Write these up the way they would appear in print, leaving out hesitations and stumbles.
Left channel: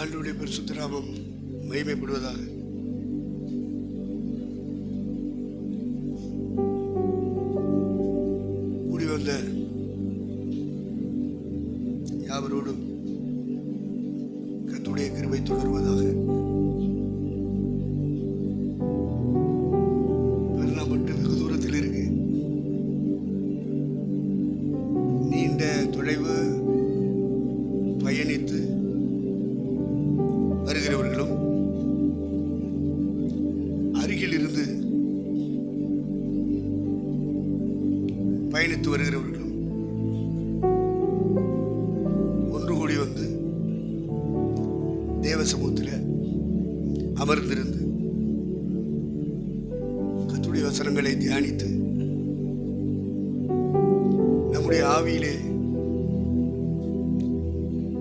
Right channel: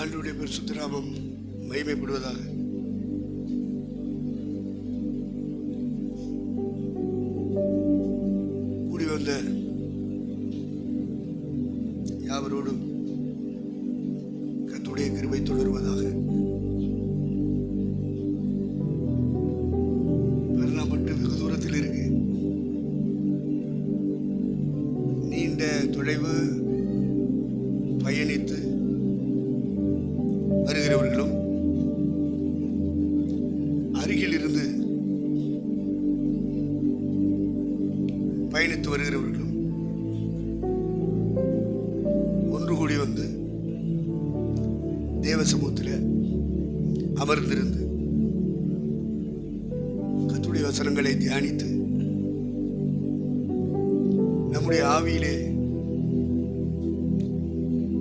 ஆண்டவருடைய பரிசுத்த நாமம் மகிமைப்படுவதாக. கூடி வந்த யாவரோடும் கர்த்தருடைய கிருபை தொடர்வதாக. பெருநாப்பட்டு வெகு தூரத்தில் இருக்கு. நீண்ட தொலைவு பயணித்து வருகிறவர்களும் அருகில் இருந்து பயணித்து வருகிறவர்களும் ஒன்று கூடி வந்து தேவ சமூகத்தில் அமர்ந்திருந்து கர்த்தருடைய வசனங்களை தியானித்து நம்முடைய ஆவியிலே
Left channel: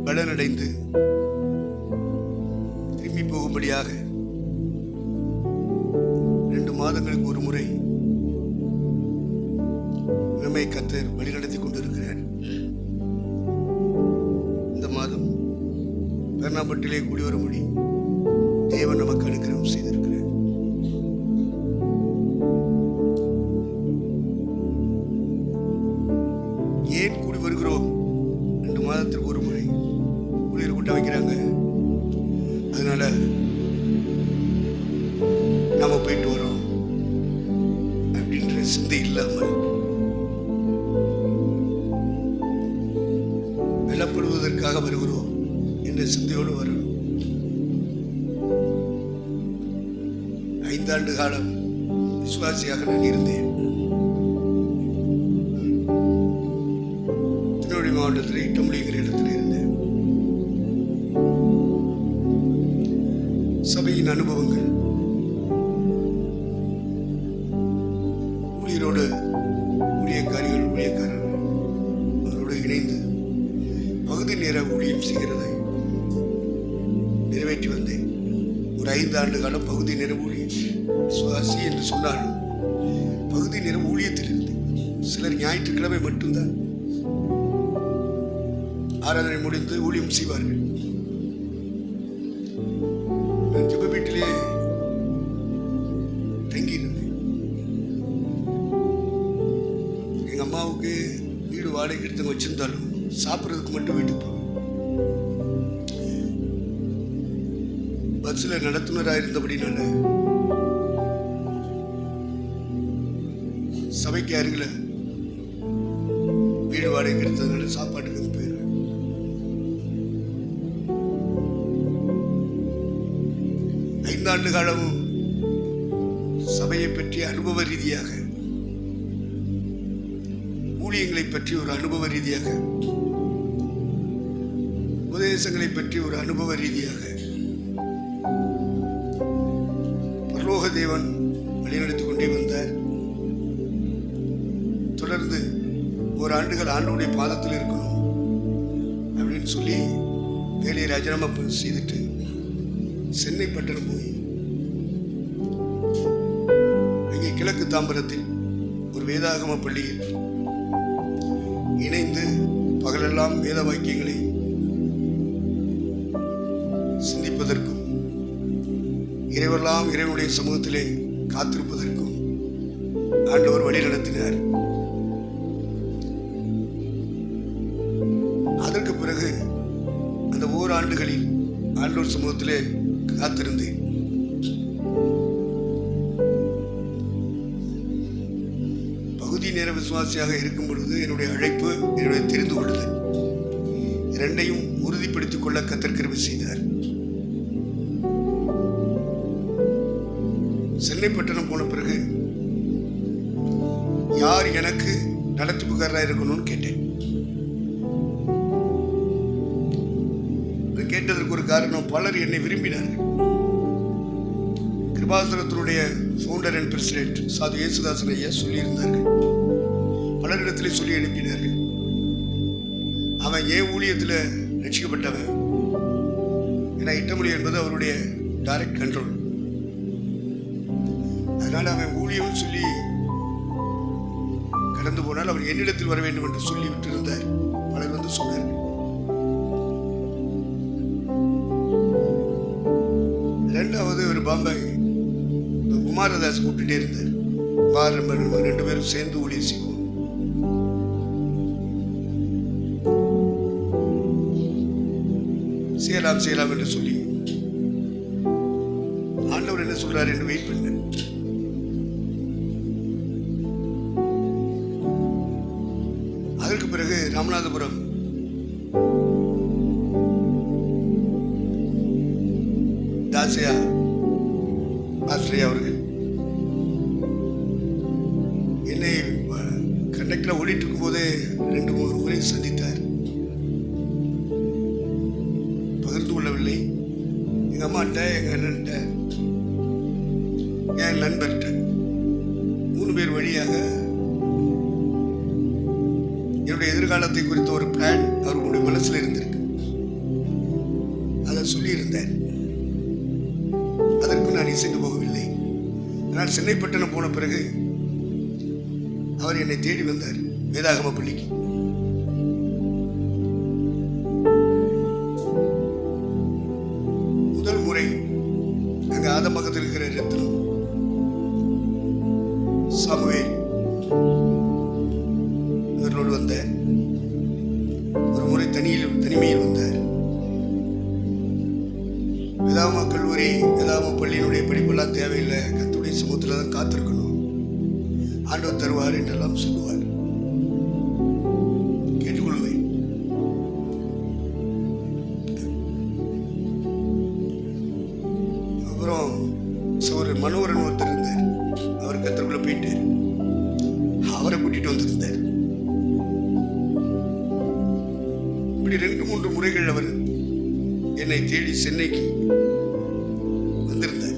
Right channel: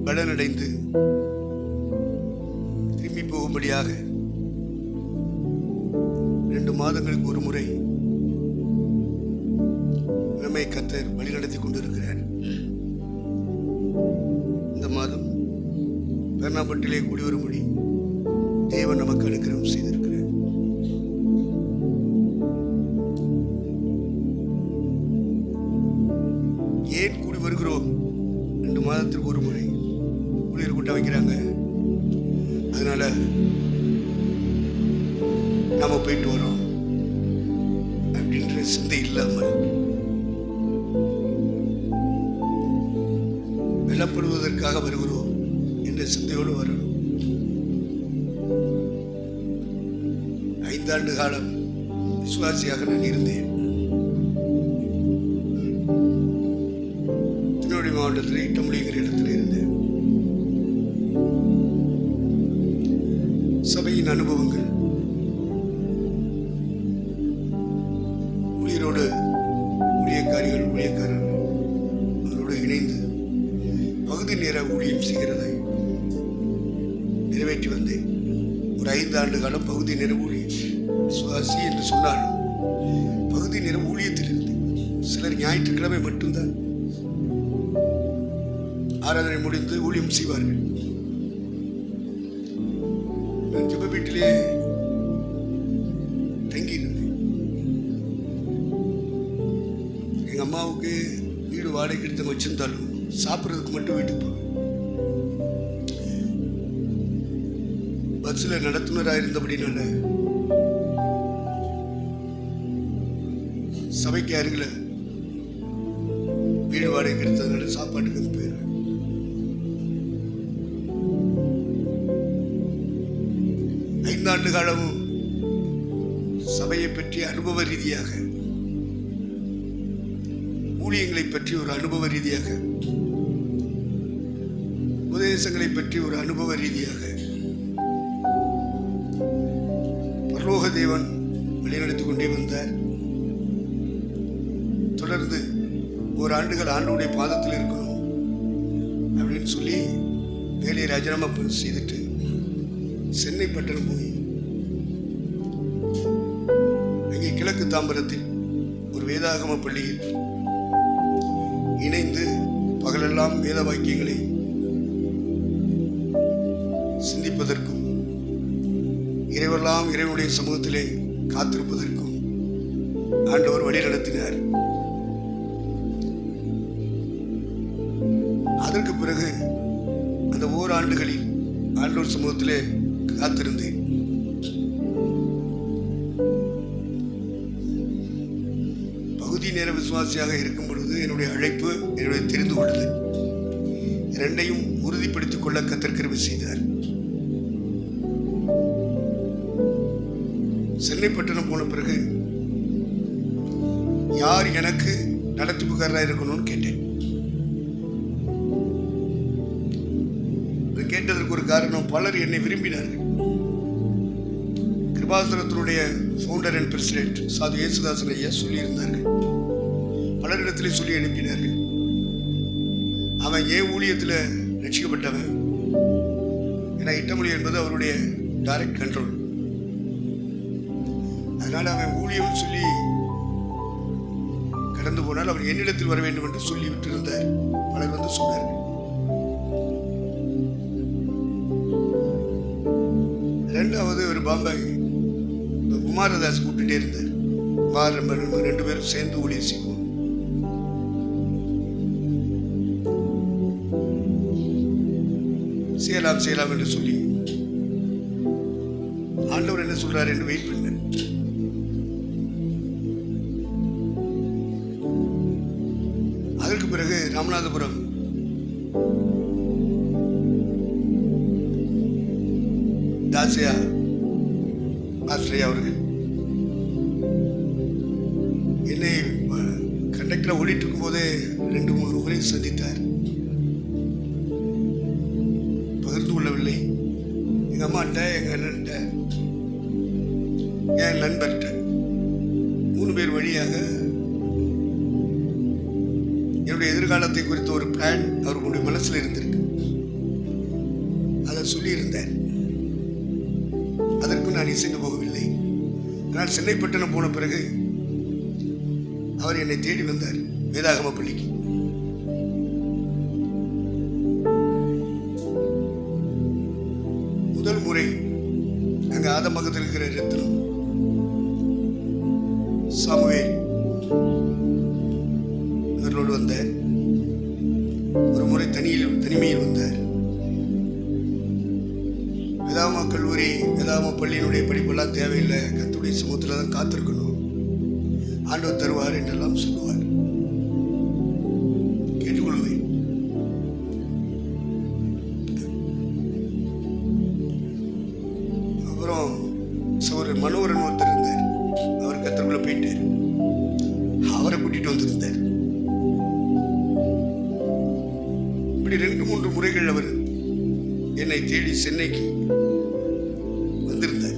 பலனடைந்து திரும்பி போகும்படியாக 2 மாதங்களுக்கு ஒரு முறை நம்மை கர்த்தர் வழிநடத்தி கொண்டிருக்கிறார். இந்த மாதம் பெர்னாபட்டிலே கூடி வரும்படி தேவன் நமக்கு அனுக்கிரகம் செய்திருக்கிறார். ஏன் கூடி வருகிறோம்? 2 மாதத்திற்கு ஒரு முறை ஊழியர் கூட்டம் வைக்கிறாங்க. அதனால நாம போயிட்டு வரோம் அப்படின்ற சிந்தை இல்லாமல் வெல்லப்படுவதற்காக வருகிறோம் என்ற சிந்தையோடு வரணும். 5 ஆண்டு காலம் விசுவாசியாக நான் இருந்தேன். திருநெல்வேலி மாவட்டத்தில் இட்டமுடிங்கிற இடத்துல இருந்தேன். சபையின் அனுபவங்கள், ஊழியரோடு ஊழியக்காரர்கள் அவரோடு இணைந்து பகுதி நேர ஊழியம் செய்கிறதை நிறைவேற்றி வந்தேன். ஒரு 5 ஆண்டு காலம் பகுதி நேர ஊழியம். சுவாசி என்று சொன்னாலும் பகுதி நேர ஊழியத்தில் இருந்தேன். சிலர் ஞாயிற்றுக்கிழமை மட்டும்தான் ஆராதனை முடிந்து ஊழியம் செய்வார்கள். ஜெப வீட்டிலே தங்கி இருந்தேன். எங்க அம்மாவுக்கு வீடு வாடகை எடுத்து வச்சிருந்தாலும் சாப்பிட்றதுக்கு மட்டும் வீட்டுக்கு போவேன். பஸ்ல நடத்துனராக இருந்தபடினால சபைக்கு அருகில் வீடு வாடகை எடுத்ததுனால சாப்பாட்டுக்கு போயிடுவேன். 5 ஆண்டு காலமும் சபையை பற்றி அனுபவ ரீதியாக, ஊழியங்களை பற்றி ஒரு அனுபவ ரீதியாக, உபதேசங்களை பற்றி ஒரு அனுபவ ரீதியாக பரலோக தேவன் வழிநடத்திக் கொண்டே வந்தார். தொடர்ந்து 1 ஆண்டுகள் ஆண்டவருடைய பாதத்தில் இருக்கணும் அப்படின்னு சொல்லி வேலையை ராஜினாமா செய்துட்டு சென்னை பட்டணம் போய் அங்கே கிழக்கு தாம்பரத்தில் ஒரு வேதாகம பள்ளியில் இணைந்து பகலெல்லாம் வேத வாக்கியங்களை சிந்திப்பதற்கும் இரவெல்லாம் இறைவனுடைய சமூகத்திலே காத்திருப்பதற்கும் ஆண்டவர் வழி நடத்தினார். அதற்கு பிறகு அந்த 1 ஆண்டுகளில் ஆண்டவர் சமூகத்திலே காத்திருந்தேன். பகுதி நேர விசுவாசியாக இருக்கும் பொழுது என்னுடைய அழைப்பு, என்னுடைய தெரிந்து கொள்ளுதல், 2ஐயும் உறுதிப்படுத்திக் கொள்ள கர்த்தர் கிருபை செய்தார். சென்னை பட்டணம் போன பிறகு யார் எனக்கு நடத்திப்புக்காரராக இருக்கணும்னு கேட்டேன். கேட்டதற்கு ஒரு காரணம், பலர் என்னை விரும்பினார்கள். கிருபாசனத்தினுடைய ஃபவுண்டர் அண்ட் பிரசிடென்ட் சாது இயேசுதாசன் ஐயா சொல்லியிருந்தார்கள். பலரிடத்திலே சொல்லி அனுப்பினார்கள். அவன் ஏன் ஊழியத்தில் ரட்சிக்கப்பட்டவன், ஏன்னா இட்டமொழி என்பது அவருடைய டைரக்ட் கண்ட்ரோல். அதனால் அவன் ஊழியம் சொல்லி கடந்து போனால் அவர் என்னிடத்தில் வர வேண்டும் என்று சொல்லிவிட்டு இருந்தார். பலர் வந்து சொன்னார்கள். ரெண்டாவது ஒரு பாம்பாய் குமாரதாஸ் கூப்பிட்டுட்டே இருந்தார். நம்ம 2 பேரும் சேர்ந்து ஊழியர் செய்வோம். செய்யலாம் என்று சொல்லி ஆண்டவர் என்ன சொல்றாரு என்று வெயிட் பண்ண. அதற்கு பிறகு ராமநாதபுரம் தாசியா ஆஸ்திரேலியா அவர்கள் என்னை கண்டக்டர் ஓடிட்டு இருக்கும் போதே 2-3 முறை சந்தித்தார். பகிர்ந்து கொள்ளவில்லை. எங்க அம்மாட்ட, எங்க அண்ணன்ட்ட, என் நண்பர்கிட்ட 3 பேர் வழியாக என்னுடைய எதிர்காலத்தை குறித்த ஒரு பிளான் அவர்களுடைய மனசில் இருந்திருக்கு. அதை சொல்லியிருந்தார். அதற்கு நான் இசைந்து போகவில்லை. ஆனால் சென்னை பட்டணம் போன பிறகு அவர் என்னை தேடி வந்தார் வேதாகம பள்ளிக்கு. முதல் முறை அங்கே ஆதமகத்தில் இருக்கிற ரத்னம் சாமுவேல் இவர்களோடு வந்தார். ஒரு முறை தனிமையில் வந்தார். வேதாகம கல்லூரி, வேதாகம பள்ளியினுடைய படிப்பெல்லாம் தேவையில்லை, கர்த்தருடைய சமூகத்தில் தான் காத்திருக்கணும், ஆண்டவர் தருவார் என்றெல்லாம் சொல்லுவார். கேட்டுக்கொள்வேன். அப்புறம் ஒரு மனோகரன் ஒருத்தர் இருந்தார். அவர் கர்த்தருக்குள்ள போயிட்டார். அவரை கூட்டிட்டு வந்திருந்தார். இப்படி 2-3 முறைகள் அவர் என்னை தேடி சென்னைக்கு வந்திருந்தார்.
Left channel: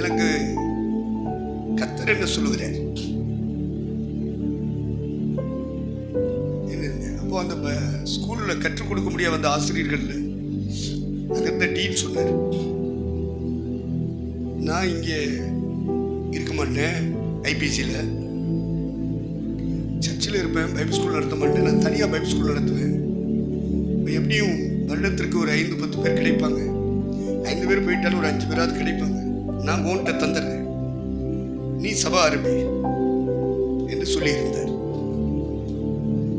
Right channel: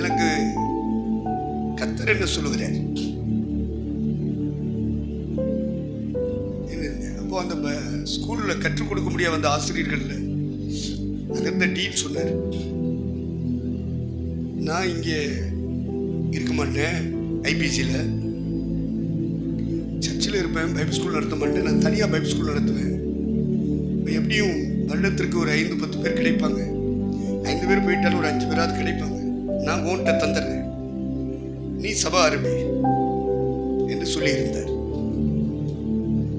எனக்கு கர்த்தர் என்ன சொல்லுகிறார்? அப்போ அந்த ஸ்கூல்ல கற்றுக் கொடுக்க முடியாத அந்த ஆசிரியர்கள் அங்க இருந்த டீன் சொன்னார், நான் இங்கே இருக்க மாட்டேன், ஐபிசியில் சர்ச்சில் இருப்பேன், பைபிள் ஸ்கூல் நடத்த மாட்டேன், நான் தனியாக பைபிள் ஸ்கூல் நடத்துவேன். இப்போ எப்படியும் வருடத்திற்கு ஒரு 5-10 பேர் கிடைப்பாங்க. 5 பேர் போயிட்டாலும் ஒரு 5 பேராவது கிடைப்பாங்க. நான் உன்கிட்ட தந்துடுறேன், நீ சபா ஆரம்பி என்று சொல்லியிருந்தார்.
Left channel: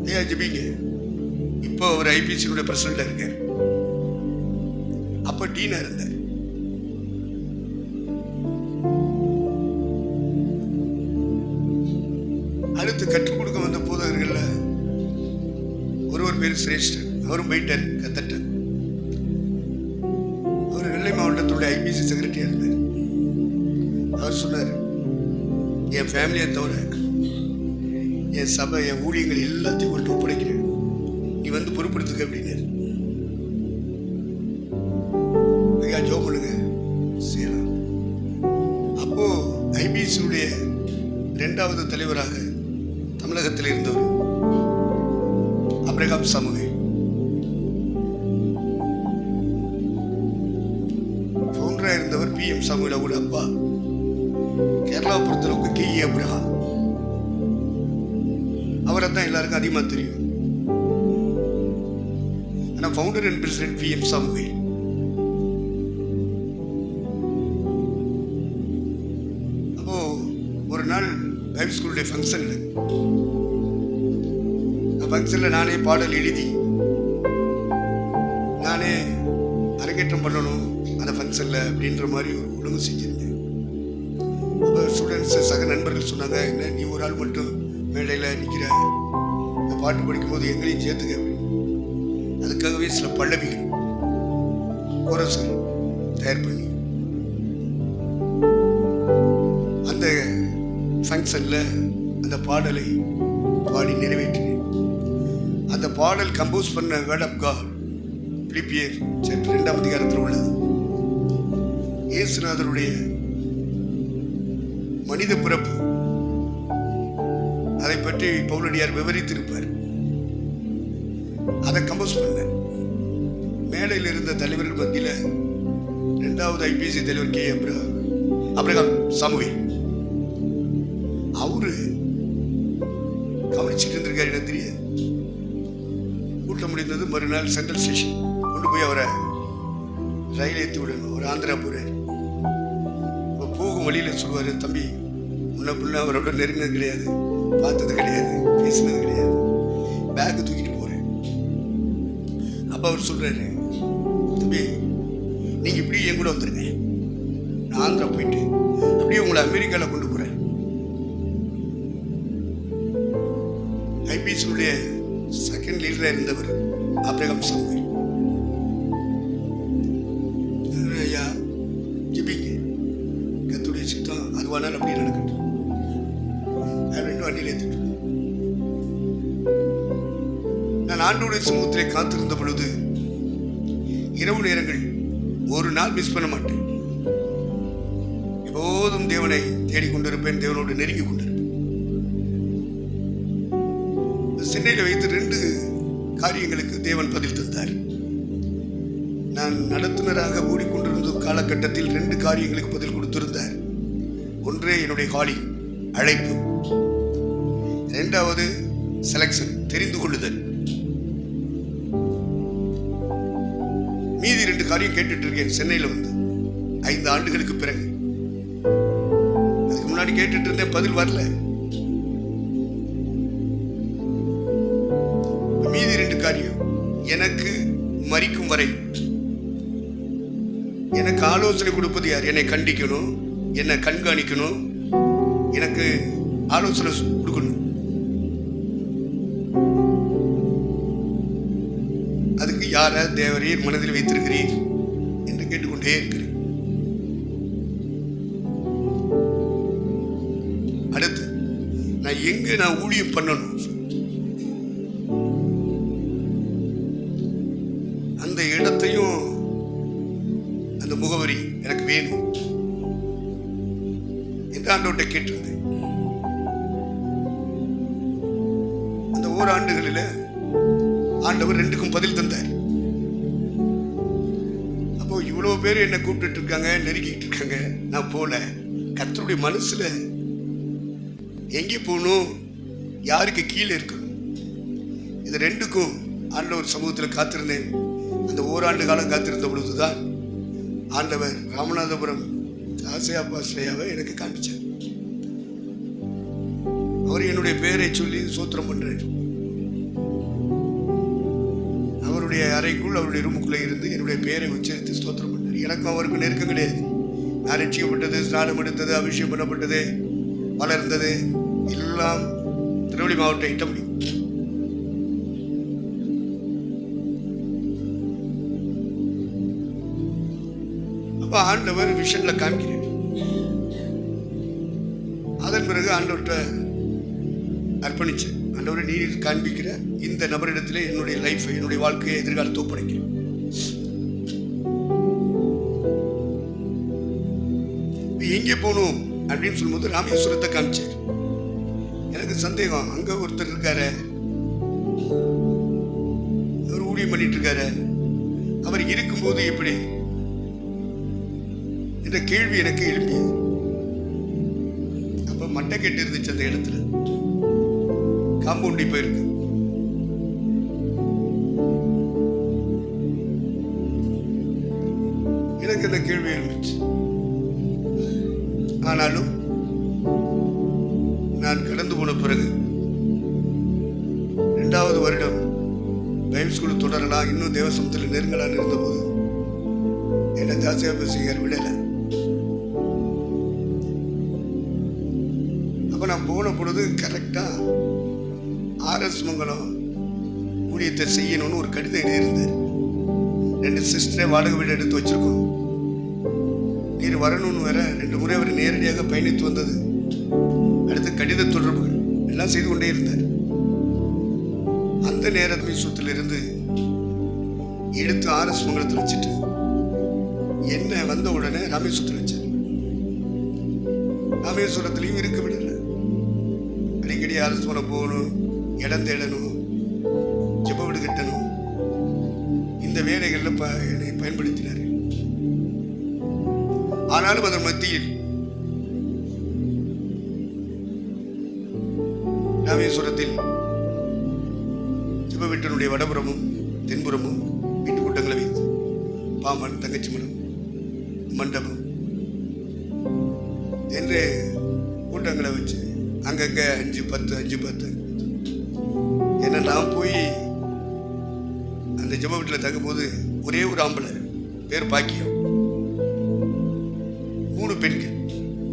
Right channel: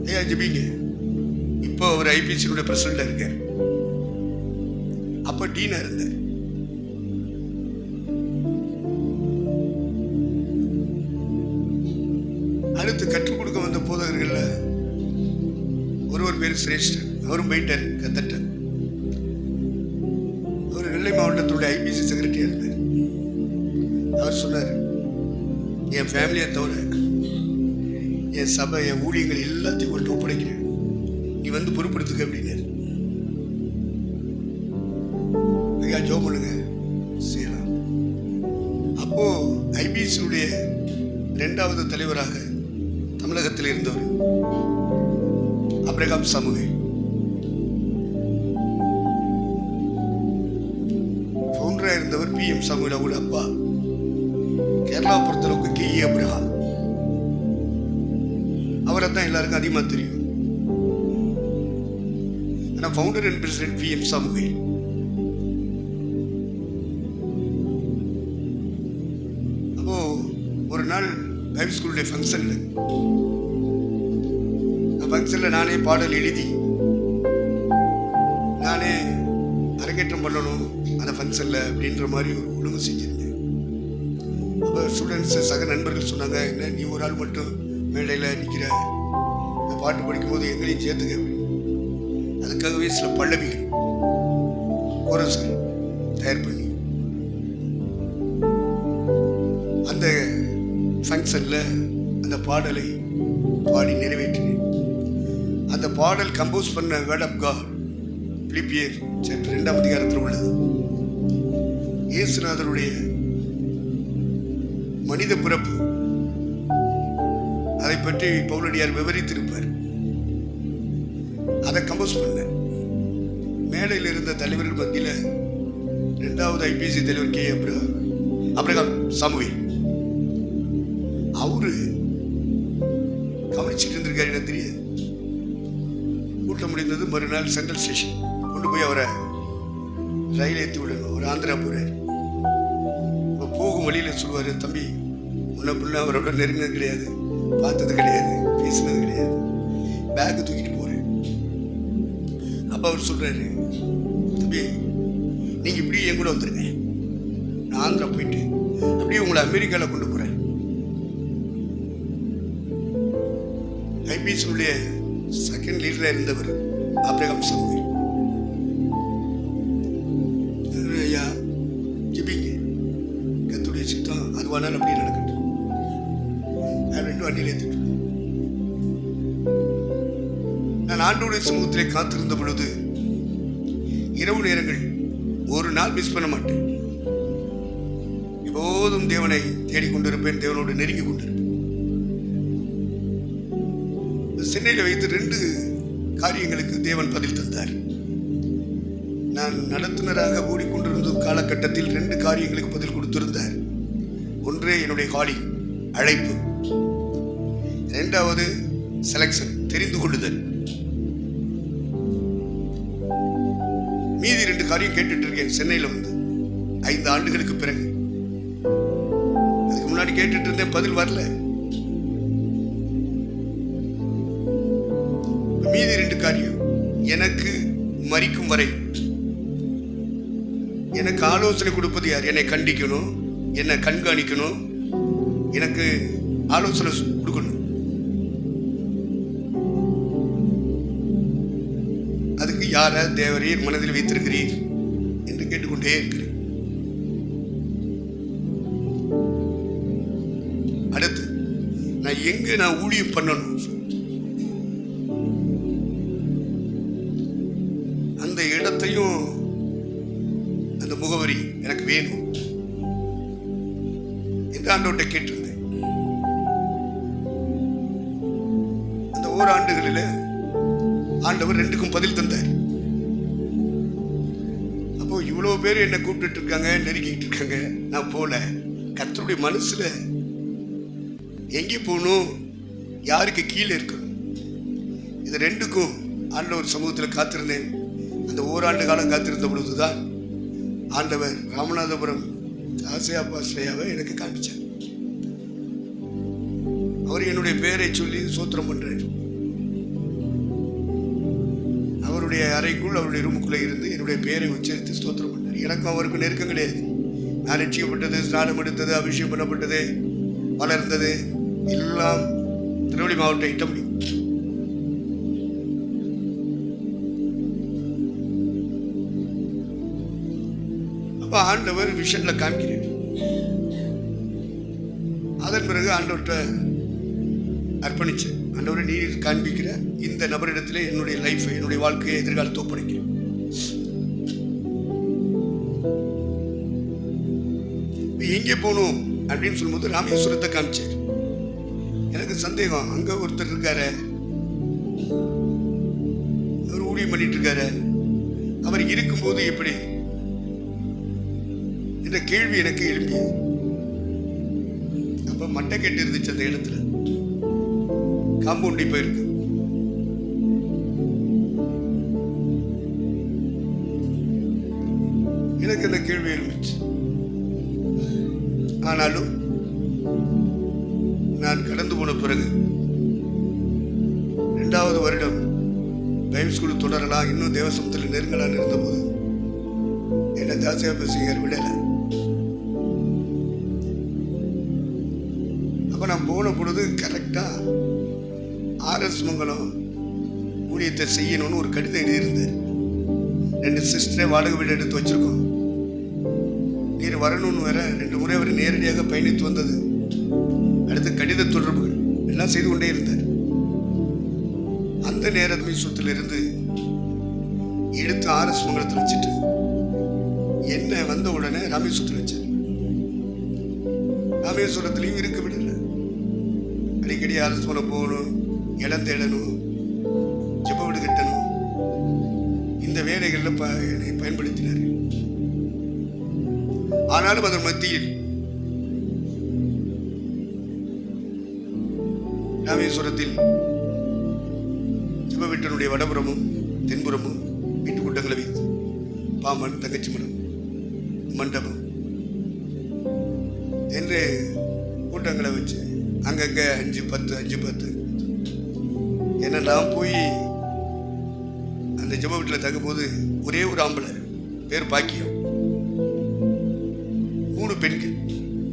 ஐயா ஜெபிங்க. இப்போ அவர் ஐபிசியினுடைய பிரசிடண்டா இருக்கார். அப்ப டீனா இருந்தார். அடுத்து கற்றுக் கொடுக்க வந்த போதகர்கள்ல ஒருவர் பேர் சிரேஷ்டன். அவரும் போயிட்டார் கத்தட்ட. அவர் நெல்லை மாவட்டத்துடைய ஐபிசி செக்ரட்டரியா இருந்தார். அவர் சொன்னார், என் ஃபேமிலியை தவிர என் சபை, என் ஊழியங்கள் எல்லாத்தையும் உங்கள்கிட்ட ஒப்படைக்கிறேன், நீ வந்து பொறுப்படுத்துக்க அப்படின்னாரு. ஐயா ஜோ பண்ணுங்க, செய்யலாம். அப்போ ஐபிசியுடைய 2வது தலைவராக தமிழகத்தில் இருந்தவர் ஆபிரகாம் சாமுவேல், ஃபவுண்டரா இருந்தவர் PM சாமுவேல் அவரோட அப்பா. கேரளாவை பொறுத்தளவுக்கு KE அப்ரஹாம். அவரை தான் எல்லாருக்கும் அதிகமாக தெரியும். ஆனால் founder and president PM Samuel. அப்போ ஒரு நாள் பைபிள் ஸ்கூலுடைய ஃபங்க்ஷனில் நானே பாடல் எழுதி நானே அரங்கேற்றம் பண்ணணும் அந்த ஃபங்க்ஷனில் அப்படின்ற மாதிரி ஒரு ஒழுங்கு செஞ்சுருந்தேன். அப்போ ஸ்டூடெண்ட்ஸ், சக நண்பர்கள் சொன்னாங்க, என்ன நீ ஒரு ஆள் மட்டும் மேடையில் நிற்கிற, இந்த பாட்டு படிக்கும்போது எங்களையும் சேர்த்துக்க அப்படி. அதுக்காகவே சில பல்லவிகள், கோரஸ்கள் தயார் பண்ணி அந்த ஃபங்க்ஷனில் அந்த பாடலை பாடி நிறைவேற்றினேன். அந்த பாடல் கம்போஸ் பண்ண வேர்ட் ஆஃப் காட் பிலிப்பியர் சாப்டர் 2ஆம் அதிகாரத்தில் உள்ளது. இயேசுநாதருடைய மனித பிறப்பு, அதை பற்றி பவுலடியார் விவரித்திருப்பார். அதை கம்போஸ் பண்ண மேடையில் இருந்த தலைவர்கள் மத்தியில் 2வது ஐபிசி தலைவர் KE அப்ரஹாம் சாமுவேல் அவரு கவனிச்சுட்டு இருந்திருக்காரு. எனக்கு தெரியாது. கூட்டம் முடிந்தது. மறுநாள் சென்ட்ரல் ஸ்டேஷன் கொண்டு போய் அவரை ரயில் ஏற்றி விடணும். ஒரு ஆந்திரா போகிறார். இப்போ போகும் வழியில் சொல்லுவார், தம்பி முன்ன பின்ன அவரோட நெருங்கினது கிடையாது, பார்த்தது கிடையாது, பேசினது கிடையாது, பேக்கு தூக்கிட்டு போகிறேன். அப்போ அவர் சொல்கிறாரு, தம்பி நீங்கள் இப்படி என் கூட வந்துருங்க, நான் ஆந்திரா போயிட்டு அப்படியே உங்களை அமெரிக்காவில் கொண்டு போகிறேன். ஐபிஎஸ்னுடைய செகண்ட் லீடராக இருந்தவர் ஆபிரகாம் சாமுவேல். ஐயா ஜிபிங்க, கத்துடைய சித்தம் அதுவானால் அப்படியே நடக்கட்டும். ரெண்டு வண்டியில் ஏற்றிட்டு நான் ஆண்டோடைய சமூகத்திலே காத்திருந்த பொழுது இரவு நேரங்கள் ஒரு நாள் மிஸ் பண்ண மாட்டேன். எப்போதும் தேவனை தேடிக்கொண்டிருப்பேன், தேவனோடு நெருங்கி கொண்டிருப்பேன். சென்னையில் வைத்து 2 காரியங்களுக்கு தேவன் பதில் தந்தார். நான் நடத்துனராக ஓடிக்கொண்டிருந்த காலகட்டத்தில் 2 காரியங்களுக்கு பதில் கொடுத்திருந்தார். ஒன்றே என்னுடைய காலி அழைப்பு, 2வது செலக்ஷன் தெரிந்து கொள்ளுதல். மீதி 2 காரியம் கேட்டுட்டு இருக்கேன் சென்னையில் வந்து 5 ஆண்டுகளுக்கு பிறகு. அதுக்கு முன்னாடி கேட்டுட்டு இருந்தேன், பதில் வரல. மீதி 2 காரியம் எனக்கு மரிக்கும் வரை எனக்கு ஆலோசனை கொடுப்பது யார்? என்னை கண்டிக்கணும், என்னை கண்காணிக்கணும், எனக்கு ஆலோசனை கொடுக்கணும். அதுக்கு யார தேவரீர் மனதில் வைத்திருக்கிறீர் என்று கேட்டுக்கொண்டே இருக்கிறேன். அடுத்து நான் ஊழியம் பண்ணணும், அந்த இடத்தையும் அந்த முகவரி எனக்கு வேணும் என்று ஆண்டவர்கிட்ட கேட்டிருந்தேன். அந்த ஓராண்டுகளில் ஆண்டவர் 2க்கும் பதில் தந்தார். அப்போ இவ்வளவு பேர் என்னை கூப்பிட்டு இருக்காங்க, நெருங்கிட்டு இருக்காங்க, நான் போல. கர்த்தருடைய மனசுல எங்கே போகணும், யாருக்கு கீழே இருக்கணும், இது 2க்கும் ஆண்டவர் சமூகத்தில் காத்திருந்தேன். அந்த ஓராண்டு காலம் காத்திருந்த பொழுதுதான் ஆண்டவர் ராமநாதபுரம் ஆசையாப்பா ஸ்ரேயாவை எனக்கு காண்பிச்சார். அவர் என்னுடைய பெயரை சொல்லி சோத்திரம் பண்றார். அவருடைய அறைக்குள், அவருடைய ரூமுக்குள்ளே இருந்து என்னுடைய பெயரை உச்சரித்து ஸ்தோத்திரம் பண்றார். எனக்கும் அவருக்கும் நெருக்கம் கிடையாது. நான் ரட்சிக்கப்பட்டது, ஸ்நானம் எடுத்தது, அபிஷேகம் பண்ணப்பட்டது, வளர்ந்தது எல்லாம் திருவள்ளி மாவட்டம் இட்டமணி. அப்ப ஆண்டவர் விஷன்ல காமிக்கிறார். அதன் பிறகு ஆண்டவர்கிட்ட அர்ப்பணிச்சு, ஆண்டவரை நீர் காண்பிக்கிற இந்த நபரிடத்திலே என்னுடைய லைஃப், என்னுடைய வாழ்க்கையை, எதிர்காலத்தை ஒப்படைக்கிறேன். எங்கே போகணும் அப்படின்னு சொல்லும்போது ராமேஸ்வரத்தை காமிச்சார். எனக்கு சந்தேகம், அங்க ஒருத்தர் இருக்காரு, அவர் ஊழியம் பண்ணிட்டு இருக்காரு, அவர் இருக்கும்போது எப்படி என்ற கேள்வி எனக்கு எழும்பியது. அப்ப மட்டை கெட்டு இருந்துச்சு அந்த இடத்துல, காம்பவுண்டி போயிருக்கு. எனக்கு அந்த கேள்வி எழுந்துச்சு. ஆனாலும் நான் கடந்து போன பிறகு 2வது வருடம் பைபிள் ஸ்கூல் தொடரலாம், இன்னும் தேவசமத்தில் நெருங்கலான்னு இருந்தபோது என்ன தாசியா பேசுகிறார் விடல. அப்ப நான் போன பொழுது கரெக்டா RS மங்கலம் ஊழியத்தை செய்யணும்னு ஒரு கடிதம் எழுதியிருந்தார். 2 சிஸ்டரை வாடகை வீடு எடுத்து வச்சிருக்கோம், நீர் வரணும்னு வேற 2 முறை அவர் நேரடியாக பயணித்து வந்தது. அடுத்து கடித தொடர்புகள் எல்லாம் செய்து கொண்டே இருந்தார். அந்த நேரமே சொத்திலிருந்து எடுத்து RS மங்கலத்தில் வச்சுட்டு என்ன வந்த உடனே ராமேஸ்வரத்தில் வச்சார். ராமேஸ்வரத்திலையும் இருக்க விடல. அடிக்கடி RS மங்கலம் போகணும், இடம் தேடணும், ஜெப வீடு கட்டணும், இந்த வேலைகளில் என்னை பயன்படுத்தினார். ஆனாலும் அதன் மத்தியில் ராமேஸ்வரத்தில் ஜெப வீட்டினுடைய வடபுறமும் தென்புறமும் வீட்டு கூட்டங்களை வைத்து பாம்பன் தங்கச்சி மடம் மண்டபம் என்று கூட்டங்களை வச்சு அங்கங்கே 5-10 ஏன்னா நான் போய் அந்த ஜெப வீட்டில் தங்கும்போது ஒரே ஒரு ஆம்பளை பேர் பாக்கியம், 3 பெண்கள்,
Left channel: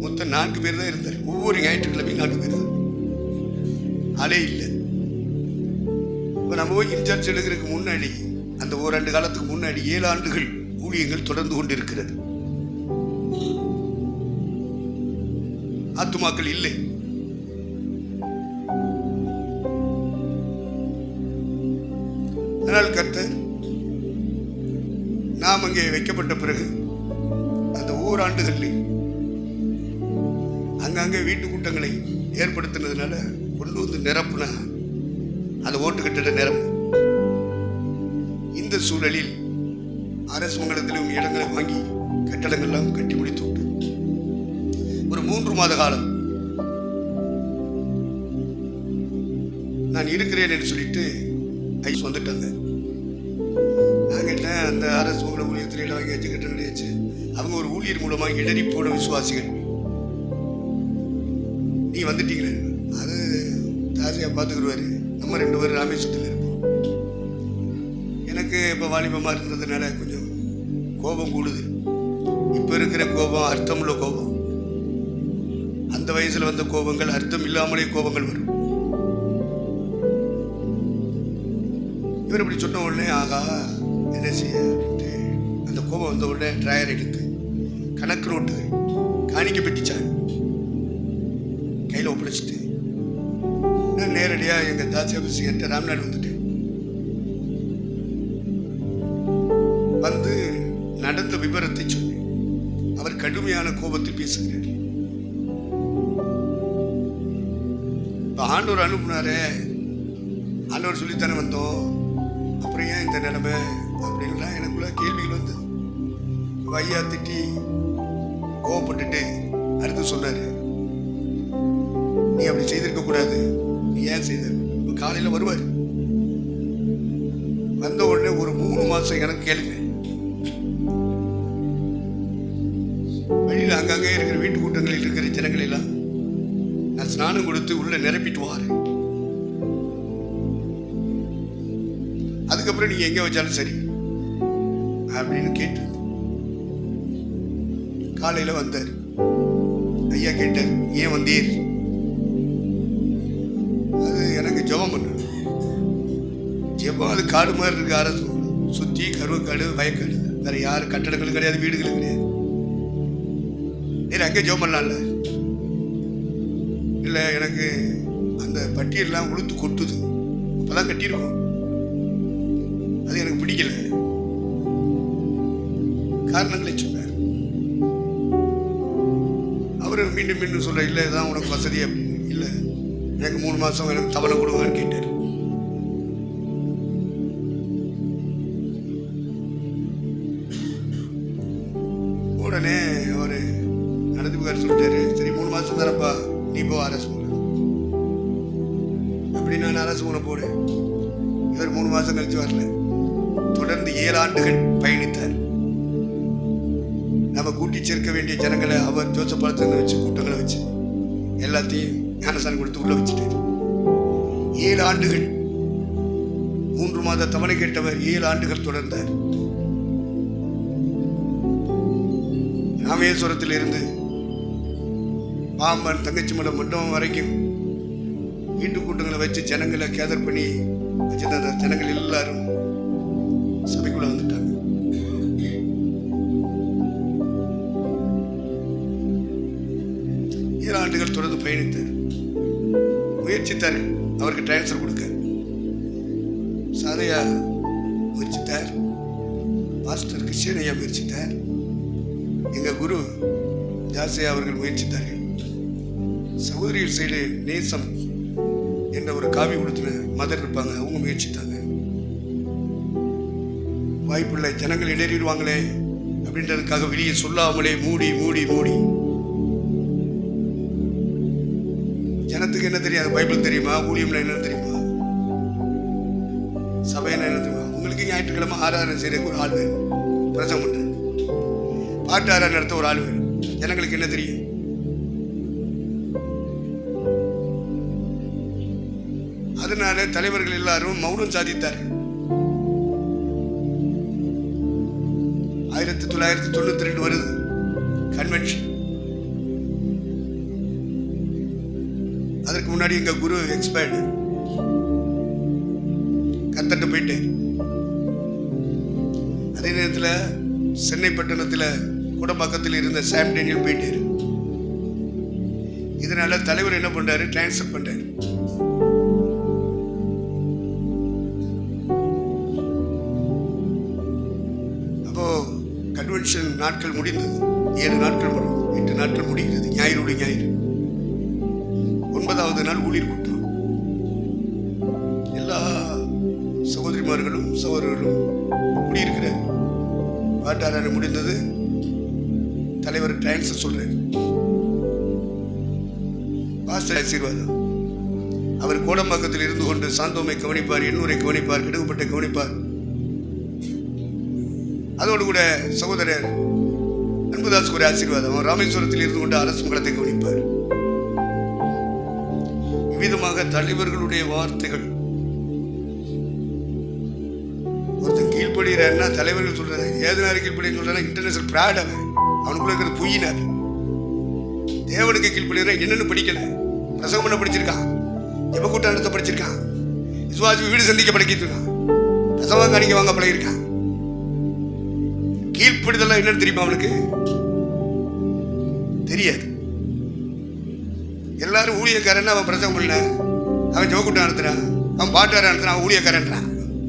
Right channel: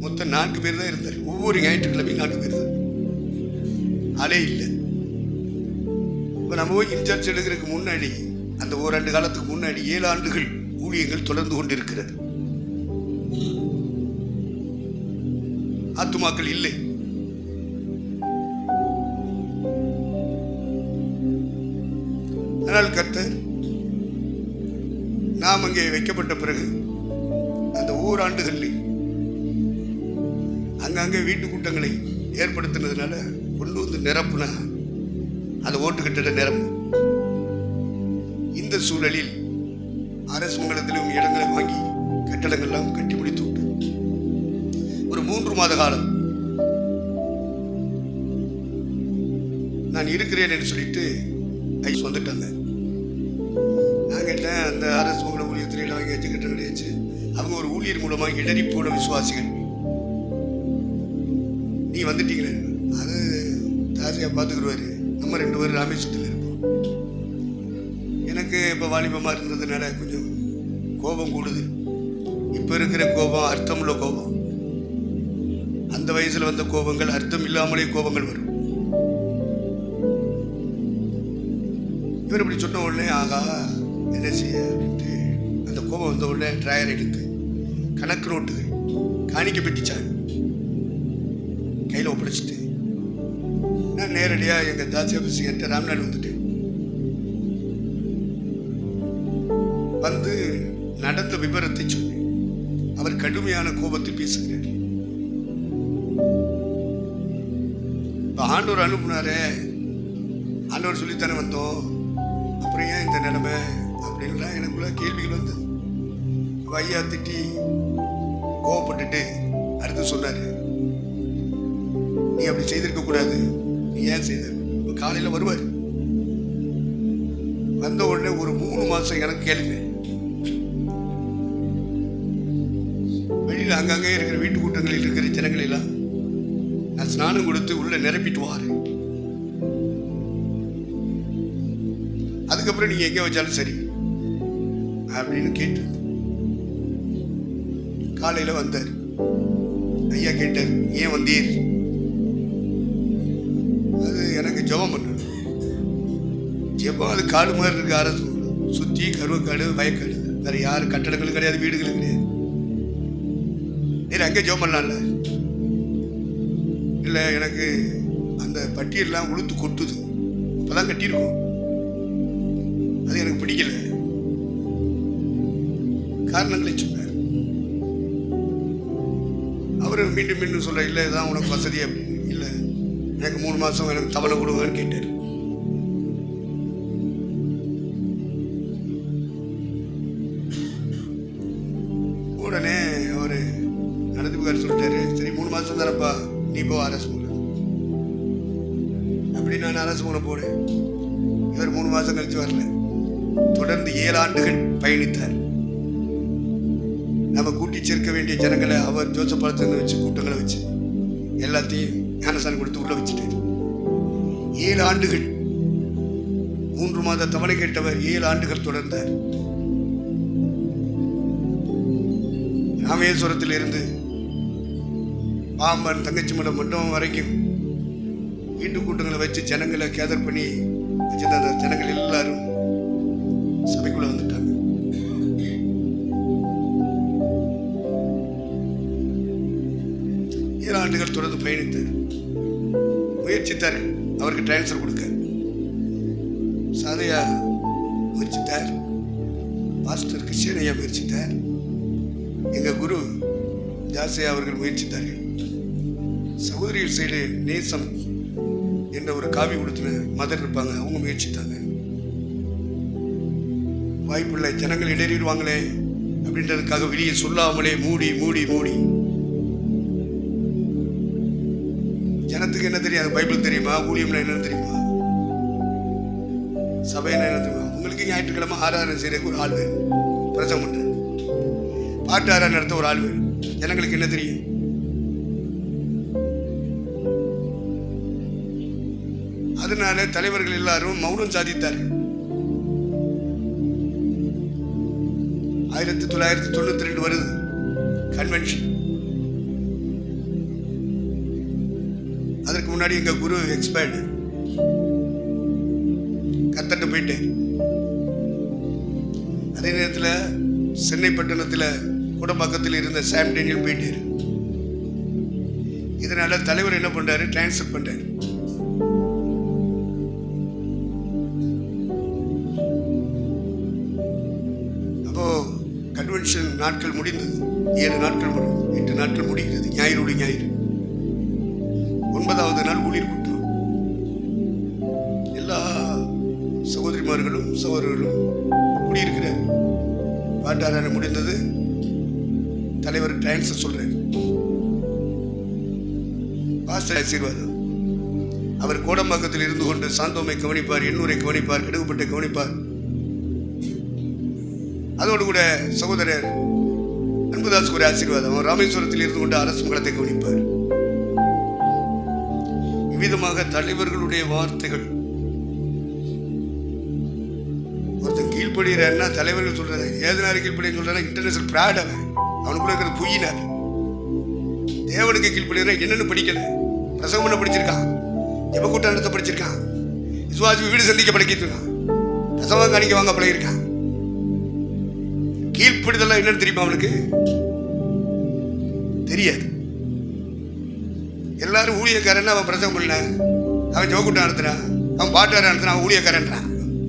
மொத்தம் 4 பேர் தான் இருந்தார். ஒவ்வொரு ஞாயிற்றுக்கிழமையும் 4 பேர் தான், ஆளே இல்லை. இப்போ நம்ம போய் இன்சார்ஜ் எடுக்கிறதுக்கு முன்னாடி அந்த ஓராண்டு காலத்துக்கு முன்னாடி 7 ஆண்டுகள் ஊழியங்கள் தொடர்ந்து கொண்டிருக்கிறது. ஆத்துமாக்கள் இல்லை. ஆனால் கர்த்தர் நாம் அங்கே வைக்கப்பட்ட பிறகு அந்த ஓராண்டுகளில் அங்கங்கே வீட்டு கூட்டங்களை ஏற்படுத்தினதுனால கொண்டு வந்து நிரப்புனா அந்த ஓட்டு கட்டிட நிரம்பும். இந்த சூழலில் அரசு மங்கலத்தில் இடங்களை வாங்கி கட்டடங்கள்லாம் கட்டி முடித்து விட்டு ஒரு 3 மாத காலம் நான் இருக்கிறேன் என்று சொல்லிட்டு ஐஸ் வந்துட்டாங்க. நான் கேட்டேன், அந்த அரசு மங்கள ஊழியத்தில் இடம் வாங்கி வச்சு கட்டடம் கிடையாச்சு. அவங்க ஒரு ஊழியர் மூலமாக இடறி போன விசுவாசிகள். நீ வந்துட்டீங்களே, அது தாசியாக பார்த்துக்கிடுவாரு. நம்ம 2 பேரும் ராமேஸ்வரத்தில் இருப்போம். எனக்கு இப்போ வாலிபமாக இருந்ததுனால கொஞ்சம் கோபம் கூடுது. இப்போ இருக்கிற கோபம் அர்த்தமுள்ள கோபம். அந்த வயசில் வந்த கோபங்கள் அர்த்தம் இல்லாமலே கோபங்கள் வரும். இவர் இப்படி சொன்ன உடனே ஆகா என்ன செய்ய அப்படின்ட்டு அந்த கோபம் வந்த உடனே ட்ராயர் எடுத்து கணக்கு நோட்டுகள் காணிக்க பெட்டிச்சாங்க கையில் ஒப்படைச்சிட்டு நான் நேரடியாக எங்கள் தாசி ஆஃபீஸுக்கிட்ட ராம்நாடு வந்துட்டேன். வந்து நடந்த விபரத்தை சொன்னேன். அவர் கடுமையான கோபத்தில் பேசுகிறார். இப்போ ஆண்டவர் அனுப்புனாரே, ஆண்டவர் சொல்லித்தானே வந்தோம், அப்புறம் ஏன் இந்த நிலைமை அப்படின்லாம் எனக்குள்ள கேள்விகள் வந்து ஐயா திட்டி கோவப்பட்டுட்டு அடுத்து சொன்னார், நீ அப்படி செய்திருக்க கூடாது, நீ ஏன் செய்த. இப்போ காலையில் வருவார். வந்த உடனே ஒரு 3 மாதம் எனக்கு கேளுங்க. வெளியில் அங்கங்கே இருக்கிற வீட்டு கூட்டங்களில் இருக்கிற ஜனங்களெல்லாம் நான் ஸ்நானம் கொடுத்து உள்ள நிரப்பிட்டு வாரு. அதுக்கப்புறம் நீங்க எங்க வச்சாலும் சரி அப்படின்னு கேட்டு காலையில வந்தார். ஐயா கேட்டார், ஏன் வந்தீர்? அது எனக்கு ஜெபம் பண்ண ஜெபம். அது காடு மாதிரி இருக்கு. அரசு சுத்தி கருவக்காடு வயக்காடு, வேற யாரு கட்டடங்களும் கிடையாது, வீடுகளும் கிடையாது. அங்கே ஜெபம் பண்ணலாம்ல. இல்லை எனக்கு அந்த பட்டியெல்லாம் உளுத்து கொட்டுது, அப்பதான் கட்டியிருக்கோம், அது எனக்கு பிடிக்கல. காரணங்களை சொன்னார். அவரு மீண்டும் மீண்டும் சொல்ல, இல்லை இதான் உனக்கு வசதி அப்படின்னு. இல்லை எனக்கு 3 மாதம் எனக்கு தவணை கொடுங்கன்னு கேட்டார். உடனே அவரு நடந்துக்கார் சொல்லிட்டாரு, சரி 3 மாதம் தானப்பா, நீ போ அரசு மூலம் அப்படி. நான் அரசு மூலம் போனேன். இவர் 3 மாதம் கழிச்சு வரல. தொடர்ந்து 7 ஆண்டுகள் பயணித்தார். நம்ம கூட்டி சேர்க்க வேண்டிய ஜனங்களை அவர் ஜோசப் பாலத்தை வச்சு கூட்டங்களை வச்சு எல்லாத்தையும் ஞானசானம் கொடுத்து உள்ள வச்சுட்டார். 7 ஆண்டுகள் 3 மாத தவணை கேட்டவர் 7 ஆண்டுகள் தொடர்ந்தார். ராமேஸ்வரத்தில் இருந்து பாம்பன் தங்கச்சி மடம் மண்டபம் வரைக்கும் வீட்டு கூட்டங்களை வச்சு ஜனங்களை கேதர் பண்ணி வச்சிருந்த அந்த ஜனங்கள் எல்லாரும் சபைக்குள்ள வந்துட்டாங்க. ஏழு ஆண்டுகள் தொடர்ந்து பயணித்தார். முயற்சித்தார் அவருக்கு டிரான்ஸ்ஃபர் கொடுக்க. சாதையா முயற்சித்தார். பாஸ்டர் கிருஷ்ணய்யா முயற்சித்தார். எங்க குரு ஜாசையா அவர்கள் முயற்சித்தார்கள். சகோதரிகள் சைடு நேசம் என்ற ஒரு காவி கொடுத்துன மதர் இருப்பாங்க, அவங்க முயற்சித்தாங்க. வாய்ப்புள்ள ஜனங்கள் இடறிடுவாங்களே அப்படின்றதுக்காக வெளியே சொல்லாமலே மூடி மூடி மூடி. ஜனத்துக்கு என்ன தெரியாது? பைபிள் தெரியுமா? ஊழியம்னா என்னன்னு தெரியுமா? சபைன்னா என்ன தெரியுமா? உங்களுக்கு ஞாயிற்றுக்கிழமை ஆராதனை செய்யறதுக்கு ஒரு ஆள் வேணும். பிரசங்கம் பண்றாரு. பாட்டாரா நடத்த ஒரு ஆள் வேணும். ஜனங்களுக்கு என்ன தெரியும்? அதனால தலைவர்கள் எல்லாரும் மௌனம் சாதித்தார்கள். 1992 வருது கன்வென்ஷன். அதற்கு முன்னாடி எங்க குரு எக்ஸ்பயர்டு, கத்தட்ட போயிட்டு. அதே நேரத்தில் சென்னை பட்டணத்தில் குடம்பாக்கத்தில் இருந்த சாம் டேனியல் போயிட்டாரு. இதனால தலைவர் என்ன பண்றாரு? டிரான்ஸ்ஃபர் பண்றாரு. அப்போ கன்வென்ஷன் நாட்கள் முடிந்தது. 7 நாட்கள் 8 நாட்கள் முடிகிறது. ஞாயிறு ஞாயிறு 9வது நாள் ஊழியர் கூட்டம். எல்லா சகோதரிமார்களும் சகோதரர்களும் கூடியிருக்கிறார். பாட்டாரான முடிந்தது. தலைவர் டிரான்ஸ்ஃபர் சொல்றாரு. பாஸ்டர் ஆசீர்வாதம். அவர் கோடம்பாக்கத்தில் இருந்து கொண்டு சாந்தோமை கவனிப்பார், எண்ணூரை கவனிப்பார், கிடகுப்பட்டை கவனிப்பார். அதோடு கூட சகோதரர் அன்புதாஸ் ஒரு ஆசீர்வாதம். அவர் ராமேஸ்வரத்தில் இருந்து கொண்டு அரசு மங்களத்தை கவனிப்பார். இவ்விதமாக தலைவர்களுடைய வார்த்தைகள். ஒருத்தன் கீழ்ப்படுகிறான்னா தலைவர்கள் சொல்றாங்க. ஏதனாரு கீழ்ப்படின்னு சொல்றாங்க. International fraud. அவனுக்குள்ள இருக்கிறது பொய்யினார். தேவனுக்கு கீழ்ப்படுகிறா. என்னன்னு படிக்கல. பிரசவம் பண்ண படிச்சிருக்கான், ஜெபக்கூட்டாண்டத்தை படிச்சிருக்கான், விசுவாசி வீடு சந்திக்க பழகிருக்கான், பிரசவம் காணிக்க வாங்க பழகிருக்கான். கீழ்ப்படுதெல்லாம் என்னன்னு தெரியுமா? அவனுக்கு தெரியாது. எல்லாரும் ஊழியக்காரன். அவன் பிரசவம் பண்ண, அவன் ஜெபக்கூட்டம் நடத்துறான், அவன் பாட்டார நடத்துறான், அவன் ஊழியக்காரன்றான்.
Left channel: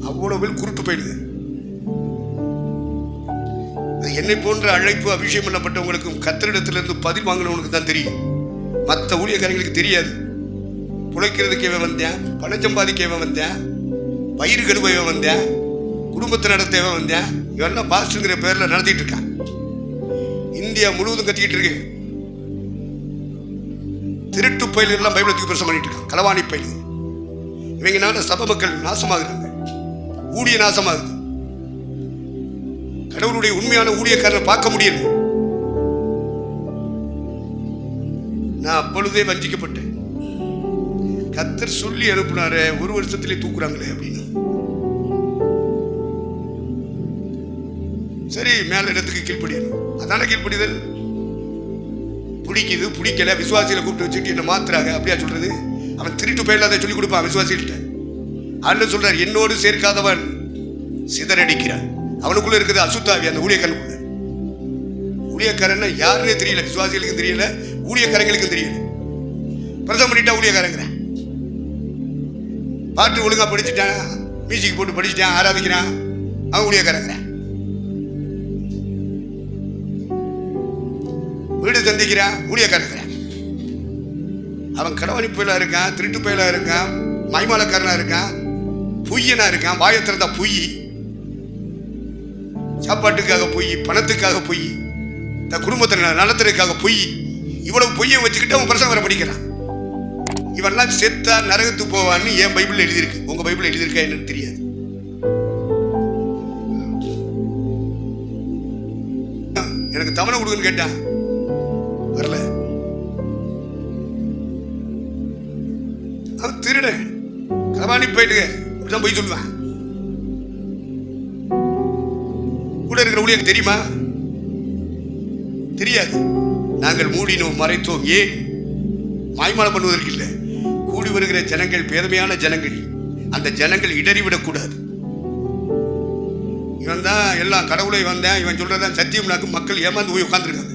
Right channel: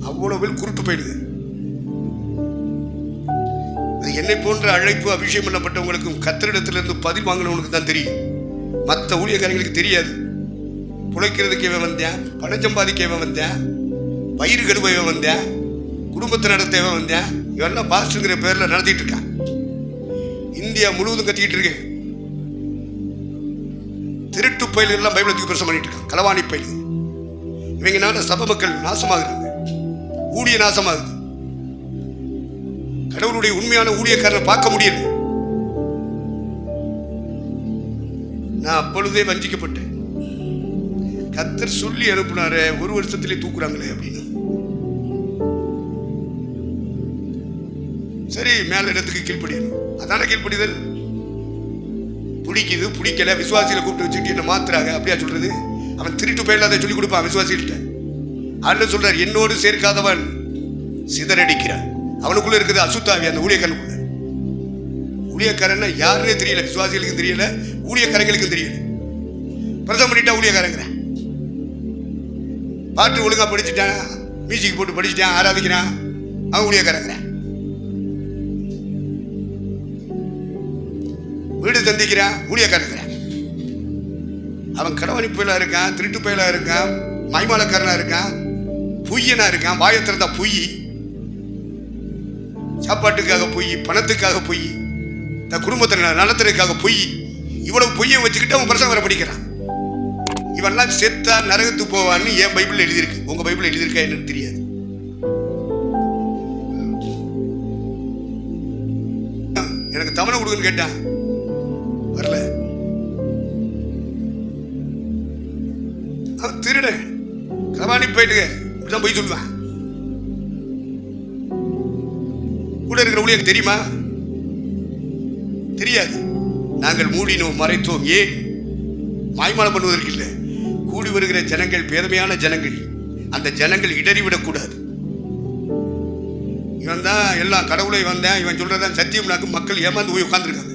அவ்வளவு பேர் குருட்டு போயிடுது. அது என்னை போன்ற அழைப்பு அபிஷேகம் பண்ணப்பட்டவங்களுக்கும் கத்தரிடத்திலிருந்து பதில் வாங்கினவனுக்கு தான் தெரியும். மற்ற ஊழியக்காரங்களுக்கு தெரியாது. புழைக்கிறதுக்கு இவன் வந்தேன், பணம் சம்பாதிக்க இவன் வந்தேன், வயிறு கழுவ இவன் வந்தேன், குடும்பத்தை நடத்த இவன் வந்தேன். இவெல்லாம் பாஸ்டர்ங்கிற பேர்ல நடத்திட்டு இருக்கான். இந்தியா முழுவதும் கத்திக்கிட்டு இருக்கு. திருட்டு பயில்கள் எல்லாம் பைபிளத்துக்கு பிரசம் பண்ணிட்டு இருக்கான். களவாணி பயில்கள். இவங்கனால சபை மக்கள் நாசமாகிறாங்க, ஊழிய நாசமாகுது. கடவுளுடைய உண்மையான ஊழியக்காரனை பார்க்க முடியல. நான் அப்பொழுதே வஞ்சிக்கப்பட்டேன். கர்த்தர் சொல்லி அனுப்புனாரு, 1 வருஷத்திலே தூக்குறாங்களே அப்படின்னு. சரி, மேல இடத்துக்கு கீழ்ப்படியணும். அதான கீழ்ப்படிதல். பிடிக்குது பிடிக்கல, விசுவாசிகளை கூப்பிட்டு வச்சுட்டு என்ன மாத்துறாங்க அப்படியா சொல்றது? அவன் திருட்டு பயில அதை சொல்லி கொடுப்பான் விசுவாசிகிட்ட. ஆண்டு சொல்றார், என்னோடு சேர்க்காதவன் சிதறடிக்கிறான். அவனுக்குள்ள இருக்குது அசுத்தாவி, அந்த ஊழியக்காரனுக்குள்ள. ஊழியக்காரன்னா யாருன்னே தெரியல, விசுவாசிகளுக்கும் தெரியல, ஊழியக்காரங்களுக்கும் தெரியல. பிரசவம் பண்ணிட்டா ஊழியக்காரங்கிற. பாட்டு ஒழுங்கா படிச்சுட்டான், மியூசிக் போட்டு படிச்சுட்டான், ஆராதிக்கிறான், அவன் ஊழியக்காரங்கிற. வீடு சந்திக்கிறான், ஊழியக்காரங்கிற. அவன் கடவாணி பயிலா இருக்கான், திருட்டு பயிலா இருக்கான், மைமாலக்காரனா இருக்கான், பொய்யனா இருக்கான். வாயத்திறந்தா பொய், சாப்பாட்டுக்காக பொய், பணத்துக்காக பொய், தன் குடும்பத்தை நடத்துறதுக்காக பொய். இவ்வளவு பொய்யை வச்சுக்கிட்டு அவன் பிரசங்கம் வர படிக்கிறான். இவன்லாம் செத்தா நரகத்துக்கு போவான்னு என் பைபிள் எழுதியிருக்கு. உங்க பைபிள் எழுதியிருக்கா என்னன்னு தெரியாது. எனக்கு தவணை கொடுக்குன்னு கேட்டான், வரல. அவன் திருட களவாணி போயிட்டு இப்படிதான் போய் சொல்லுவான். கூட இருக்கிற ஊழியருக்கு தெரியுமா? தெரியாது. நாங்கள் மூடினோம், மறைத்தோம். ஏன்? மாய்மாலம் பண்ணுவதற்கு இல்லை. கூடி வருகிற ஜனங்கள் பேதமையான ஜனங்கள். அந்த ஜனங்கள் இடறிவிடக்கூடாது. இவன் தான் எல்லாம் கடவுளை வந்தேன், இவன் சொல்றதான் சத்தியம்னாக்கு மக்கள் ஏமாந்து போய் உட்கார்ந்துருக்காங்க.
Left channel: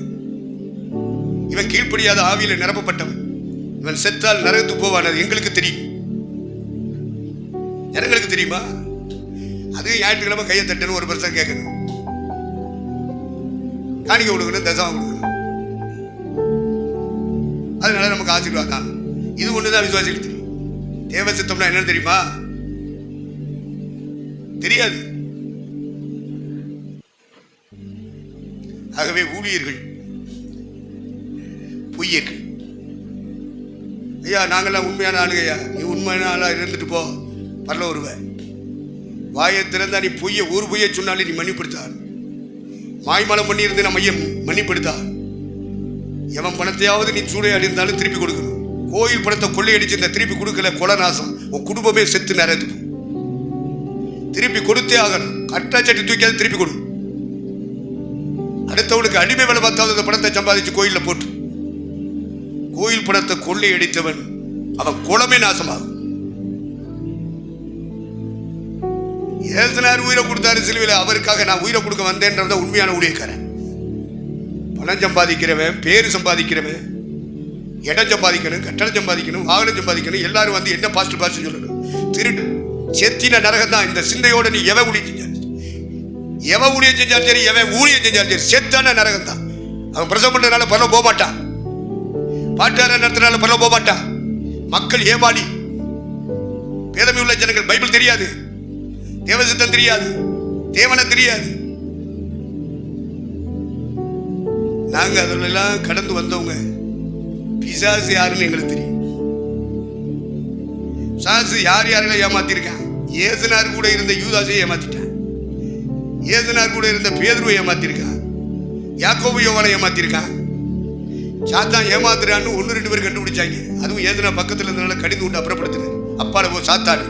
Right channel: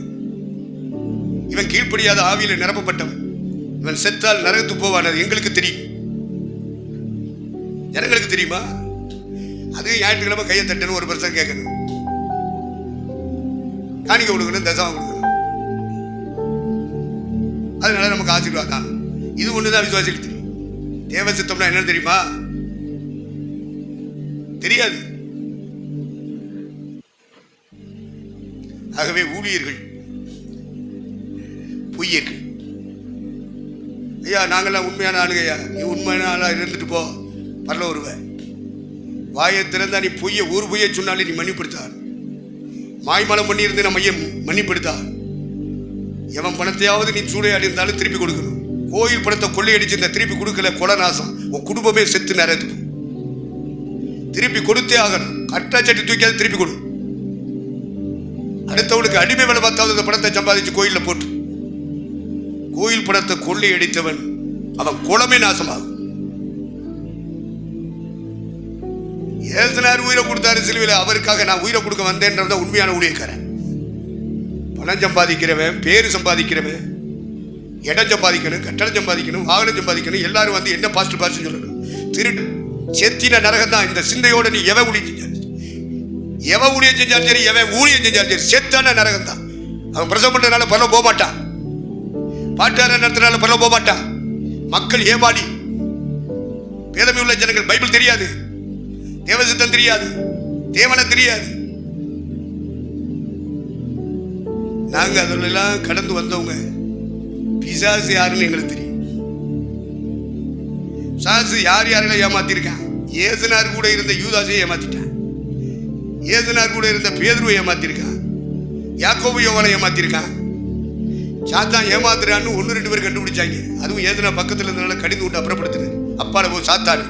இவன் கீழ்ப்படியாத ஆவியில நிரப்பப்பட்டவன். இவன் செத்தால் நரகத்துக்கு போவான். அது எங்களுக்கு தெரியும், ஜனங்களுக்கு தெரியுமா? அது ஞாயிற்றுக்கிழமை கையை தட்டணும், 1% கேட்கணும், காணிக்க கொடுக்கணும், தசமம் கொடுக்கணும். அதனால நமக்கு ஆசீர்வாதம். இது ஒண்ணுதான் விசுவாசிகளுக்கு தெரியும். தேவ சித்தம்னா என்னன்னு தெரியுமா? தெரியாது. ஆகவே ஊழியர்கள் பொய்யர்கள். ஐயா நாங்கெல்லாம் உண்மையான ஆளுங்க. ஐயா நீ உண்மையான ஆளா இருந்துட்டு போ, பரல வருவ. வாயை திறந்தா நீ பொய்ய ஒரு பொய்யை சொன்னாலே நீ மன்னிப்படுத்தார். மாய்மாலம் பண்ணியிருந்து நம்ம ஐயன் மன்னிப்படுத்தா. எவன் பணத்தையாவது நீ சூறையாடி இருந்தாலும் திருப்பி கொடுக்கணும். கோயில் பணத்தை கொள்ளையடிச்சு இந்த திருப்பி கொடுக்கல, கொலை நாசம், உன் குடும்பமே செத்து நிறையது. திருப்பி கொடுத்தே ஆகணும். கட்டாச்சட்டி தூக்கியாவது திருப்பி கொடு. அடுத்தவனுக்கு அடிமை வேலை பார்த்தாவது அந்த பணத்தை சம்பாதிச்சு கோயிலில் போட்டு. கோயில் பணத்தை கொள்ளையடித்தவன் அவன் குலமே நாசமாகும். ஏசுனார் உயிரை கொடுத்தாரு சிலுவையில், அவருக்காக நான் உயிரை கொடுக்க வந்தேன்றத உண்மையான ஊழியக்காரன். பணம் சம்பாதிக்கிறவன், பேரு சம்பாதிக்கிறவன், இடம் சம்பாதிக்கணும், கட்டடம் சம்பாதிக்கணும், வாகனம் சம்பாதிக்கணும், எல்லாரும் வந்து என்ன பாஸ்ட் பாஸ்ட் சொல்லணும். திருட்டு செத்தின நரகம் தான். இந்த சிந்தையோட நீ எவன் ஊழியம் செஞ்சாலும் சரி, எவன் ஊழியம் செஞ்சாலும் சரி, செத்தான நரகம் தான். அவன் பிரசவம் பண்றதுனால பரவ போக மாட்டான், பாட்டார நடத்தினால பரவ போக மாட்டான். மக்கள் ஏமாடி, பேதமை உள்ள ஜனங்கள், பைபிள் தெரியாது, தேவசித்தம் தெரியாது, தேவனை தெரியாது. நாங்க அதெல்லாம் கடந்து வந்தவங்க. பிசாசு யாருன்னு எங்களுக்கு தெரியும். சாசு யார் யாரெல்லாம் ஏமாத்திருக்கான். ஏசுனார் கூட இருந்த யூதாசை ஏமாத்திட்டான். ஏசுனார் கூட இருந்த பேதுருவை ஏமாத்திருக்கான். யாக்கோபு யோவானை ஏமாத்திருக்கான். சாத்தான் ஏமாத்துறான்னு 1-2 பேர் கண்டுபிடிச்சாங்க. அதுவும் ஏசுனா பக்கத்தில் இருந்தனால கடிந்து கொண்டு அப்புறப்படுத்தினார். அப்பால போ சாத்தாடு.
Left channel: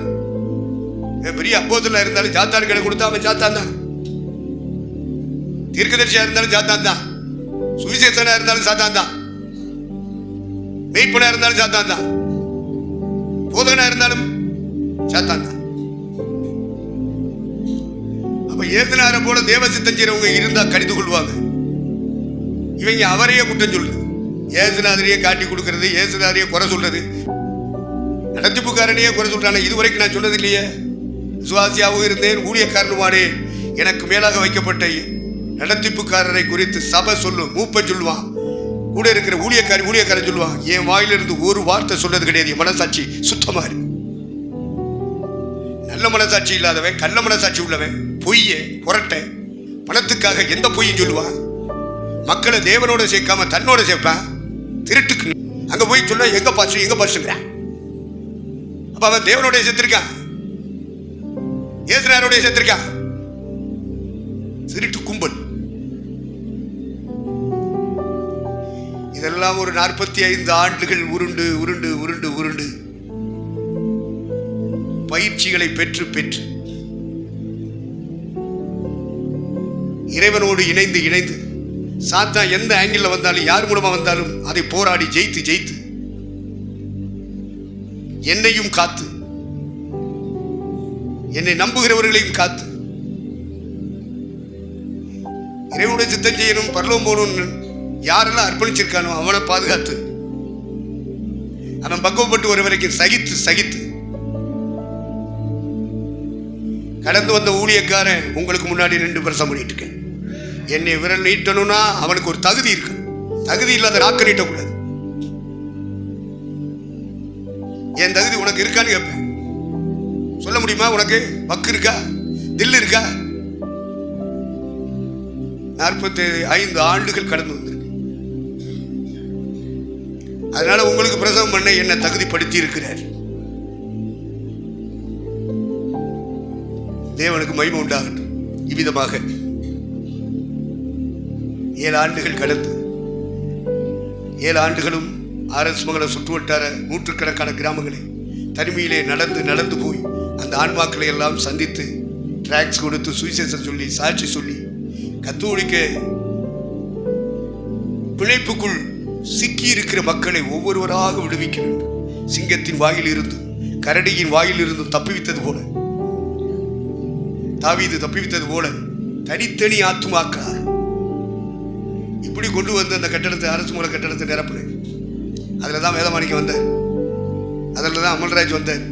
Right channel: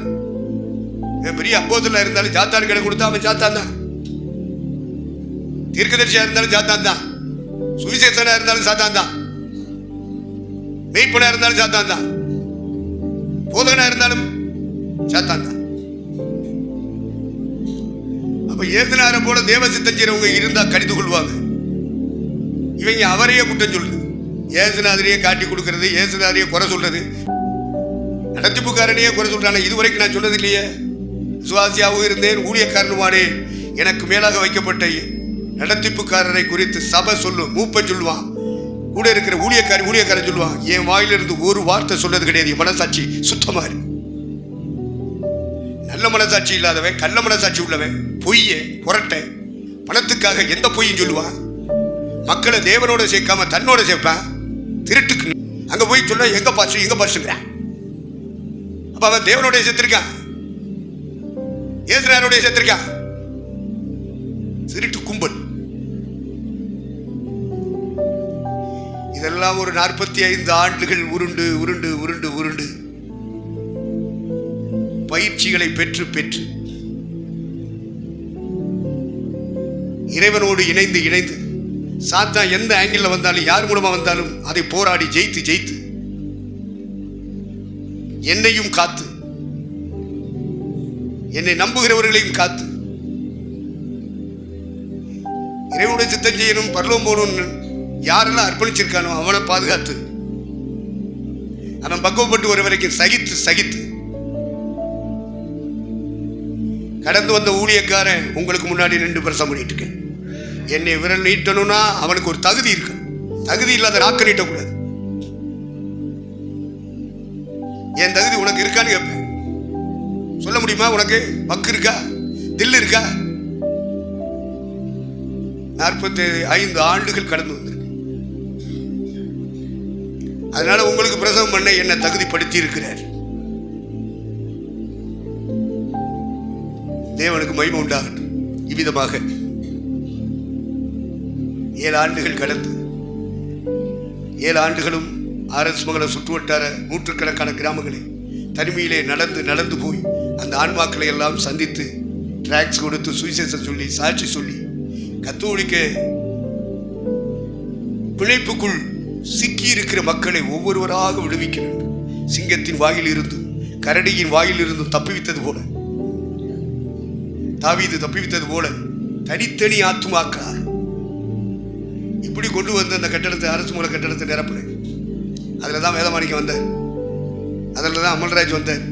பெரிய அப்போஸ்தலனா இருந்தாலும் சாத்தான் கடை கொடுத்தா அவன் சாத்தான் தான். தீர்க்கதரிசியா இருந்தாலும் சாத்தான் தான். சுவிசேஷனா இருந்தாலும் சாத்தான் தான். மெய்ப்பனா இருந்தாலும் சாத்தான் தான். போதகனா இருந்தாலும் சாத்தான் தான். அப்ப ஏசுனாரை போல தேவசித்தம் செய்யறவங்க இருந்தா கடிந்து கொள்வாங்க. இவங்க அவரையே குற்றம் சொல்றது, ஏசுநாதரையே காட்டி கொடுக்கறது, ஏசுநாதரையே குறை சொல்றது, நடத்திப்புக்காரனையே குறை சொல்றாங்க. இதுவரைக்கும் நான் சொன்னது இல்லையே. விசுவாசியாகவும் இருந்தேன், ஊழியக்காரனுமானே. எனக்கு மேலாக வைக்கப்பட்ட நடத்திப்புக்காரரை குறித்து சபை சொல்லும், மூப்பன் சொல்லுவான், கூட இருக்கிற ஊழியக்காரன் சொல்லுவான். என் வாயிலிருந்து ஒரு வார்த்தை சொன்னது கிடையாது. என் மனசாட்சி சுத்தமா இருக்கு. நல்ல மனசாட்சி இல்லாதவன், கள்ள மனசாட்சி உள்ளவன், பொய்ய புரட்ட பணத்துக்காக எந்த பொய்யும் சொல்லுவான். மக்களை தேவனோட சேர்க்காம தன்னோட சேர்ப்பான். திருட்டுக்கு அங்க போய் சொல்ல எங்க பாசுங்கிறான். அப்ப அவன் தேவனோட சேர்த்திருக்கான், ஏசுனாரோட சேர்த்திருக்கான். திருட்டு கும்பல். இதெல்லாம் ஒரு 45 ஆண்டுகள் உருண்டு உருண்டு உருண்டு உருண்டு பயிற்சிகளை பெற்று பெற்று இறைவனோடு இணைந்து இணைந்து சாத்தான் எந்த ஆங்கிள் வந்தாலும், யார் மூலமா வந்தாலும் அதை போராடி ஜெயித்து ஜெயித்து என்னையும் காத்து, என்னை நம்புகிறவர்களையும் காத்து, இறைவனுடைய சித்தம் செய்யணும், பரலோகம் போகணும்னு யாரெல்லாம் அர்ப்பணிச்சிருக்கானோ அவனை பாதுகாத்து, அவன் பக்குவப்பட்டு ஒரு வரைக்கும் சகித்து சகித்து கடந்து வந்த ஊழியக்காரன் உங்களுக்கு முன்னாடி நின்று பிரசங்கம் பண்ணிட்டு இருக்கேன். என்னை விரல் நீட்டணும்னா அவனுக்கு ஒரு தகுதி இருக்கு. தகுதி இல்லாத நாக்க நீட்டக்கூடாது. என் தகுதி உனக்கு இருக்கான்னு கேட்பேன். சொல்ல முடியுமா? உனக்கு பக்கு இருக்கா, தில்லு இருக்கா? 45 ஆண்டுகள் கடந்து வந்திருக்கு. அதனால உங்களுக்கு பிரசவம் பண்ண என்ன தகுதிப்படுத்தி இருக்கிறார். தேவனுக்கு மகிமை உண்டாகட்டும். இவ்விதமாக 7 ஆண்டுகள் கடந்து 7 ஆண்டுகளும் RS மங்கலம் சுற்றுவட்டார நூற்றுக்கணக்கான கிராமங்களை தனிமையிலே நடந்து நடந்து போய் அந்த ஆன்மாக்களை எல்லாம் சந்தித்து டிராக்ஸ் கொடுத்து சுவிசேஷம் சொல்லி சாட்சி சொல்லி கத்தோலிக்க பிழைப்புக்குள் சிக்கி இருக்கிற மக்களை ஒவ்வொருவராக விடுவிக்க வேண்டும். சிங்கத்தின் வாயில் இருந்தும் கரடியின் வாயில் இருந்தும் தப்பிவித்தது போல, தாவீது தப்பிவித்தது போல தனித்தனி ஆத்துமாக்கிறார். இப்படி கொண்டு வந்து அந்த கட்டடத்தை, அரசு மூல கட்டடத்தை நிரப்புனேன். அதில் தான் வேதமாணிக்கம் வந்தார், அதில் தான் அமல்ராஜ் வந்தார்,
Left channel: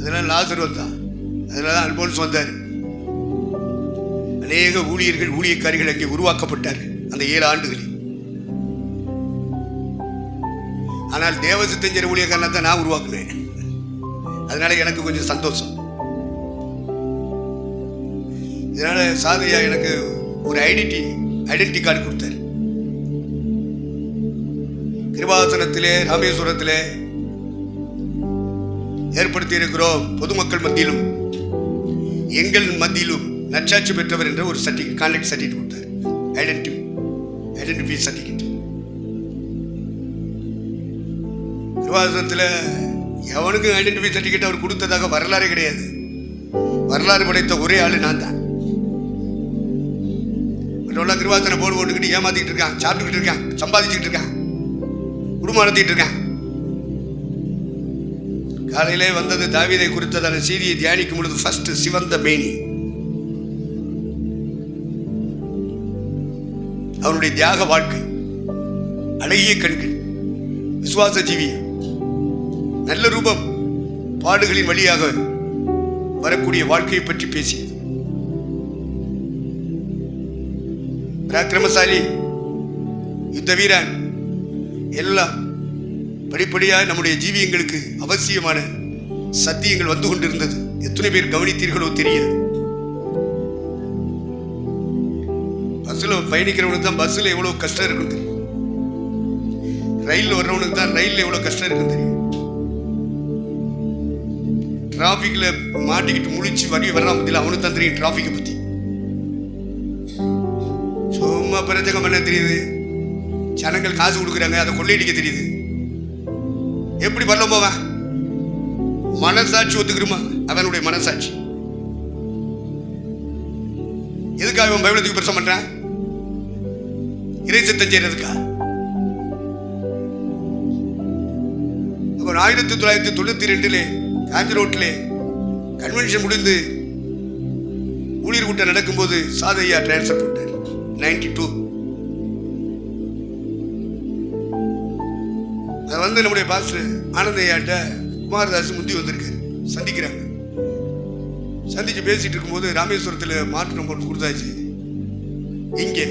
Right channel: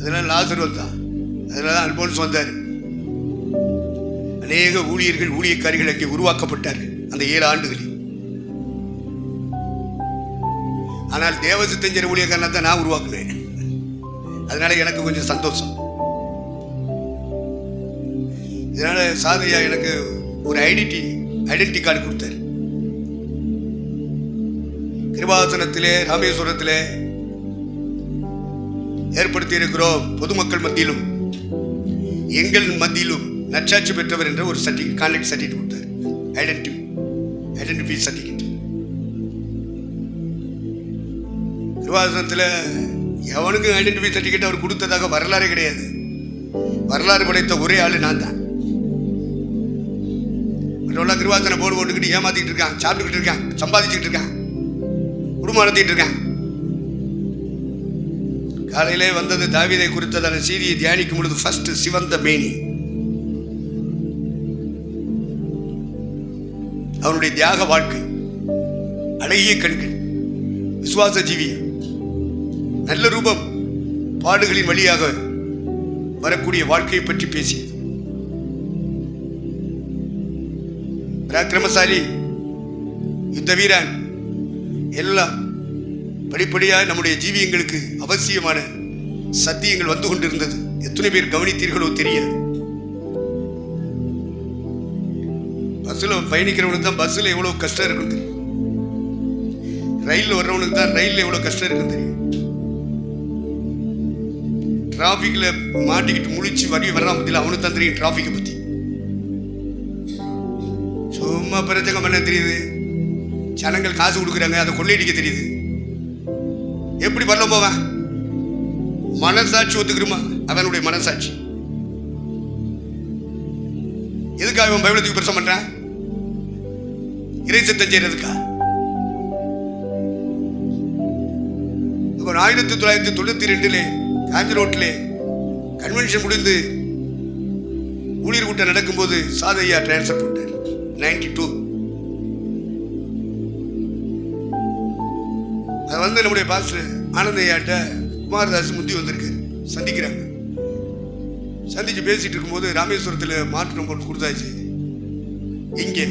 அதில் லாசர் வந்தார், அதில் தான் அல்போன்ஸ் வந்தார். அநேக ஊழியர்கள் ஊழியக்காரிகள் அங்கே உருவாக்கப்பட்டார்கள் அந்த 7 ஆண்டுகளில். ஆனால் தேவசித்தஞ்சர் ஊழியக்காரனை தான் நான் உருவாக்குனேன். அதனால எனக்கு கொஞ்சம் சந்தோஷம். இதனால சாதையா எனக்கு ஒரு ஐடென்டி கார்டு கொடுத்தார். கிருபாசனத்திலே ராமேஸ்வரத்திலே ஏற்படுத்தி இருக்கிறோம். பொதுமக்கள் மத்தியிலும் எங்கள் மத்தியிலும் நற்சாட்சி பெற்றவர் என்ற ஒரு சர்டிஃபிகேட், கான்ட்ராக்ட் சர்டிஃபிகேட் கொடுத்தார். Identify certificate. கிருபாசனத்தில் எவனுக்கும் ஐடென்டிஃபை சர்டிஃபிகேட் அவர் கொடுத்ததாக வரலாறே கிடையாது. வரலாறு படைத்த ஒரே ஆளு நான் தான். மற்றவெல்லாம் கிருபாசன போர்டு போட்டுக்கிட்டு ஏமாத்திக்கிட்டு இருக்கான், சாப்பிட்டுக்கிட்டு இருக்கான், சம்பாதிச்சுக்கிட்டு இருக்கான், குடும்பம் நடத்திட்டு இருக்கான். காலையிலே வந்தது தாவீதை குறித்ததான செய்தியை தியானிக்கும் பொழுது ஃபர்ஸ்ட் சிவந்த மேனி, அவனுடைய தியாக வாழ்க்கை, அழகிய கண்கள், விசுவாச ஜீவியம், நல்ல ரூபம், பாடுகளின் வழியாக வரக்கூடிய வாழ்க்கையை பற்றி பேசியது. பராக்கிரமசாலி, யுத்த வீரன், எல்லாம் படிப்படியாக நம்முடைய ஜீவியங்களுக்கு அவசியமான சத்தியங்கள் வந்து கொண்டிருந்தது. எத்தனை பேர் கவனித்தீர்களோ தெரியாது. பஸ்ஸில் பயணிக்கிறவனுக்கு தான் பஸ்ஸில் எவ்வளோ கஷ்டம் இருக்குன்னு தெரியும். ரயிலில் வர்றவனுக்கு தான் ரயிலில் எவ்வளோ கஷ்டம் இருக்குன்னு தெரியும். டிராஃபிக்கில் மாட்டிக்கிட்டு முழிச்சு வர்றான் பற்றியில் அவனுக்கு தான் தெரியும் டிராஃபிக்கை பற்றி. சும்மா பிரச்சனை பண்ண தெரியுது. ஜனங்கள் காசு கொடுக்குறாங்க, அதை கொள்ளையடிக்க தெரியுது. எப்படி பண்ண போவான்? மனசாட்சி ஒத்துக்கிறோமா? அவனுடைய மனசாட்சி. எதுக்காக அவன் பைபிளுக்கு பிரசம் பண்றான்? இறை சித்தம் செய்யறதுக்கா? அப்ப 1992 காஞ்சி ரோட்டிலே கன்வென்ஷன் முடிந்து ஊழியர் கூட்டம் நடக்கும்போது சாதையா டிரான்ஸ்ஃபர் போட்டார். 92 அது வந்து நம்முடைய பாஸ்டர் ஆனந்தையாட்ட குமாரதாஸ் முந்தி வந்திருக்காரு. சந்திக்கிறாங்க. சந்திச்சு பேசிட்டு இருக்கும்போது ராமேஸ்வரத்தில் மாற்றம் போட்டு கொடுத்தாச்சு. இங்கே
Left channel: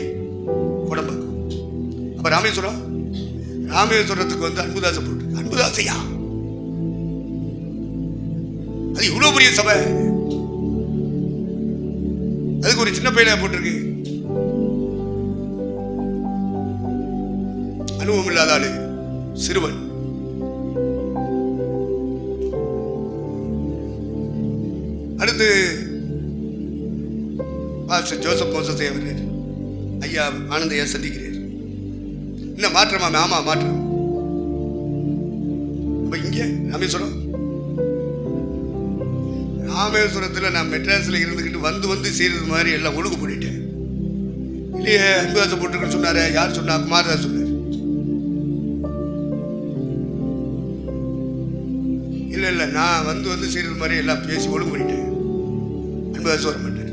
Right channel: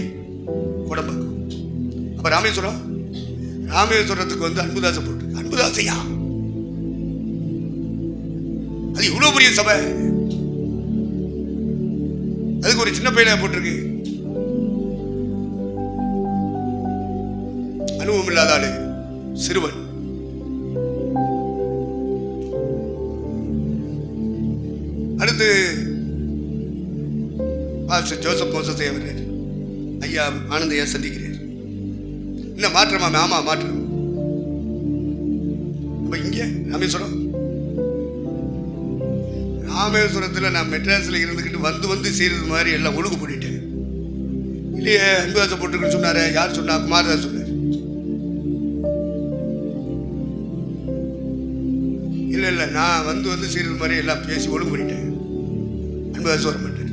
குடம்பாக்கம். அப்ப ராமேஸ்வரத்துக்கு வந்து அன்புதாசை போட்டு, அன்புதாசையா அது இவ்வளவு பெரிய சபை, அதுக்கு ஒரு சின்ன பையனா போட்டிருக்கு. அனுபவம் இல்லாத ஆளு, சிறுவன். அடுத்து பாஸ்டர் ஜோசப் மோசஸை அவர் ஐயா ஆனந்தையா சந்திக்கிறார். என்ன மாற்றமா? ஆமா மாற்றம். அப்ப இங்கே ராமேஸ்வரத்தில் நான் மெட்ராஸில் இருந்துக்கிட்டு வந்து செய்யறது மாதிரி எல்லாம் ஒழுங்கு பண்ணிட்டேன். இல்லையே, அன்புதாசை போட்டுருக்குன்னு சொன்னாரு. யார் சொன்னா? குமாரதாஸ் சொன்னார். இல்லை நான் வந்து செய்யறது மாதிரி எல்லாம் பேசி ஒழுங்கு பண்ணிட்டேன். அன்புதாஸ் வர மாட்டேன்.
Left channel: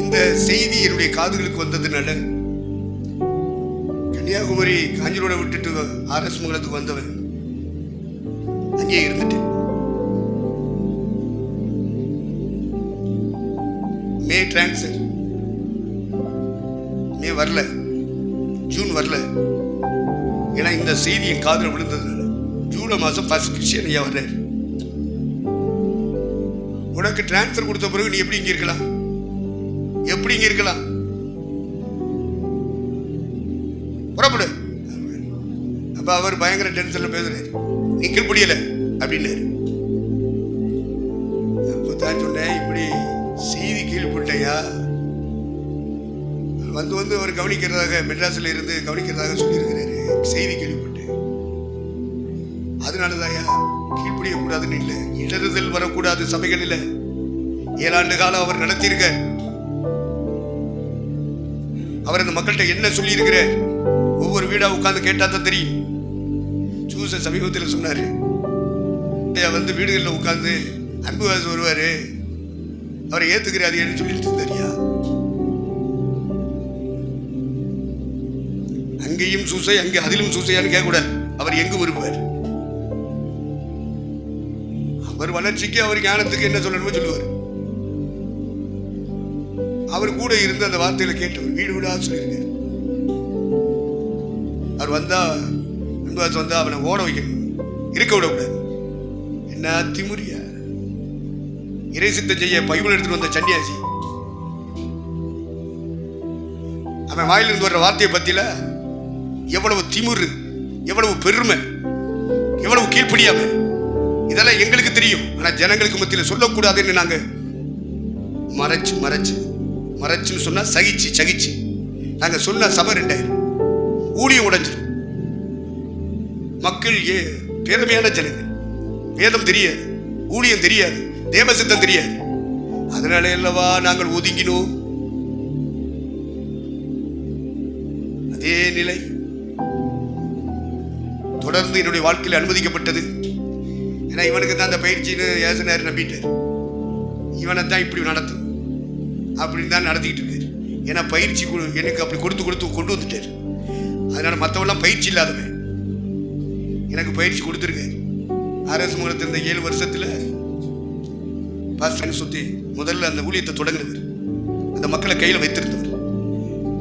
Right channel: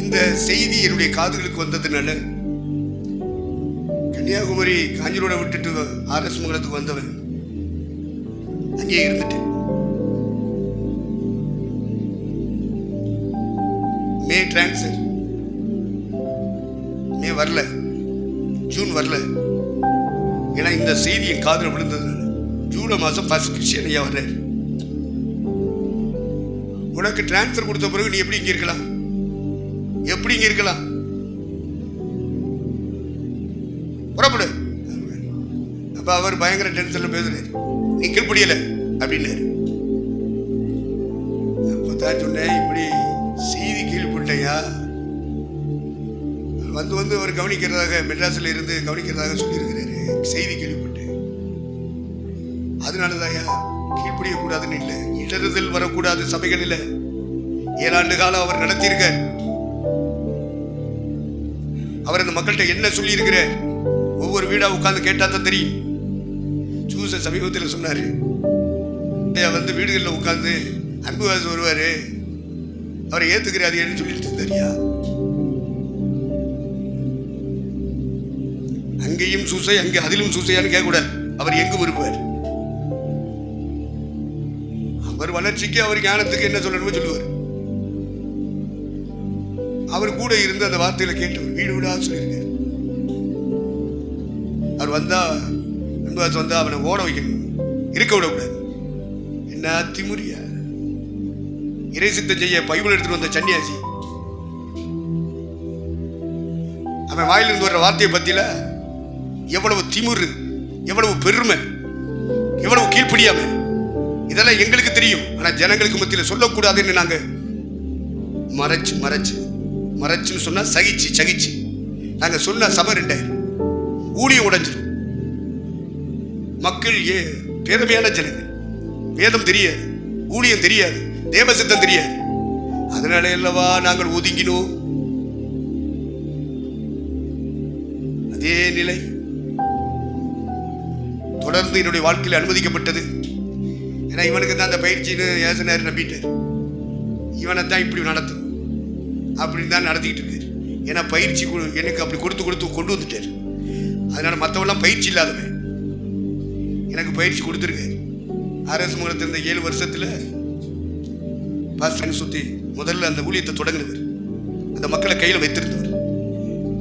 இந்த செய்தி என்னுடைய காதுகளுக்கு வந்ததுனால கன்னியாகுமரி காஞ்சிரோட விட்டுட்டு ஆர்எஸ் மங்கலத்துக்கு வந்தவன் அங்கேயே இருந்துட்டேன். மே டிரான்ஸ்ஃபர், மே வரல, ஜூன் வரல. ஏன்னா இந்த செய்தி என் காதில் விழுந்ததுனால ஜூலை மாதம் ஃபர்ஸ்ட் கிறிஸ்டியன் ஐயா வர்றாரு. உனக்கு டிரான்ஸ்ஃபர் கொடுத்த பிறகு நீ எப்படி இங்கே இருக்கலாம்? எப்படி இங்கே இருக்கலாம்? புறப்படு. அப்ப அவர் பயங்கர டென்ஷன்ல பேசுறாரு. நீ கீழ்படியல அப்படின்னாரு. அப்பதான் சொன்னேன், இப்படி செய்தி கீழ்பட்டையா வந்து அவர் கவனிக்கிறதாக மெட்ராஸில் இருந்து கவனிக்கிறதாக சொல்லியிருக்கிறாரு. செய்தி கேள்விப்பட்டேன். அதனாலதாயா கீழ்படியக்கூடாதுன்னு இல்லை, இடறுதல் வரக்கூடாது சபைகளில். 7 ஆண்டு காலம் அவர் நடத்தியிருக்கார். அவர் அந்த மக்கள்கிட்ட என்ன சொல்லி இருக்கிறார்? ஒவ்வொரு வீடா உட்கார்ந்து கேட்டா தான் தெரியும். சூச சமீபத்தில் சொன்னாரு, வந்து வீடுகளில் உட்கார்ந்து அன்புதாஸ் வருவாரு, அவரை ஏத்துக்கிறாரு சொல்லிட்டு இருந்தாரியா. அங்கேயும் சூசை, அங்கே அதிலும் சூசையான்னு கேட்கக்கூடாது. அவர் எங்கும் இருப்பார். அவர் வளர்ச்சிக்கு, அவர் ஞானத்துக்கு என்ன சொல்லணுமோ சொல்லுவார். அவர் கூட இருந்து அந்த வார்த்தையில கேட்டவர் வீடு வீடா சொல்லியிருக்கார். அவர் வந்தா, அன்புதாஸ் வந்தா அவனை ஓட வைக்கணும், இருக்க விடக்கூடாது. என்ன திமுறியா? இறை சித்தம் செய்ய பைபிள் எடுத்துட்டு வந்த சன்னியாசி, அவன் வாயிலிருந்து வர்ற வார்த்தையை பத்தியில எவ்வளவு திமுறு, எவ்வளவு பெருமை, எவ்வளவு கீழ்ப்படியாம, இதெல்லாம் எங்களுக்கு தெரியும். ஆனா ஜனங்களுக்கு மத்தியில் சொல்லக்கூடாதுன்னு நாங்க மறைச்சு மறைச்சுன்னு சொன்னா சகிச்சு நாங்க சொன்ன சபை 2000, ஊழியம் உடைஞ்சிடும். மக்கள் பேதமையான ஜனங்கள், வேதம் தெரியாது, ஊழியம் தெரியாது, தேவசித்தம் தெரியாது. அதனால அல்லவா நாங்கள் ஒதுங்கினோம். அதே நிலை தொடர்ந்து என்னுடைய வாழ்க்கையில் அனுமதிக்கப்பட்டது. ஏன்னா இவனுக்கு தான் அந்த பயிற்சின்னு ஏசனார் நம்பிட்டார். இவனை தான் இப்படி நடத்தும் அப்படின்னு தான் நடத்திக்கிட்டு இருக்காரு. ஏன்னா பயிற்சி எனக்கு அப்படி கொடுத்து கொண்டு வந்துட்டார். அதனால மற்றவெல்லாம் பயிற்சி இல்லாதவன் எனக்கு பயிற்சி கொடுத்துருக்காரு. அரசு மங்கலத்தில் இந்த 7 வருஷத்தில் பாஸ்டர் சுற்றி முதல்ல அந்த ஊழியத்தை தொடங்கினவர், அந்த மக்களை கையில் வைத்திருந்தவர்.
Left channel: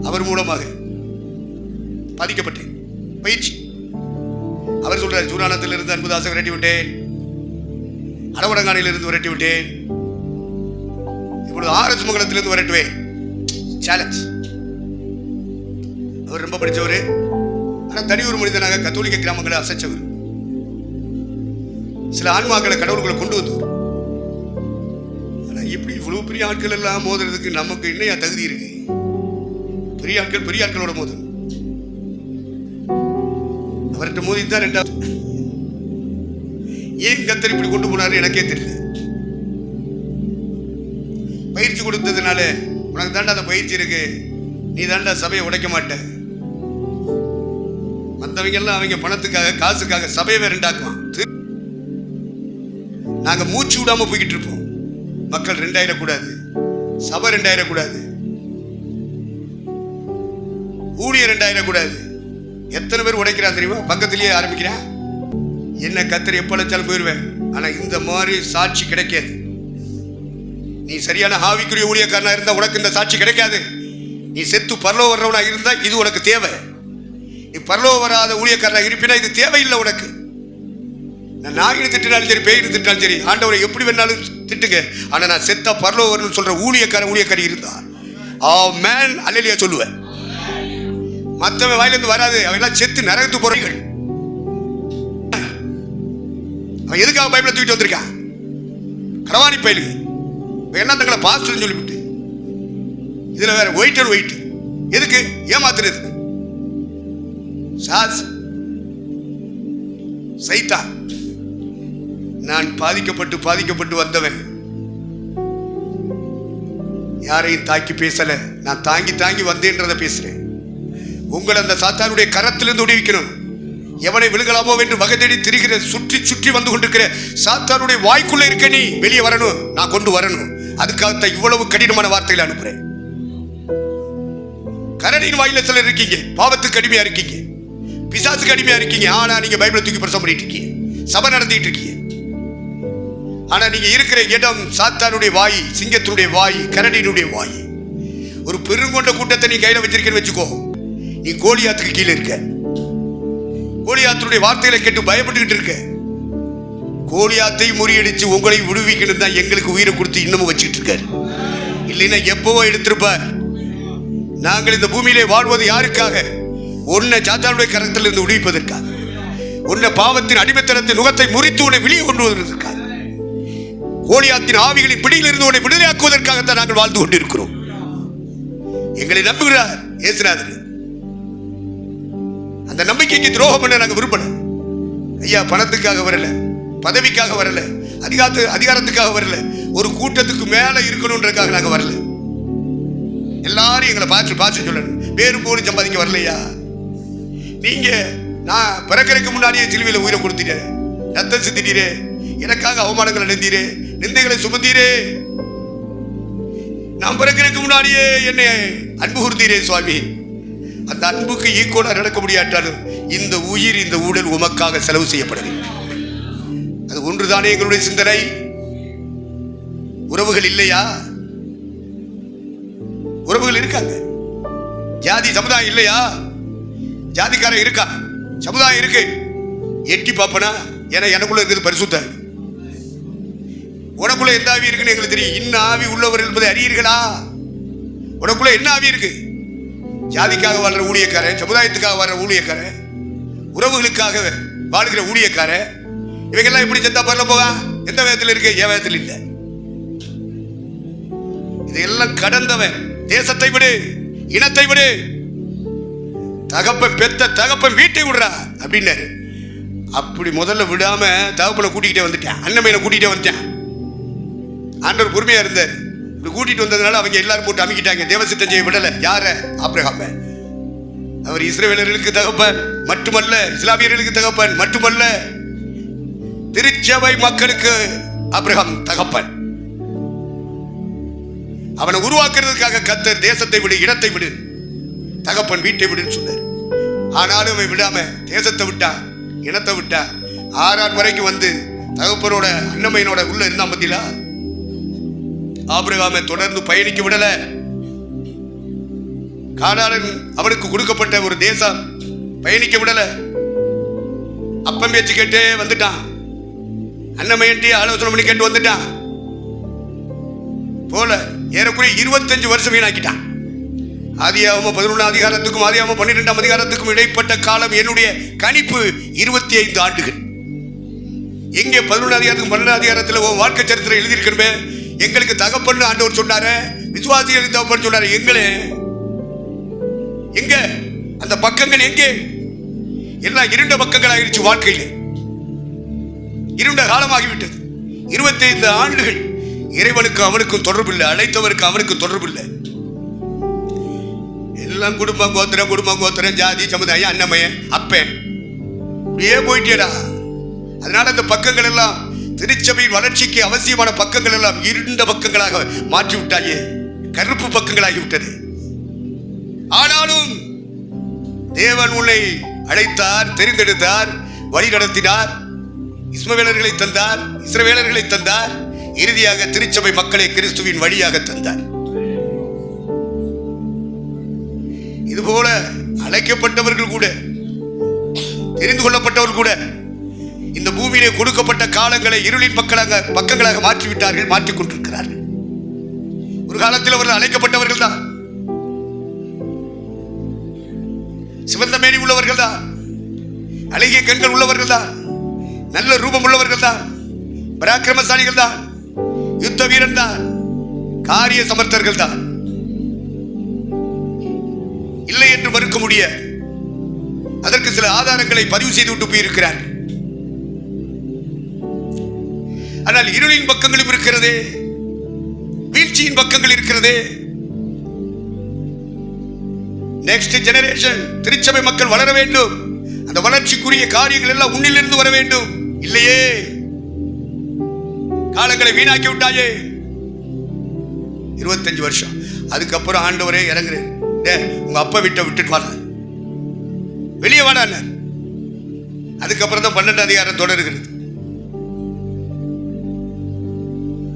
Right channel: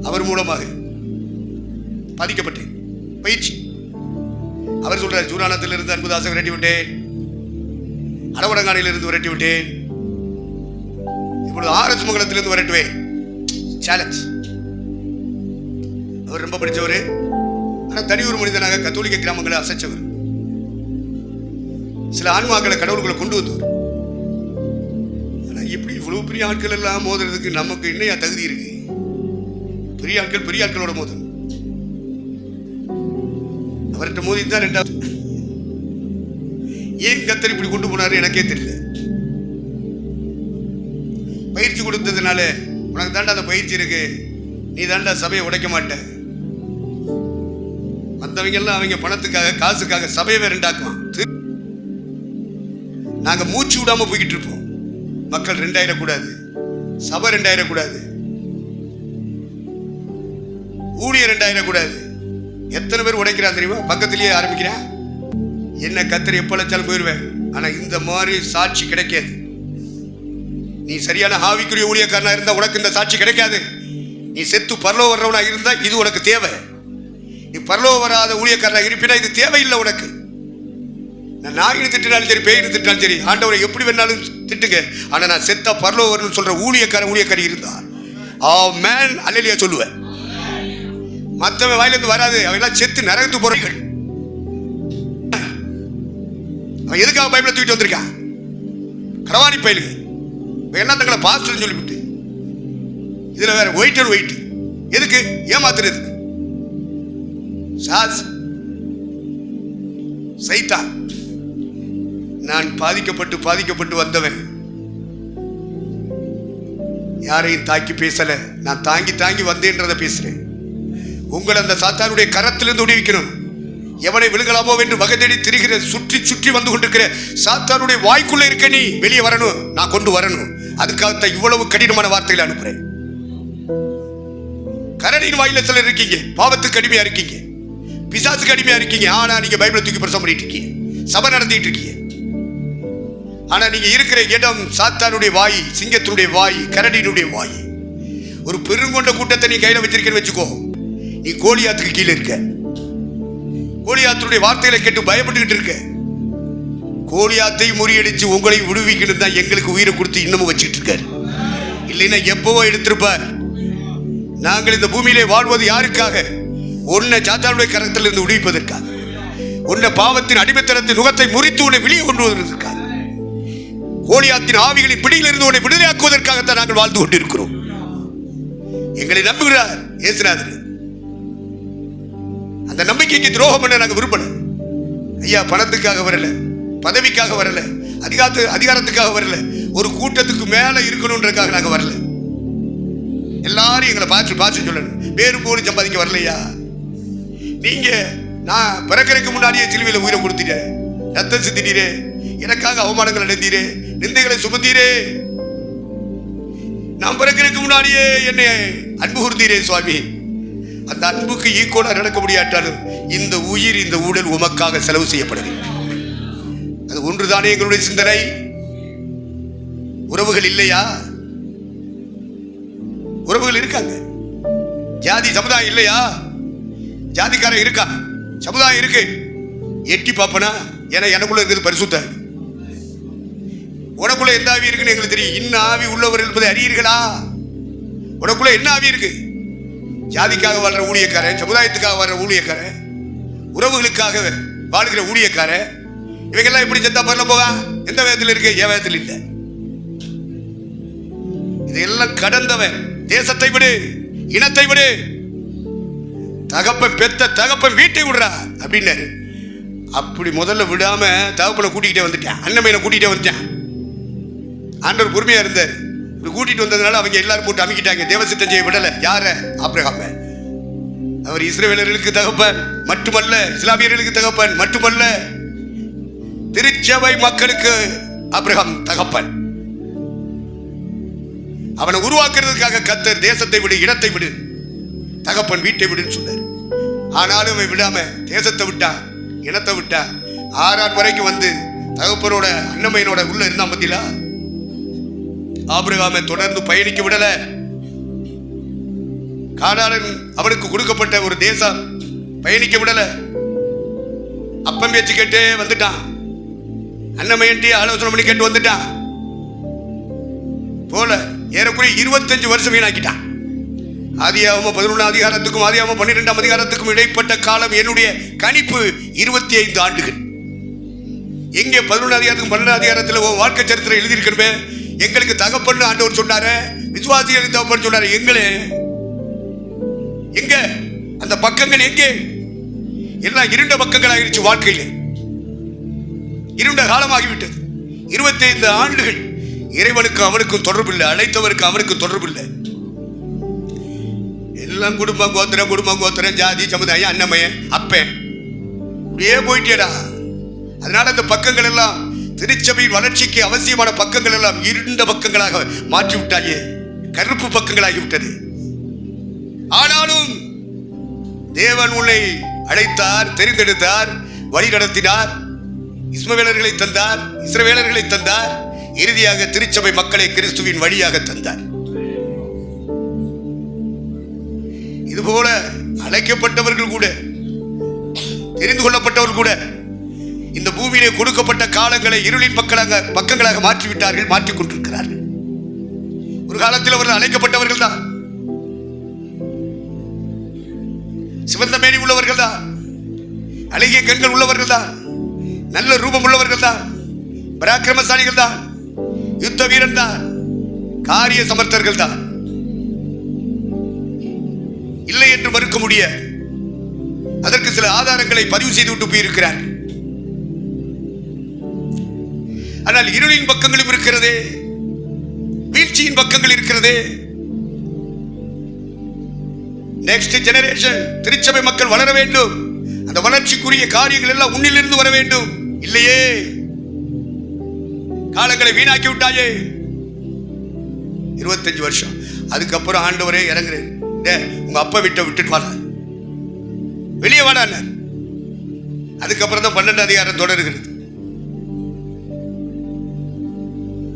அவர் மூலமாக பாதிக்கப்பட்டேன். பயிற்சி அவர் சொல்றார், சூரானத்திலிருந்து அன்புதாசை விரட்டி விட்டேன், அடவடங்கானையிலிருந்து விரட்டி விட்டேன், இப்பொழுது ஆர்எஸ் மங்கலத்திலிருந்து விரட்டுவேன். சேலஞ்ச். அவர் ரொம்ப படித்தவர், ஆனால் தனி ஒரு மனிதனாக கத்தோலிக்க கிராமங்களை அசைச்சவர். சில ஆன்மாக்களை கடவுள்களை கொண்டு வந்தவர். ஆனால் எப்படி இவ்வளவு பெரிய ஆட்கள் எல்லாம் மோதுறதுக்கு நமக்கு என்னையா தகுதி இருக்கு? பெரிய ஆட்களோட மோதல். அவர்கிட்ட மோதி தான் 2வது. ஏன் கத்தர் இப்படி கொண்டு போனாரு எனக்கே தெரியல. பயிற்சி கொடுத்ததுனால உனக்கு தாண்டா அந்த பயிற்சி இருக்கு, நீ தாண்டா சபையை உடைக்க மாட்ட. மற்றவங்க எல்லாம் அவங்க பணத்துக்காக காசுக்காக சபையை ரெண்டாக்குவான். நாங்க மூச்சு விடாம போய்கிட்டு இருப்போம். மக்கள் 2000 கூடாது, சபை 2000 கூடாது, ஊழியர் 2000 கூடாது. எத்தனை பேர் உடைக்கிறான் தெரியுமா? பக்கத்திலேயே ஆரம்பிக்கிறான். என்ன கத்தர் எப்ப அழைச்சாலும் போயிடுவேன். ஆனா இந்த மாதிரி சாட்சி கிடைக்காது. நீ சரியான ஆவிக்குரிய ஊழியக்காரனா இருந்தா உனக்கு இந்த சாட்சி கிடைக்காது. நீ செத்து பரலோகம் வர்றவனா இருந்தா இது உனக்கு தேவை. நீ பரலோகம் வராத ஊழியக்காரனா இருப்பினா இது தேவையில்லை உனக்கு. நான் நாயினு திட்டினாலும் சரி, பேயினு திட்டினாலும் சரி, ஆண்டவரை எப்படி வேணாலும் திட்டுங்க, ஆனா நான் செத்தா பரலோகம் வரணும்னு சொல்ற ஊழியக்காரி இருந்தா ஆமென் அல்லேலூயா சொல்லுவேன். மற்றவன் வாயிலிருந்து வராது. அவெல்லாம் செத்து நரகத்துக்கு போறீர்கள். அவன் எதுக்காக பைபிளை தூக்கிட்டு வந்திருக்கான்? கடவாணி பயிலுங்க எல்லாம் தங்களை பாஸ்டர்னு சொல்லிவிட்டு இதுல வேற ஒயிட் அண்ட் ஒயிட் எதுக்கு? ஏமாத்துறது. சைத்தான். நான் பாதிக்கப்பட்டு வந்தவன். யாரையும் தாக்கி பேசல, நான் தாங்கி வந்தேன்றதை பேசுறேன். உங்களை அந்த சாத்தானுடைய கரத்திலிருந்து விடுவிக்கணும். எவனை விழுகலாமோ என்று வகை தேடி திரிகிற சுற்றி வந்து கொண்டிருக்கிற சாத்தானுடைய வாய்க்குள்ள இருக்க நீ வெளியே வரணும், நான் கொண்டு வரணும். அதுக்காகத்தான் இவ்வளவு கடினமான வார்த்தைகளை அனுப்புறேன். கரடியின் வாயில சிலர் இருக்கீங்க, பாவத்துக்கு அடிமையா இருக்கீங்க, பிசாசுக்கு அடிமையா இருக்கீங்க. ஆனா நீங்க பைபிளை தூக்கி பிரசவம் பண்ணிட்டு இருக்கீங்க, சபை நடத்திட்டு இருக்கீங்க. ஆனா நீங்க இருக்கிற இடம் சாத்தானுடைய வாய், சிங்கத்தினுடைய வாய், கரடியினுடைய வாய். ஒரு பெருங்கொண்ட கூட்டத்தை நீ கையில வச்சிருக்கேன்னு வச்சுக்கோ, நீ கோலியாத்துக்கு கீழே இருக்க. கோலியாத்துடைய வார்த்தைகளை கேட்டு பயப்பட்டுக்கிட்டு இருக்க. கோலியாத்தை முறியடிச்சு உங்களை விடுவிக்கணும் தான் எங்களுக்கு உயிரை கொடுத்து இன்னமும் வச்சுக்கிட்டு இருக்காரு. இல்லைன்னா எப்பவோ எடுத்திருப்பார். நாங்கள் இந்த பூமியிலே வாழ்வது யாருக்காக? உன்னை சாத்தானுடைய கரத்திலிருந்து விடுவிப்பதற்காக, உன்னை பாவத்தின் அடிமைத்தனத்தின் நுகத்தை முறித்து உன்னை வெளியே கொண்டு வருவதற்காக, கோலியாத்தின் ஆவிகளின் பிடியிலிருந்து உன்னை விடுதலையாக்குவதற்காகத்தான் நாங்கள் வாழ்ந்து கொண்டிருக்கிறோம். எங்களை நம்புகிறார் இயேசுநாதர். அந்த நம்பிக்கைக்கு துரோகம் பண்ண நாங்கள் விரும்பல. ஐயா, பணத்துக்காக வரல, பதவிக்காக வரல, அதிகாரத்துக்காக வரல, ஒரு கூட்டத்துக்கு மேல இருக்கணும்ன்றதுக்காக நாங்கள் வரல. எல்லாரும் எங்களை பார்த்து சொல்லணும், பேரும் போலும் சம்பாதிக்க வரலையா? நீங்க நான் பிறக்கிறதுக்கு முன்னாடியே சிலுவையில் உயிரை கொடுத்தீரே, ரத்தம் சிந்தினீரே, எனக்காக அவமானங்கள் அடைந்தீரே, நிந்தைகளை சுமந்தீரே. நான் பிறக்கிறதுக்கு முன்னாடியே என்னை அன்பு கூர்ந்தீரே சுவாமி. அந்த அன்புக்கு ஈக்குவலா நடக்க முடியாட்டாலும் இந்த உயிர், இந்த உடல் உமக்காக செலவு செய்யப்படுது. அது ஒன்றுதானே எங்களுடைய சிந்தனை. உறவுகள் இல்லையா? உறவுகள் இருக்காங்க. ஜாதி சமுதாயம் இல்லையா? ஜாதிக்காரன் இருக்கா, சமுதாயம் இருக்கு. எட்டி பாப்பனா, ஏன்னா எனக்குள்ள இருக்கிறது பரிசுத்த. உனக்குள்ள எந்த ஆவி இருக்குன்னு எங்களுக்கு தெரியும். இன்ன ஆவி உள்ளவர் என்பதை அறியீர்களா? உனக்குள்ள என்ன ஆவி இருக்கு? ஜாதிக்காக வாழ்ற ஊழியக்காரன், சமுதாயத்துக்காக வாழ்ற ஊழியக்காரன், உறவுகளுக்காக வாழ்கிற ஊழியக்காரன், இவங்கெல்லாம் எப்படி செத்தா பரல போவா? எந்த வேதத்தில் இருக்கு? என் வேதத்தில் இல்லை. இதையெல்லாம் கடந்தவன் தேசத்தை விடு, இனத்தை விடு, தகப்பன் பெத்த தகப்பன் வீட்டை விடுறா அப்படின்னாரு. அப்படி முதல்ல விடாம தகப்பனை கூட்டிகிட்டே வந்துட்டேன், அண்ணமையனை கூட்டிகிட்டே வந்துட்டேன். ஆண்டவர் பொறுமையா இருந்தார். இப்படி கூட்டிட்டு வந்ததுனால அவங்க எல்லாரும் போட்டு அமைக்கிட்டாங்க. தேவசித்தம் செய்ய விடலை. யார? ஆபிரகாம. அவர் இஸ்ரவேலர்களுக்கு தகப்பன் மட்டுமல்ல, இஸ்லாமியர்களுக்கு தகப்பன் மட்டுமல்ல, திருச்சபை மக்களுக்கு ஆபிரகாம் தகப்பன். அவனை உருவாக்குறதுக்காக கர்த்தர் தேசத்தை விடு, இடத்தை விடு, தகப்பன் வீட்டை விடுன்னு சொன்னார். ஆனாலும் அவன் விடாம தேசத்தை விட்டான், இனத்தை விட்டான். 6 வரைக்கும் வந்து தகப்பனோட அண்ணமையனோட உள்ள இருந்தான். பத்திலா ஆபிரகாமை தொடர்ந்து பயணிக்க விடல. கானான் அவனுக்கு கொடுக்கப்பட்ட ஒரு தேசம் பயணிக்க விடல. அப்பம் பேச்சு கேட்டு வந்துட்டான், அண்ணமையன்ட்டி ஆலோசனை பண்ணி கேட்டு வந்துட்டான். போல ஏறக்குறைய 25 வருஷம் வீணாக்கிட்டான். ஆதியாகமம் 11 அதிகாரத்துக்கும் ஆதியாகமம் 12 அதிகாரத்துக்கும் இடைப்பட்ட காலம் என்னுடைய கணிப்பு 25 ஆண்டுகள். எங்கே 11 அதிகாரத்துக்கும் 12 அதிகாரத்தில் வாழ்க்கை சரித்திரம் எழுதியிருக்கணுமே. எங்களுக்கு தகப்பன்னு ஆண்டவர் சொன்னாரு, விசுவாசிகளின் தகப்பன் சொன்னாரு. எங்க அந்த பக்கங்கள் எங்கே? எல்லாம் இருண்ட பக்கங்கள் ஆகிருச்சு. வாழ்க்கையில் இருண்ட காலமாகிவிட்டது. 25 ஆண்டுகள் இறைவனுக்கு அவனுக்கும் தொடர்பு இல்லை, அழைத்தவருக்கு அவனுக்கும் தொடர்பு இல்லை. எல்லாம் குடும்பம் கோத்திரம் ஜாதி சமுதாயம் அண்ணமையன் அப்பன் அப்படியே போயிட்டேடா. அதனால அந்த பக்கங்கள் எல்லாம் திருச்சபையின் வளர்ச்சிக்கு அவசியமான பக்கங்கள் எல்லாம் இருண்ட பக்கங்களாக மாற்றிவிட்டாயே, கருப்பு பக்கங்களாகிவிட்டது. ஆனாலும் தேவன் உன்னை அழைத்தார், தெரிந்தெடுத்தார், வழி நடத்தினார், இஸ்மவேலர்களை தந்தார், இஸ்ரவேலர்களை தந்தார், இறுதியாக திருச்சபை மக்களை கிறிஸ்துவின் வழியாக தந்தார். இதுபோல அழைக்கப்பட்டவர்கள் கூட, தெரிந்து கொள்ளப்பட்டவர்கள் கூட இந்த பூமியிலே கொடுக்கப்பட்ட காலங்களை இருளின் பக்கங்களாக மாற்றிவிட்டார்கள், மாற்றிக் கொண்டிருக்கிறார்கள். ஒரு காலத்தில் அவர்கள் அழைக்கப்பட்டவர்கள் தான், சிவந்த மேனி உள்ளவர்கள் தான், அழகிய கண்கள் உள்ளவர்கள் தான், நல்ல ரூபம் உள்ளவர்கள் தான், பராக்கிரமசாலிகள் தான், யுத்த வீரன் தான், காரிய சமர்த்தர்கள் தான். இல்லை என்று மறுக்க முடியாது. அதற்கு சில ஆதாரங்களை பதிவு செய்து விட்டு போயிருக்கிறார். ஆனால் இருளின் பக்கங்களும் இருக்கிறதே, வீழ்ச்சியின் பக்கங்கள் இருக்கிறதே. நெக்ஸ்ட் ஜெனரேஷன் திருச்சபை மக்கள் வளர வேண்டும், அந்த வளர்ச்சிக்குரிய காரியங்கள் எல்லாம் உன்னிலிருந்து வர வேண்டும். இல்லையே, காலங்களை வீணாக்கி விட்டாயே. 25 வருஷம். அதுக்கப்புறம் ஆண்டவரே இறங்குறேன், உங்க அப்பா விட்டுட்டு வாடா, வெளியே வாடான. அதுக்கப்புறம் தான் 12 அதிகாரம் தொடர்கிறது.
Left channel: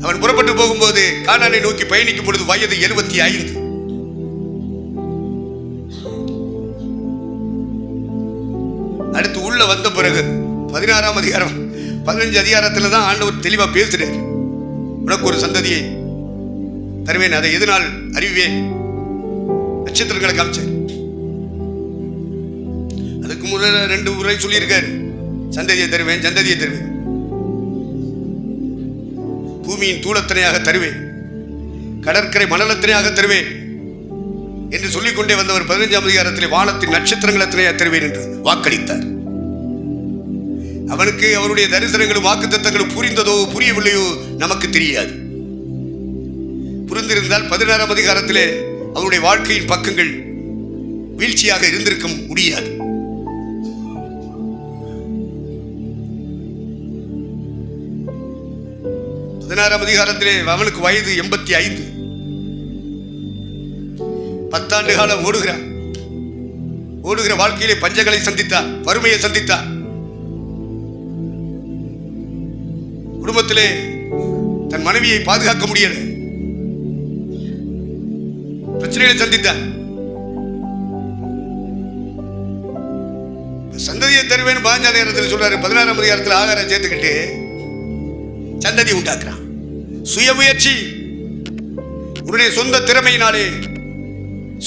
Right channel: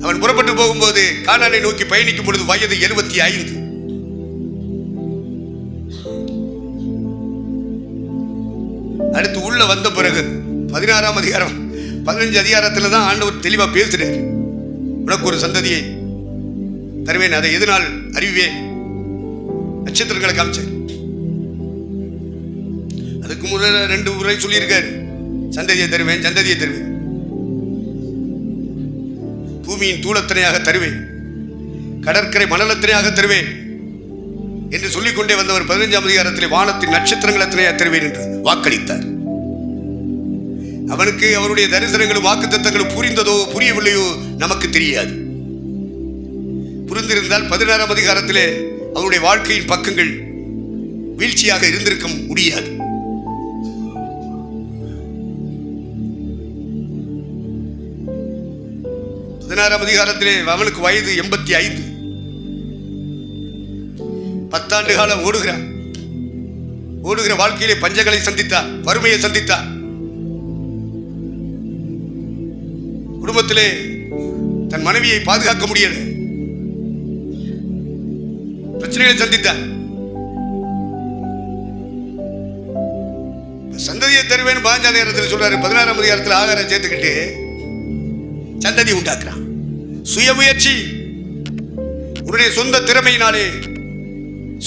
அவன் புறப்பட்டு போகும்போது கானானை நோக்கி பயணிக்கும் பொழுது வயது 75. அடுத்து உள்ள வந்த பிறகு 16 அதிகாரம் 15 அதிகாரத்தில் தான் ஆண்டவர் தெளிவா பேசுறாரு. உனக்கு ஒரு சந்ததியை தருவேன், அதை எதனால் அறிவேன், நட்சத்திரங்களை காமிச்சார். அதுக்கு முதல்ல 2 முறை சொல்லியிருக்காரு, சந்ததியை தருவேன், சந்ததியை தருவேன், பூமியின் தூளத்தனையாக தருவேன், கடற்கரை மணலத்தனையாக தருவேன் என்று சொல்லிக்கொண்டே வந்தவர் 15ஆம் அதிகாரத்தில் வானத்தின் நட்சத்திரங்கள் எத்தனையாக தருவேன் என்று வாக்களித்தார். அவனுக்கு அவருடைய தரிசனங்களும் வாக்குத்தத்தங்களும் புரிந்ததோ புரியவில்லையோ நமக்கு தெரியாது. புரிந்திருந்தால் 16ஆம் அதிகாரத்திலே அவருடைய வாழ்க்கையின் பக்கங்கள் வீழ்ச்சியாக இருந்திருக்க முடியாது. பதினாறாம் அதிகாரத்திலே அவனுக்கு வயது 85. 10 ஆண்டு காலம் ஓடுகிற வாழ்க்கையிலே பஞ்சங்களை சந்தித்தார், வறுமையை சந்தித்தார். குடும்பத்திலே தன் மனைவியை பாதுகாக்க முடியல, பிரச்சனைகளை சந்தித்தார். சந்ததியை தருவேன் 15ஆம் அதிகாரத்தில் சொல்றாரு. 16ஆம் அதிகாரத்தில் ஆகாரம் சேர்த்துக்கிட்டு சந்ததி உண்டாக்குறான். சுயமுயற்சி, உன்னுடைய சொந்த திறமையினாலே,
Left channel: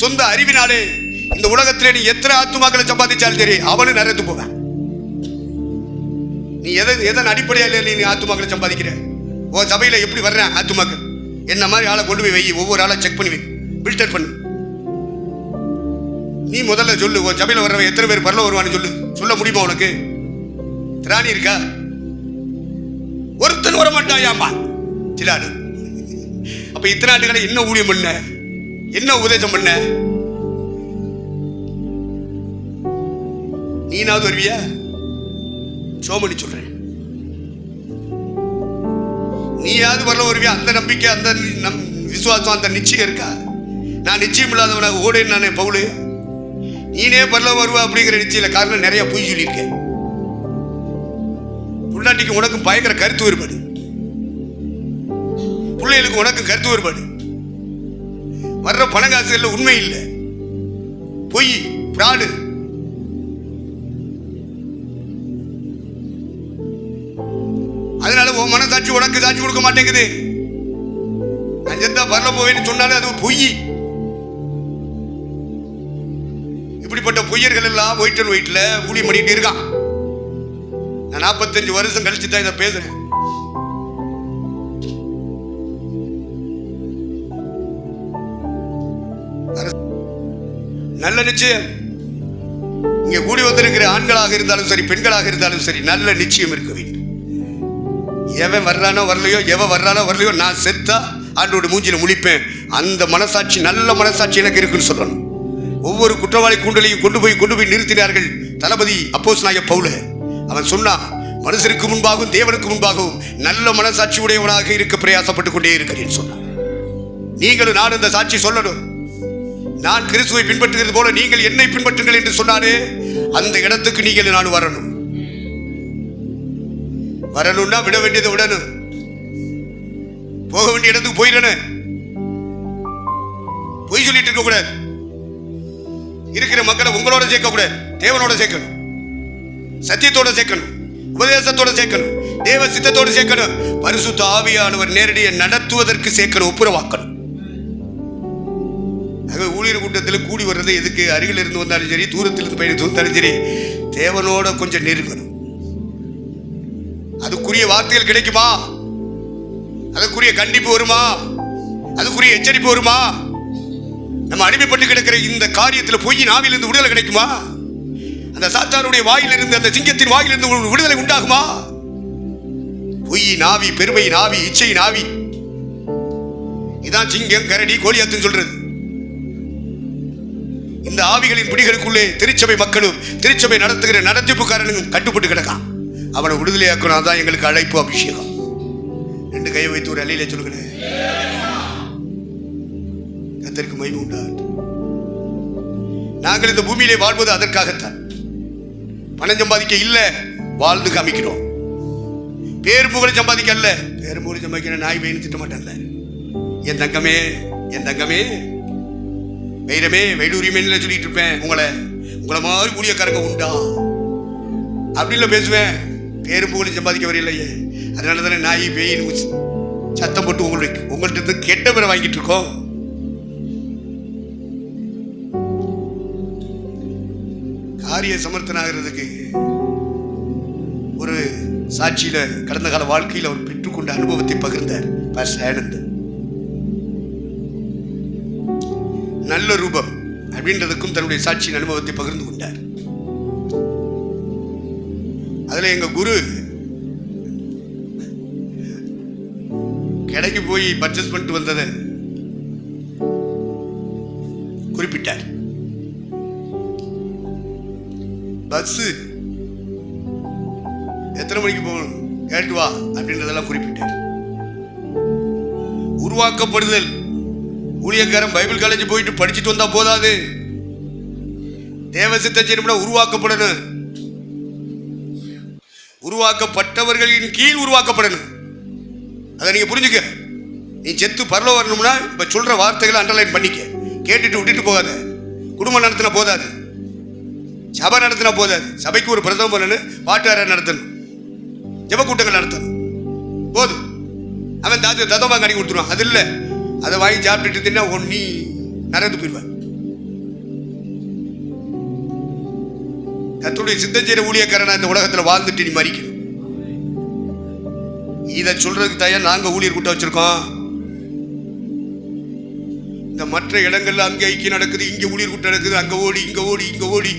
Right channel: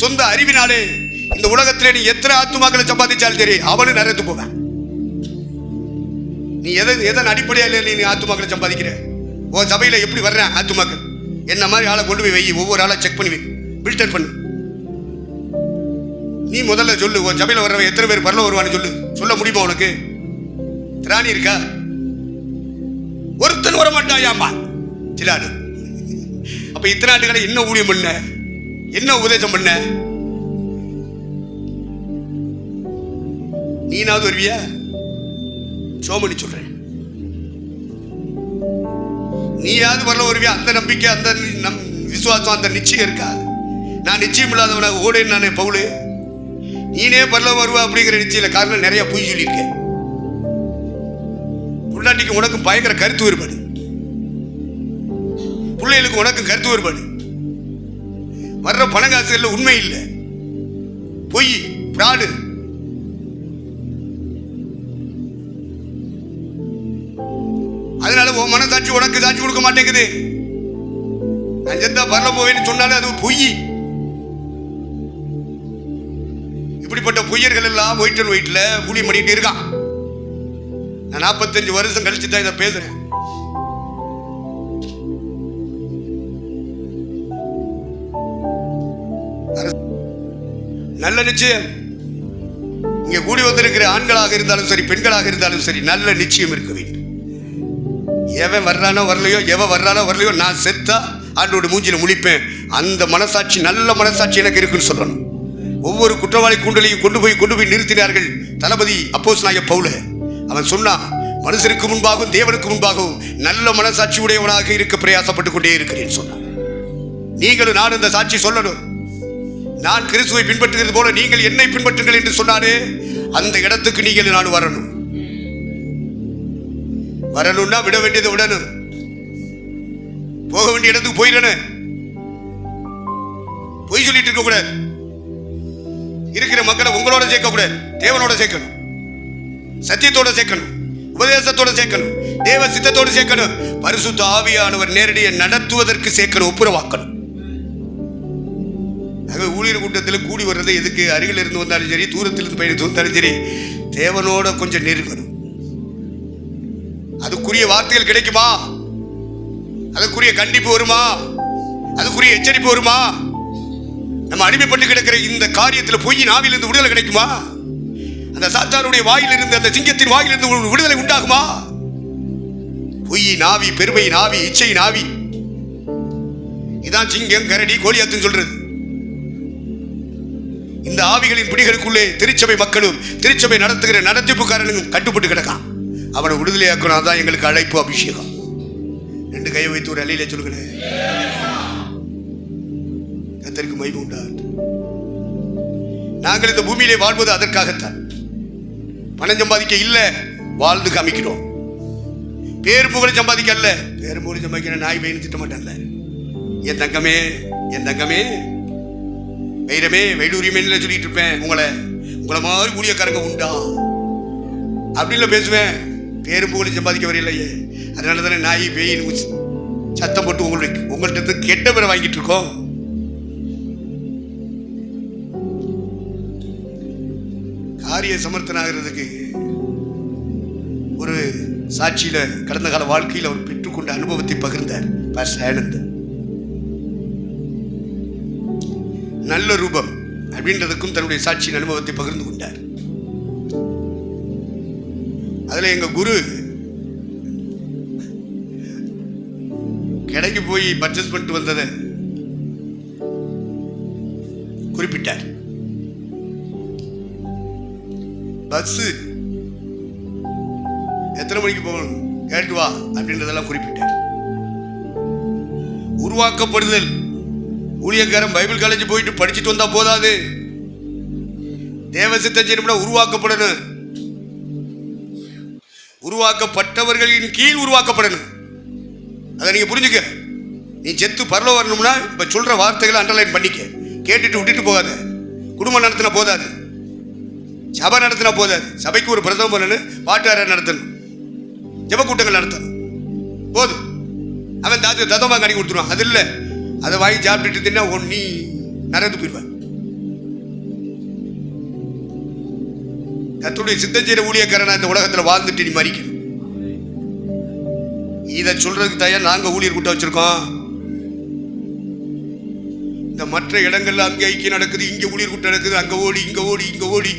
சொந்த அறிவினாலே இந்த உலகத்திலே நீ எத்தனை ஆத்துமாக்களை சம்பாதிச்சாலும் சரி, அவனு நிறைந்து போவேன். நீ எதன் அடிப்படையில் நீ ஆத்துமாக்களை சம்பாதிக்கிற? உன் சபையில் எப்படி வர்றேன் ஆத்துமாக்கள்? என்ன மாதிரி ஆளை கொண்டு போய் வை, ஒவ்வொரு ஆளை செக் பண்ணி வை. ஃபில்டர் பண்ணு. நீ முதல்ல சொல்லு, உன் சபையில் வர்றவன் எத்தனை பேர் பரலோகம் வருவான்னு சொல்லு. சொல்ல முடியுமா உனக்கு? திராணி இருக்கா? ஒருத்தன் வரமாட்டாயாமா சிலாடு. அப்ப இத்தனை ஆண்டுகளை என்ன ஊழியம் பண்ண, என்ன உபதேசம் பண்ண? நீனாவது வருவியா? சோமனி சொல்றேன், நீயாவது வரல வருவியா? அந்த நம்பிக்கை, அந்த விசுவாசம், அந்த நிச்சயம் இருக்கா? நான் நிச்சயம் இல்லாதவனாக ஓடேன் நானே பவுலு. நீனே பரல வருவா அப்படிங்கிற நிச்சயம் காரணம் நிறைய பொய் சொல்லியிருக்கேன். புள்ளாட்டிக்கு உனக்கும் பயங்கர கருத்து வேறுபாடு, பிள்ளைகளுக்கு உனக்கும் கருத்து வேறுபாடு. வர்ற பணங்காசுல உண்மை இல்லை, பொய், பிராடு. அதனால உன் மனசாட்சி உனக்கு சாட்சி கொடுக்க மாட்டேங்குது. நான் செத்தா பரல போவேன்னு சொன்னாலும் அது பொய். இப்படிப்பட்ட பொய்யர்கள் எல்லாம் ஒயிட் அண்ட் ஒயிட்ல ஊழியம் பண்ணிட்டு இருக்கான். நான் 45 வருஷம் கழிச்சு தான் இதை பேசுறேன். நல்ல நிச்சயம் இங்க கூடி வந்திருக்கிற ஆண்களாக இருந்தாலும் சரி, பெண்களாக இருந்தாலும் சரி, நல்ல நிச்சயம் இருக்க வேண்டும். எவன் வர்றானோ வரலையோ, எவன் வர்றானோ வரலையோ, நான் செத்தா ஆண்டோட மூஞ்சில முழிப்பேன். அந்த மனசாட்சி, நல்ல மனசாட்சி எனக்கு இருக்குன்னு சொல்லணும். ஒவ்வொரு குற்றவாளி கூண்டலையும் கொண்டு போய் நிறுத்தினார்கள் தளபதி அப்போஸ்தலனாகிய பவுல். அவன் சொன்னான், மனுஷருக்கு முன்பாகவும் தேவனுக்கு முன்பாகவும் நல்ல மனசாட்சி உடையவனாக இருக்க பிரயாசப்பட்டுக் கொண்டே இருக்கிறேன் சொன்னான். நீங்களும் நான் இந்த சாட்சி சொல்லணும். நான் கிறிஸ்துவை பின்பற்றுகிறது போல நீங்கள் என்னை பின்பற்றுங்கள் என்று சொன்னாரே, அந்த இடத்துக்கு நீங்கள் நான் வரணும். வரணும்னா விட வேண்டியதை விடணும், போக வேண்டிய இடத்துக்கு போயிடணும். பொய் சொல்லிட்டு இருக்க கூடாது. இருக்கிற மக்களை உங்களோட சேர்க்க கூடாது, தேவனோட சேர்க்கணும், சத்தியத்தோட சேர்க்கணும், உபதேசத்தோட சேர்க்கணும், தேவ சித்தத்தோடு சேர்க்கணும். பரிசுத்த ஆவியானவர் நேரடியை நடத்துவதற்கு சேர்க்கணும், ஒப்புரவாக்கணும். ஊழியர் கூட்டத்தில் கூடி வர்றது எதுக்கு? அருகில் இருந்து வந்தாலும் சரி, தூரத்திலிருந்து பயணித்து வந்தாலும் சரி, தேவனோட கொஞ்சம் நெருங்கணும். அதுக்குரிய வார்த்தைகள் கிடைக்குமா? அதுக்குரிய கண்டிப்பு வருமா? அதுக்குரிய எச்சரிப்பு வருமா? நம்ம அடிமைப்பட்டு கிடக்கிற இந்த காரியத்தில் பொய்யின் ஆவியிலிருந்து விடுதலை கிடைக்குமா? அந்த சாத்தானுடைய வாயிலிருந்து, அந்த சிங்கத்தின் வாயிலிருந்து விடுதலை உண்டாகுமா? பொய்யின் ஆவி, பெருமையின் ஆவி, இச்சையின் ஆவி, இதான் சிங்கம், கரடி, கோலியாத்துன்னு சொல்றது. இந்த ஆவிகளின் பிடிகளுக்குள்ளே திருச்சபை மக்களும் திருச்சபை நடத்துகிற நடத்திப்புக்காரனும் கட்டுப்பட்டு கிடக்கான். அவனை விடுதலையாக்கணும். அதான் எங்களுக்கு அழைப்பு, அபிஷேகம். 2 கையை வைத்து ஒரு அலையில சொல்லுங்களேன். கர்த்தருக்கு மகிமை உண்டாகட்டும். நாங்கள் இந்த பூமியிலே வாழ்வது அதற்காகத்தான். பணம் சம்பாதிக்க இல்ல, வாழ்ந்து காமிக்கிறோம். பேர் புகழ் சம்பாதிக்க அல்ல. பேர் புகழ் சம்பாதிக்கிற நாய் பையன் திட்ட மாட்டேன்ல. என் தங்கமே, என் தங்கமே, வைரமே, வைடூரியமே சொல்லிட்டு இருப்பேன். உங்களை மாதிரி ஊழியக்காரங்க உண்டா அப்படின்னு பேசுவேன். பேரும் புகழும் சம்பாதிக்க வரையில்லையே. அதனால தானே நாய் பேயின் சத்தம் போட்டு உங்கள்கிட்ட இருந்து கெட்ட பேரை வாங்கிட்டு இருக்கோம். காரிய சமர்த்தனாகிறதுக்கு ஒரு சாட்சியில கடந்த கால வாழ்க்கையில் அவர் பெற்றுக்கொண்ட அனுபவத்தை பகிர்ந்தார் பாஸ்டர் ஆனந்த். நல்ல ரூபம் அப்படின்றதுக்கும் தன்னுடைய சாட்சியின் அனுபவத்தை பகிர்ந்து கொண்டார். அதுல எங்க குரு கடைக்கு போய் பர்ச்சேஸ் பண்ணிட்டு வந்ததை குறிப்பிட்டார். பஸ் எத்தனை மணிக்கு போகணும் கேட்டு வா அப்படின்றதெல்லாம் குறிப்பிட்டார். உருவாக்கப்படுதல், ஊழியக்காரன் பைபிள் காலேஜ் போயிட்டு படிச்சுட்டு வந்தா போதாது, தேவ சித்தம் செய்யணும்னா உருவாக்கப்படணும். உருவாக்கப்பட்டவர்களின் கீழ் உருவாக்கப்படணும். அதை நீங்க புரிஞ்சுக்க. நீ செத்து பரலோகம் வரணும்னா இப்ப சொல்ற வார்த்தைகளை அண்டர்லைன் பண்ணிக்க. கேட்டுட்டு விட்டுட்டு போகாத. குடும்பம் நடத்தின போதாது, சபை நடத்தினா போதாது. சபைக்கு ஒரு பிரசவம் பண்ணணும், பாட்டுக்காரர் நடத்தணும், ஜப கூட்டங்கள் நடத்தணும், போதும். அவன் தத்தமாக கணி கொடுத்துருவான். அது இல்லை, அதை வாங்கி சாப்பிட்டுட்டு தின்னா நீ நரந்து போயிடுவான். கர்த்தருடைய சித்தம் செய்கிற ஊழியக்காரனா இந்த உலகத்தில் வாழ்ந்துட்டு நீ மறிக்கணும். இதை சொல்றதுக்கு தயார் நாங்கள் ஊழியர் கூட்டம் வச்சிருக்கோம். இந்த மற்ற இடங்கள்ல அங்கே ஐக்கியம் நடக்குது, இங்கே ஊழியர் கூட்டம் நடக்குது, அங்கே ஓடி இங்கே ஓடி இங்கே ஓடி.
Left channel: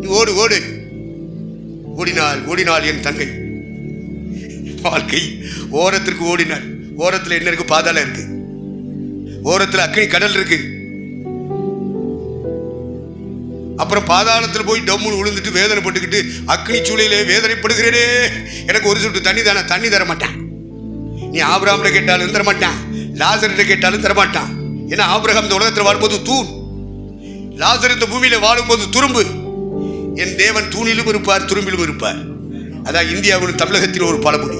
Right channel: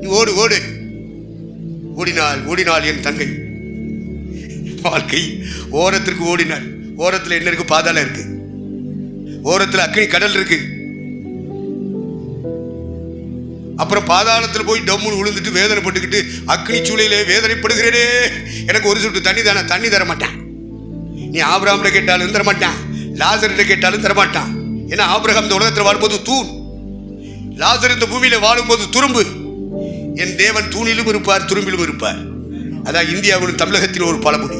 நீ ஓடு ஓடு. ஓடினாள் என் தங்கை. வாழ்க்கை ஓரத்திற்கு ஓடினாள். ஓரத்தில் என்ன இருக்கு? பாதாளம் இருக்கு. ஓரத்தில் அக்னி கடல் இருக்கு. அப்புறம் பாதாளத்தில் போய் டம்முன்னு விழுந்துட்டு வேதனைப்பட்டுக்கிட்டு அக்னி சூளையிலே வேதனைப்படுகிறேனே, எனக்கு ஒரு சொட்டு தண்ணி தானே, தண்ணி தர மாட்டான். நீ ஆபிரகாம்கிட்ட கேட்டாலும் தர மாட்டான், லாசர்கிட்ட கேட்டாலும் தர மாட்டான். ஏன்னா ஆபிரகாம் இந்த உலகத்தில் வாழும்போது தூண், லாசர் இந்த பூமியில வாழும்போது துரும்பு. என் தேவன் தூணிலும் இருப்பார், துரும்பிலும் இருப்பார். அதான் இந்தியாவிலும் தமிழகத்தில் ஒரு பழமொழி.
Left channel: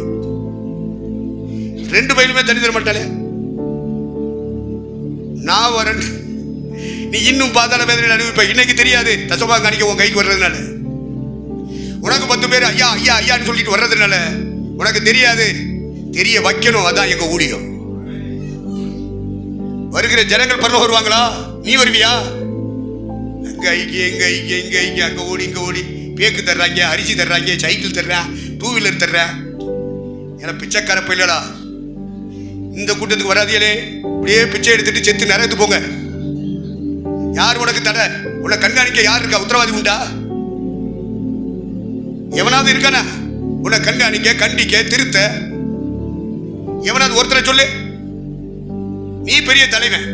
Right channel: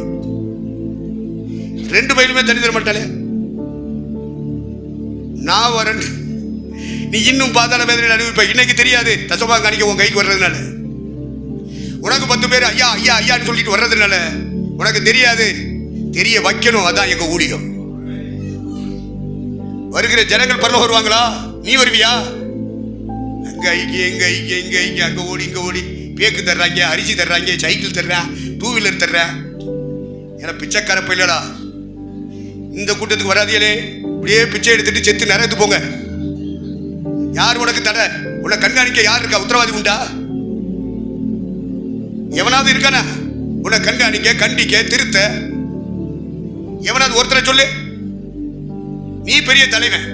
ரெண்டு பயிலுமே தண்ணி தர மாட்டாளே. நான் வரேன், நீ இன்னும் பாதாள வேதனை அனுபவிப்ப. இன்னைக்கு தெரியாது, தசமா காணிக்க உன் கைக்கு வர்றதுனால. உனக்கு 10 பேர் ஐயா ஐயா ஐயான்னு சொல்லிட்டு வர்றதுனால உனக்கு தெரியாது. தெரிய வைக்கணும். அதான் எங்க ஊழியம். வருகிற ஜனங்கள் பரலோகம் வருவாங்களா? நீ வருவியா? அங்க ஐக்கிய எங்க ஐக்கிய எங்க ஐக்கிய, அங்க ஓடி இங்க ஓடி. பேக்கு தர்றாங்க, அரிசி தர்றாங்க, சைக்கிள் தர்றேன், 2 வீலர் தர்றேன். ஏன்னா பிச்சைக்கார பயிலடா. இந்த கூட்டத்துக்கு வராதியலே. இப்படியே பிச்சை எடுத்துட்டு செத்து நிறைய போங்க. யார் உனக்கு தடை? உன்னை கண்காணிக்க யார் இருக்கா? உத்தரவாதி உண்டா? எவனாவது இருக்கானா உன்னை கண்காணிக்க, கண்டிக்க, திருத்த? எவனாவது ஒருத்தரை சொல்லு. நீ பெரிய தலைவன்,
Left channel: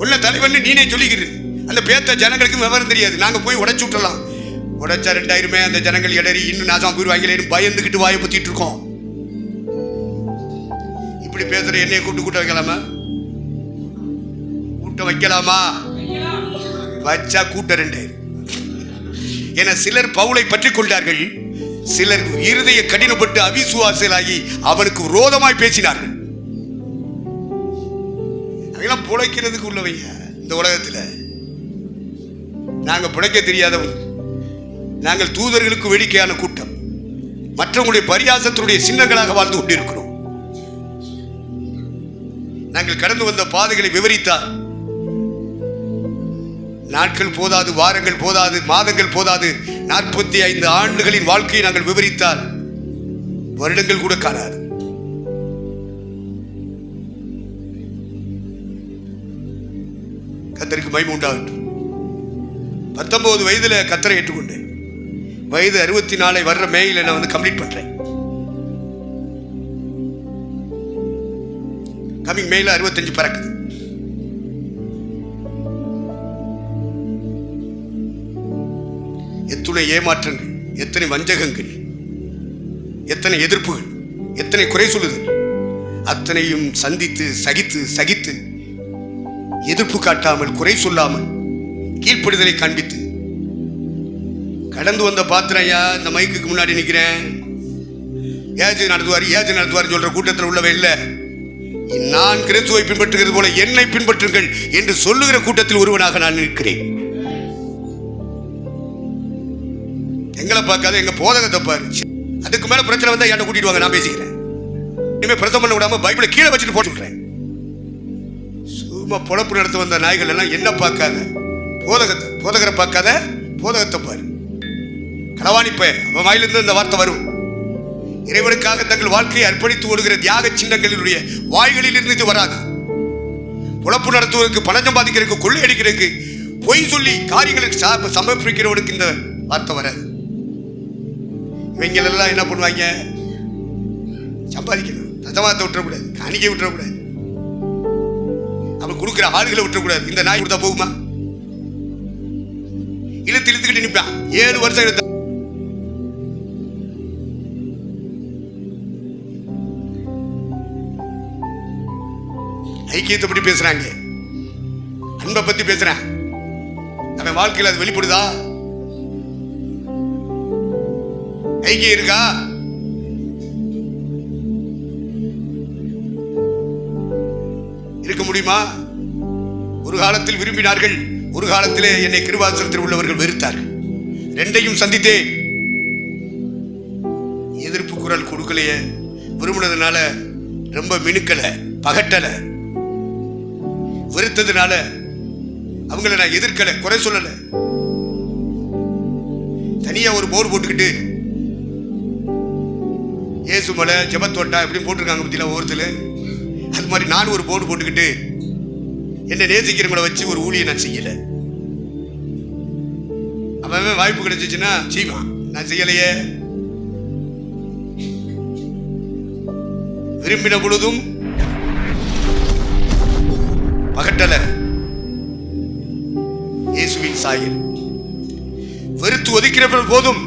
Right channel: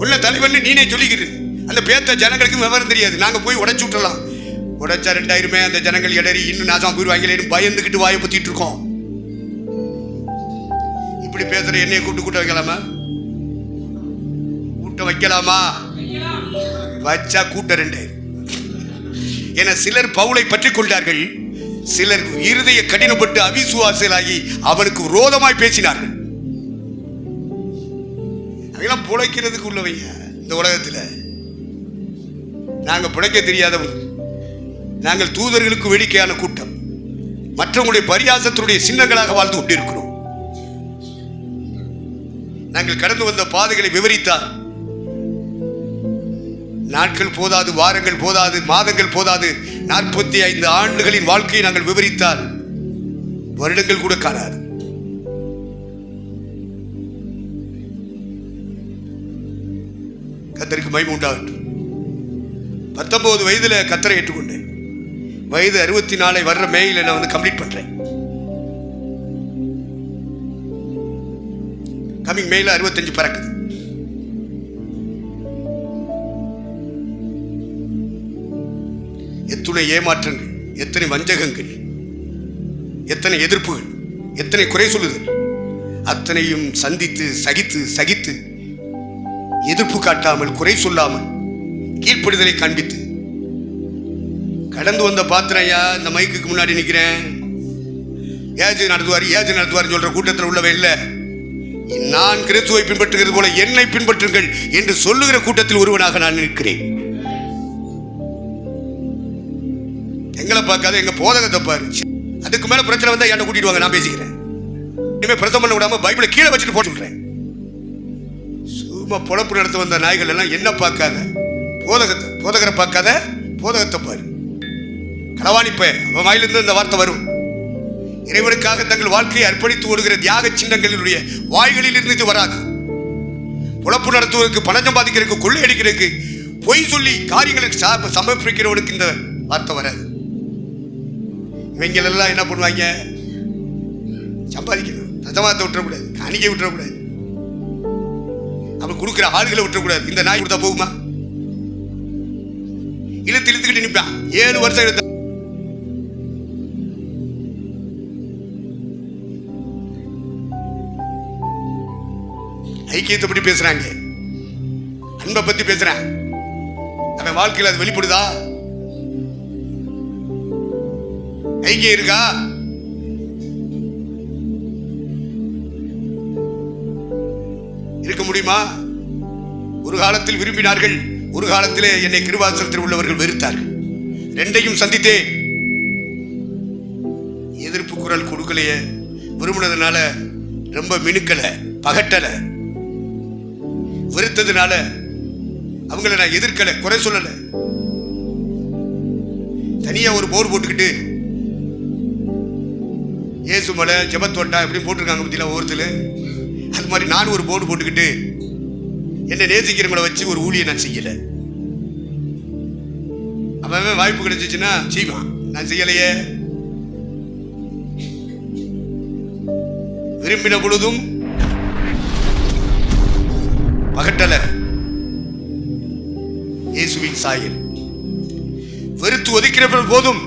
உன்ன தலைவன் நீனே சொல்லிக்கிறது. அந்த பேத்த ஜனங்களுக்கு விவரம் தெரியாது. நாங்க போய் உடைச்சு விட்டுலாம். உடைச்சா 2000 அந்த ஜனங்கள் இடறி இன்னும் நாசம் போயிடுவாங்களேன்னு பயந்துக்கிட்டு வாயை பத்திட்டு இருக்கோம். இப்படி பேசுற என்னைய கூட்ட வைக்கலாமா? கூட்ட வைக்கலாமா? வச்சா கூட்ட 2000. என சிலர் பவுலை பற்றி கொண்டார்கள், சிலர் இருதய கடினப்பட்டு அவிசுவாசலாகி அவனுக்கு விரோதமாய் பேசினார்கள். அதெல்லாம் பிழைக்கிறதுக்கு உள்ளவைங்க. இந்த உலகத்தில் நாங்கள் பிழைக்க தெரியாதவங்க. நாங்கள் தூதர்களுக்கு வேடிக்கையான கூட்டம், மற்றவங்களுடைய பரியாசத்தினுடைய சின்னங்களாக வாழ்ந்து கொண்டிருக்கிறோம். நாங்கள் கடந்து வந்த பாதைகளை விவரித்தால் நாட்கள் போதாது, வாரங்கள் போதாது, மாதங்கள் போதாது. 45 ஆண்டுகளின் வாழ்க்கையை நாங்கள் விவரித்தால் வருடங்கள் கூட காணாது. கர்த்தருக்கு மகிமை உண்டாகட்டும். 19 வயதுல கர்த்தரை ஏற்றுக்கொண்டேன். வயது 64 வர்ற மேயில நான் கம்ப்ளீட் பண்றேன். கமிங் மேல 65 பறக்குது. எத்தனை ஏமாற்றங்கள், எத்தனை வஞ்சகங்கள், எத்தனை எதிர்ப்புகள், எத்தனை குறை சொல்லுதல், அத்தனையும் சந்தித்து சகித்து எதிர்ப்பு காட்டாமல், குறை சொல்லாமல், கீழ்ப்படுதலை காண்பித்து கடந்து வந்த பாத்திரையா. இந்த மைக்குக்கு முன்னாடி நிற்கிறேன், ஏஜ் நடத்துவார் சொல்ற கூட்டத்தில் உள்ளவன் இல்லை. நான் கிறிஸ்துவை பின்பற்றுகிறது போல என்னை பின்பற்றுங்கள் என்று சொல்லுகிற கூட்டத்தில் ஒருவனாக நான் நிற்கிறேன். எங்களை பார்க்காத எங்க போதகத்தை பாரு. அதுக்கு மேல பிரச்சனை வந்தா என்ன கூட்டிட்டு வாங்க, நான் பேசிக்கிறேன். இனிமே பிரசவம் பண்ண விடாம பைபிளை கீழே வச்சுட்டு போட்டு சொல்றேன். சும்மா பொழப்பு நடத்த வந்த நாய்கள் எல்லாம் என்ன பார்க்காத, போதகரை பார்க்காத, போதகத்தை பாரு. களவாணிப்ப அவன் வாயிலிருந்து இந்த வார்த்தை வரும். இறைவனுக்காக தங்கள் வாழ்க்கையை அர்ப்பணித்து ஓடுகிற தியாக சின்னங்களினுடைய வாய்களில் இருந்து இது வராது. பொழப்பு நடத்துவதற்கு, பணம் சம்பாதிக்கிறதுக்கு, கொள்ளையடிக்கிறதுக்கு, பொய் சொல்லி காரியங்களுக்கு சமர்ப்பிக்கிறவனுக்கு இந்த வார்த்தை வராது. இவங்களெல்லாம் என்ன பண்ணுவாங்க? சம்பாதிக்கணும், தசமாத்தை விட்டுறக்கூடாது, காணிக்கை விட்டுறக்கூடாது, அவன் கொடுக்குற ஆளுகளை விட்டுறக்கூடாது. இந்த நாய் கொடுத்தா போகுமா? இழுத்துக்கிட்டு நிற்பான். 7 வருஷம் இழுத்த ஐக்கியத்தை பற்றி பேசுறாங்க, அன்பை பத்தி பேசுறான். அவன் வாழ்க்கையில் அது வெளிப்படுதா? ஐக்கியம் இருக்கா? இருக்க முடியுமா? ஒரு காலத்தில் விரும்பினார்கள், ஒரு காலத்திலே என்னை கிருபாசனத்தில் உள்ளவர்கள் வெறுத்தார்கள். ரெண்டையும் சந்தித்தே. எதிர்ப்பு குரல் கொடுக்கலையே, விரும்பினதுனால ரொம்ப மினுக்கலை, பகட்டலை. வெறுத்ததுனால அவங்களை நான் எதிர்க்கலை, குறை சொல்லலை. தனியா ஒரு போர் போட்டுக்கிட்டு இயேசு மலை, ஜெபத்தோட்டா இப்படி போட்டிருக்காங்க பத்தியில ஒவ்வொருத்தர். அது மாதிரி நான் ஒரு போர்டு போட்டுக்கிட்டு என்னை நேசிக்கிறவங்களை வச்சு ஒரு ஊழியை நான் செய்யல. அவன் வாய்ப்பு கிடைச்சிச்சுன்னா செய்வான், நான் செய்யலையே. விரும்பின பொழுதும் பகட்டல இயேசுவின் சாயல். வெறுத்து ஒதுக்கிற போதும்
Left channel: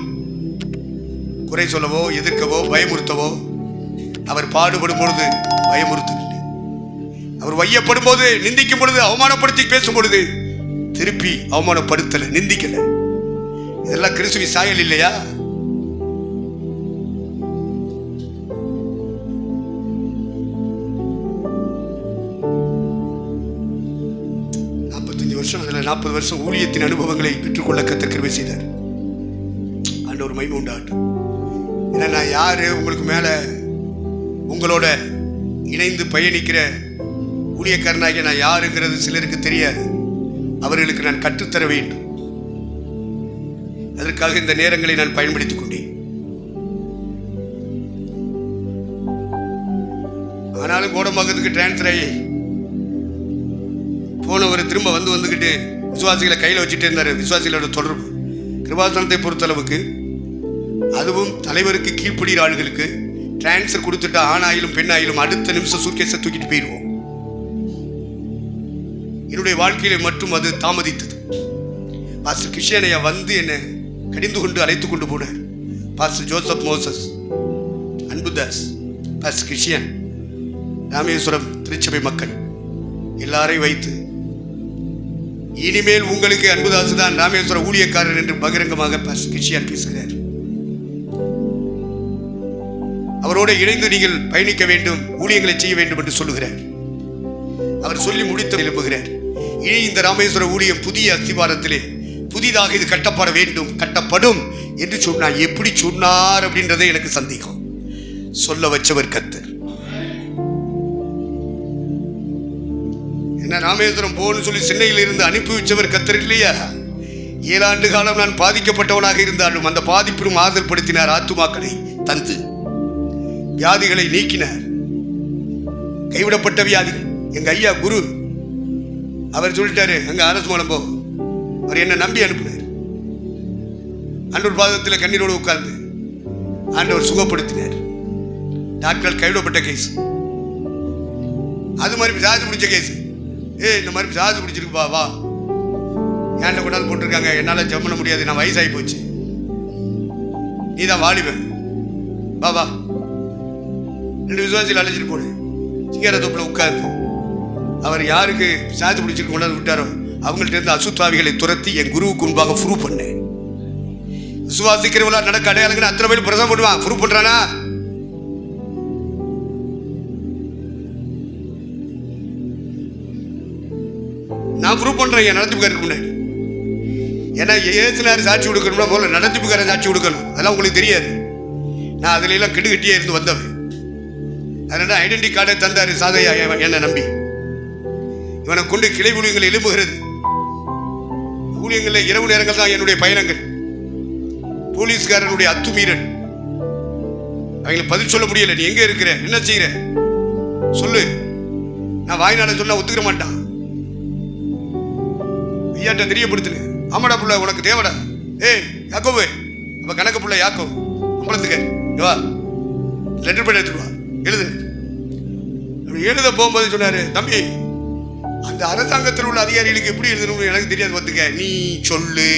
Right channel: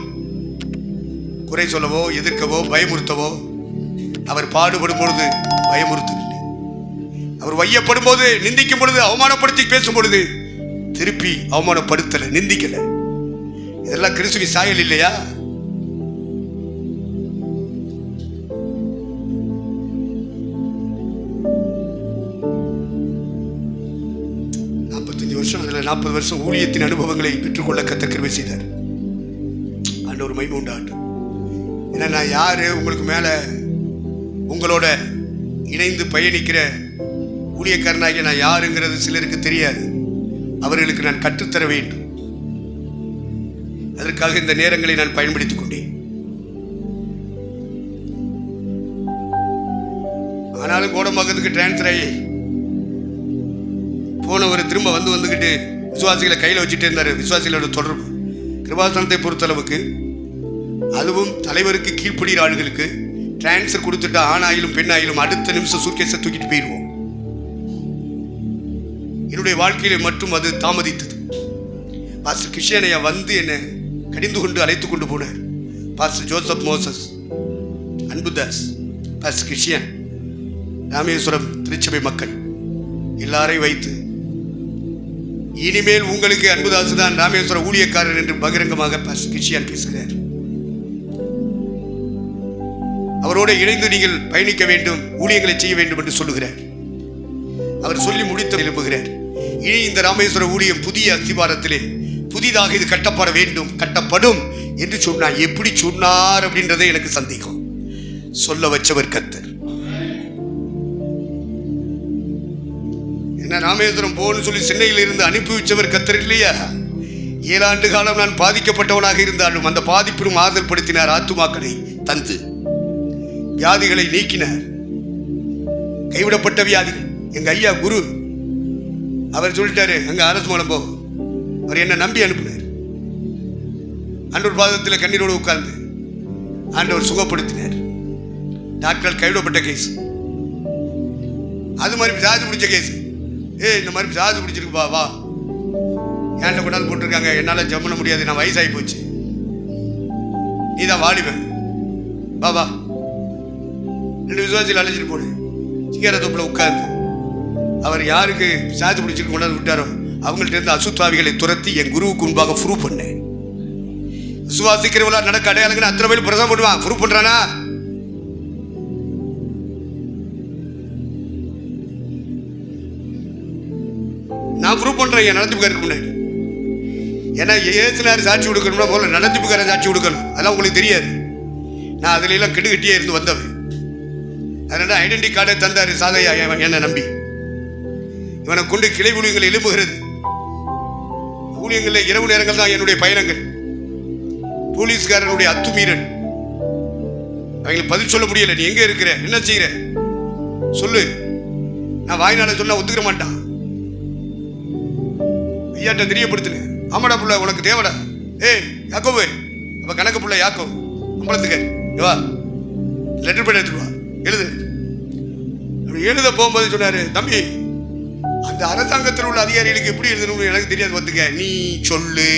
குறை சொல்லவோ எதிர்க்கவோ பயமுறுத்தவோ அவர் பாடுபடும் பொழுது பயமுறுத்தவில்லை. அவர் வையப்படும் போது, நிந்திக்கும் பொழுது, அவமானப்படுத்தி பேசும் பொழுது திருப்பி அவமானப்படுத்தல, நிந்திக்கல. இதெல்லாம் கிறிஸ்துவின் சாயல் இல்லையா? அதுல 40 வருஷம் ஊழியத்தின் அனுபவங்களை பெற்றுக்கொள்ள கர்த்தர் கிருபை செய்தார். ஆண்டவர் மகிமை உண்டாகட்டும். ஏன்னா நான் யாரு, உங்களுக்கு மேல உங்களோட இணைந்து பயணிக்கிற ஊழியக்காரனாகிய நான் யாருங்கிறது சிலருக்கு தெரியாது. அவர்களுக்கு நான் கற்றுத்தர வேண்டும். அதற்காக இந்த நேரங்களை நான் பயன்படுத்திக் கொண்டேன். ஆனாலும் கோடம்பாக்கத்துக்கு டிரான்ஸ்ஃபர் ஆகி போனவர் திரும்ப வந்துக்கிட்டு விசுவாசிகளை கையில் வச்சுட்டே இருந்தார். விசுவாசிகளோட தொடர்பு கிருபாசனத்தை பொறுத்தளவுக்கு, அதுவும் தலைவருக்கு கீழ்ப்படுகிற ஆளுகளுக்கு டிரான்ஸ்ஃபர் கொடுத்துட்டா ஆணாயிலும் பெண்ணாயிலும் அடுத்த நிமிஷம் சூட்கேஸை தூக்கிட்டு போயிடுவோம். என்னுடைய வாழ்க்கையில மட்டும் அது தாமதித்தது. பாஸ்டர் கிருஷ்ணனையா வந்து என்னை கடிந்து கொண்டு அழைத்து கொண்டு போனார். Pastor Joseph Moses, Anbudas, pastor Krishnan, Rameswaram திருச்சபை மக்கள் எல்லாரையும் வைத்து, இனிமேல் உங்களுக்கு அன்புதாசு தான் ராமேஸ்வர ஊழியக்காரர் என்று பகிரங்கமாக பாஸ்டர் கிருஷ்ணன் பேசுகிறார். அவரோடு இணைந்து நீங்கள் பயணிக்க வேண்டும், ஊழியங்களை செய்ய வேண்டும் என்று சொல்லுகிறார். அவர் சொல்லி முடித்து எழுப்புகிறார். இனி இந்த ராமேஸ்வர ஊழியம் புதிய அஸ்திவாரத்திலே புதிதாக இது கட்டப்பட வேண்டும், கட்டப்படும் என்று சொன்னார். எப்படி சொன்னார் அப்படின்றதே எனக்கு சந்தேகம். சொல்ல வச்சவர் கர்த்தர். என்ன ராமேஸ்வரம் போன்னு சொல்லி சென்னையில் இருந்து அனுப்பி வச்சவர் கர்த்தர் இல்லையா? 7 ஆண்டு காலம் நான் பாதிக்கப்பட்டவனாக இருந்தாலும் அந்த பாதிப்பிலும் ஆறுதல் படுத்தினார். ஆத்துமாக்களை தந்து வியாதிகளை நீக்கினார். கைவிடப்பட்ட வியாதிகள். எங்க ஐயா குரு அவர் சொல்லிட்டாரு, அங்க அரசு மூலம் போ. அவர் என்ன நம்பி அனுப்பினார். ஆண்டவர் பாதத்தில் கண்ணீரோடு உட்கார்ந்து ஆண்டவர் சுகப்படுத்தினார். டாக்டர் கைவிடப்பட்ட கேஸ், அது மாதிரி சாதி பிடிச்ச கேஸ். இந்த மாதிரி சாதி பிடிச்சிருக்குப்பா, வா, ஏன்ல கொண்டாந்து போட்டிருக்காங்க, என்னால் ஜம் பண்ண முடியாது, நான் வயசாகி போச்சு, நீ தான் வாலிபன், வா வா. 2 விசுவாசிகள் அழைச்சிட்டு போடு. சிங்கார தோப்பில் உட்கார்ந்து அவர் யாருக்கு சாதி பிடிச்சிட்டு கொண்டாந்து விட்டாரோ அவங்கள்ட்ட இருந்து அசுத்தாவிகளை துரத்தி என் குருவுக்கு முன்பாக ப்ரூவ் பண்ணேன். விசுவாசிக்கிறவங்களா நடக்க அடையாளங்கன்னு அத்தனை பேர் பிரசவம் பண்ணுவான். ப்ரூவ் பண்றானா? நான் ப்ரூவ் பண்றேன் என் நடத்திப்புக்காருக்கு முன்னாடி. ஏன்னா ஏசுனார் சாட்சி கொடுக்கணும்னா முதல்ல நடத்திப்புக்காரன் சாட்சி கொடுக்கணும். அதெல்லாம் உங்களுக்கு தெரியாது. நான் அதுல எல்லாம் கெடுகட்டியே இருந்து வந்தவன். அதனால ஐடென்டி கார்டை தந்தாரு சாதையா என்னை நம்பி. இவனை கொண்டு கிளை ஊழியங்கள் எழுப்புகிறது. ஊழியங்களில் இரவு நேரங்கள் தான் என்னுடைய பயணங்கள். போலீஸ்காரனுடைய அத்துமீறல், அவங்களுக்கு பதில் சொல்ல முடியல. நீ எங்க இருக்கிற, என்ன செய்யற சொல்லு. நான் வாய்நாள சொன்னா ஒத்துக்கிற மாட்டான். ஐயாட்ட தெரியப்படுத்துங்க. ஆமாடா புள்ள, உனக்கு தேவடா. யாக்கோவு, அப்ப கணக்கு புள்ள யாக்கோ அம்பலத்துக்கு வா, லெட்டர் பேட் எடுத்துட்டு வா, எழுது. எழுத போகும்போது சொன்னாரு, தம்பி அந்த அரசாங்கத்தில் உள்ள அதிகாரிகளுக்கு எப்படி எழுதணும்னு எனக்கு தெரியாது, பார்த்துக்க, நீ சொல்லு.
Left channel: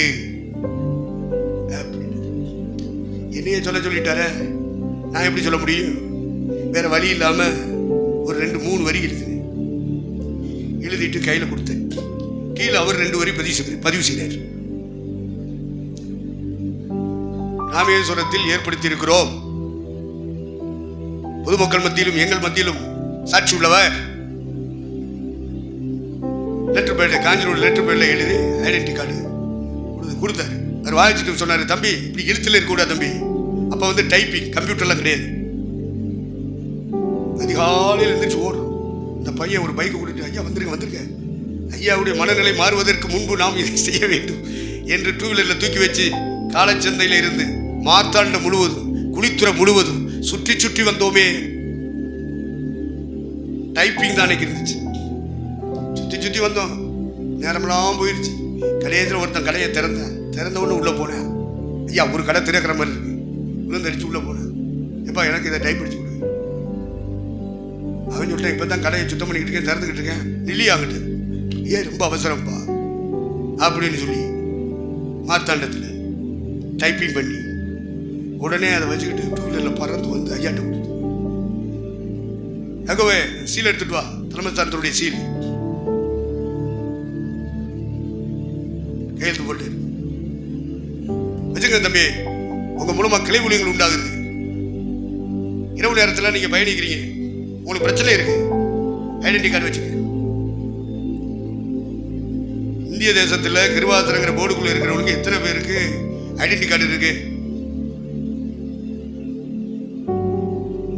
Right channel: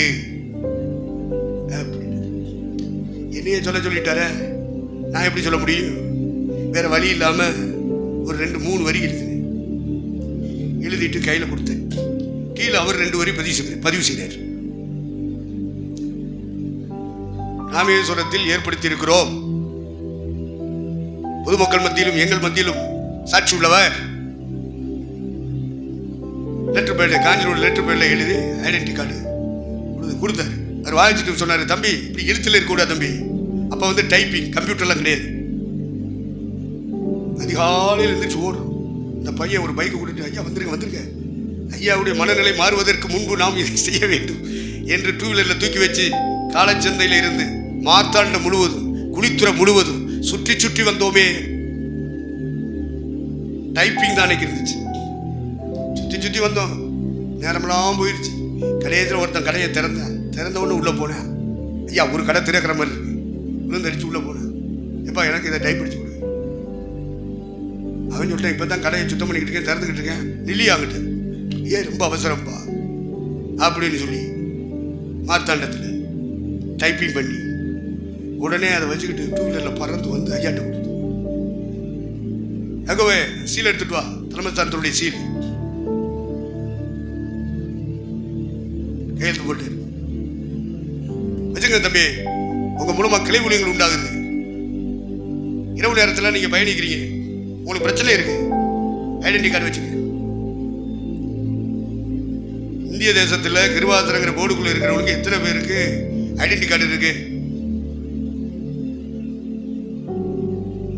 என்னையே சொல்லிட்டார, நான் எப்படி சொல்ல முடியும்? வேற வழி இல்லாம ஒரு 2-3 வரி எழுதினேன். எழுதிட்டு கையில கொடுத்தேன். கீழே அவர் 2 வரி பதிவு செய்தார். ராமேஸ்வரத்தில் ஏற்படுத்தி இருக்கிறோம், பொதுமக்கள் மத்தியிலும் எங்கள் மத்தியிலும் சாட்சி உள்ளவர். லெட்டர் பேட், காஞ்சிரோட லெட்டர் பேட்ல எழுதி ஐடென்டி கார்டு கொடுத்தாரு. அவர் வாங்கிட்டு சொன்னாரு, தம்பி இப்படி எழுத்துல இருக்கக்கூடாது தம்பி. அப்ப வந்து டைப்பிங் கம்ப்யூட்டர்லாம் கிடையாது. அதிகாலையில் எழுந்திரிச்சு ஓடும். இந்த பையன் ஒரு பைக்கை கொடுத்து, ஐயா வந்துருங்க, ஐயாவுடைய மனநிலை மாறுவதற்கு முன்பு நாம் இதை செய்ய வேண்டும் என்று 2 வீலரில் தூக்கி வச்சு காலச்சந்தையில் இருந்து மார்த்தாண்ட முழுவதும் குளித்துறை முழுவதும் சுற்றி சுற்றி வந்தோமே. டைப்பிங் தான் அன்னைக்கு இருந்துச்சு. சுற்றி சுற்றி வந்தோம், நேரமெல்லாம் போயிடுச்சு. கடையத்தில் ஒருத்தன் கடையை திறந்த உடனே உள்ளே போனேன். ஐயா ஒரு கடை திறக்கிற மாதிரி இருக்கு. விழுந்தடிச்சு உள்ளே போனேன். எப்பா எனக்கு இதை டைப் அடிச்சு கொடு. அவன் சொல்லிட்டேன், இப்போ தான் கடையை சுத்தம் பண்ணிக்கிட்டு இருக்கேன், திறந்துக்கிட்டு இருக்கேன், நில்லியாங்கிட்டு. ஏன் ரொம்ப அவசரம்ப்பா அப்படின்னு சொல்லி மார்த்தாண்டத்தில் டைப்பிங் பண்ணி உடனே அதை வச்சுக்கிட்டு டூ வீலரில் பறந்து வந்து ஐயாட்ட கொடுத்து, எங்கவே சீல் எடுத்துட்டு வா, தலைமை சார்ந்தருடைய சீல் கையெழுத்து போட்டு வச்சுங்க தம்பி, உங்க மூலமா கிளை ஊழியங்கள் உண்டாகுது. இரவு நேரத்தில் நீங்க பயணிக்கிறீங்க, உங்களுக்கு பிரச்சனை இருக்கு, ஐடென்டி கார்டு வச்சுக்க. இந்திய தேசத்தில் கிருபாசனங்கிற போர்டுக்குள்ள இருக்கிறவங்களுக்கு எத்தனை பேருக்கு ஐடென்டி கார்டு இருக்கு?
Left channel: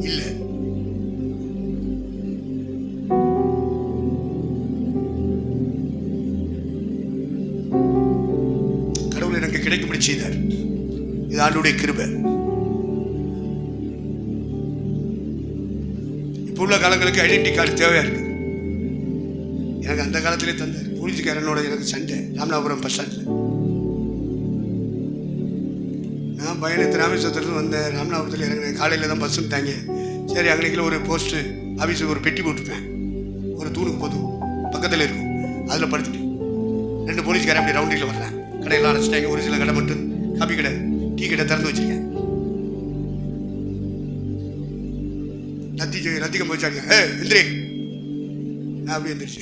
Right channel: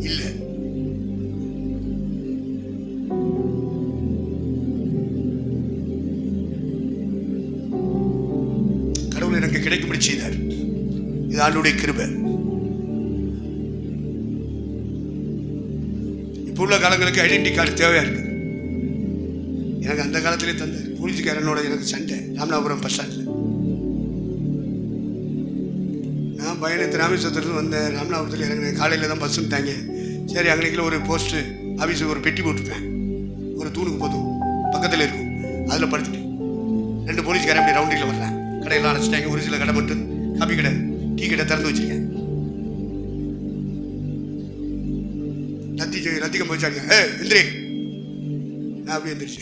இல்ல. கடவுள் எனக்கு கிடைக்கும்படி செய்தார். இது ஆண்டவருடைய கிருபை. இப்போ உள்ள காலங்களுக்கு ஐடென்டி கார்டு தேவையா இருக்கு. எனக்கு அந்த காலத்திலே தந்தார். போலீஸ்காரனோட எனக்கு சண்டை ராமநாதபுரம் பஸ் ஸ்டாண்டில். நான் பயணத்து ராமேஸ்வரத்துலேருந்து வந்தேன். ராமநாதபுரத்தில் இறங்கினேன். காலையில் தான் பஸ்ஸுன்னு தாங்க. சரி, அங்கனைக்குள்ள ஒரு போஸ்ட்டு ஆஃபீஸுக்கு ஒரு பெட்டி போட்டுப்பேன், ஒரு தூணுக்கு போதும் பக்கத்தில் இருக்கும், அதில் படுத்துட்டு 2 போலீஸ்காரன் அப்படி ரவுண்டில் வர்றேன். கடையெல்லாம் அடைச்சிட்டாங்க. ஒரு சில கடை மட்டும் காப்பி கடை, டீ கடை திறந்து வச்சுருக்கேன். ரத்திகம் வச்சாங்க. எந்திரி. நான் அப்படி எந்திரிச்சு,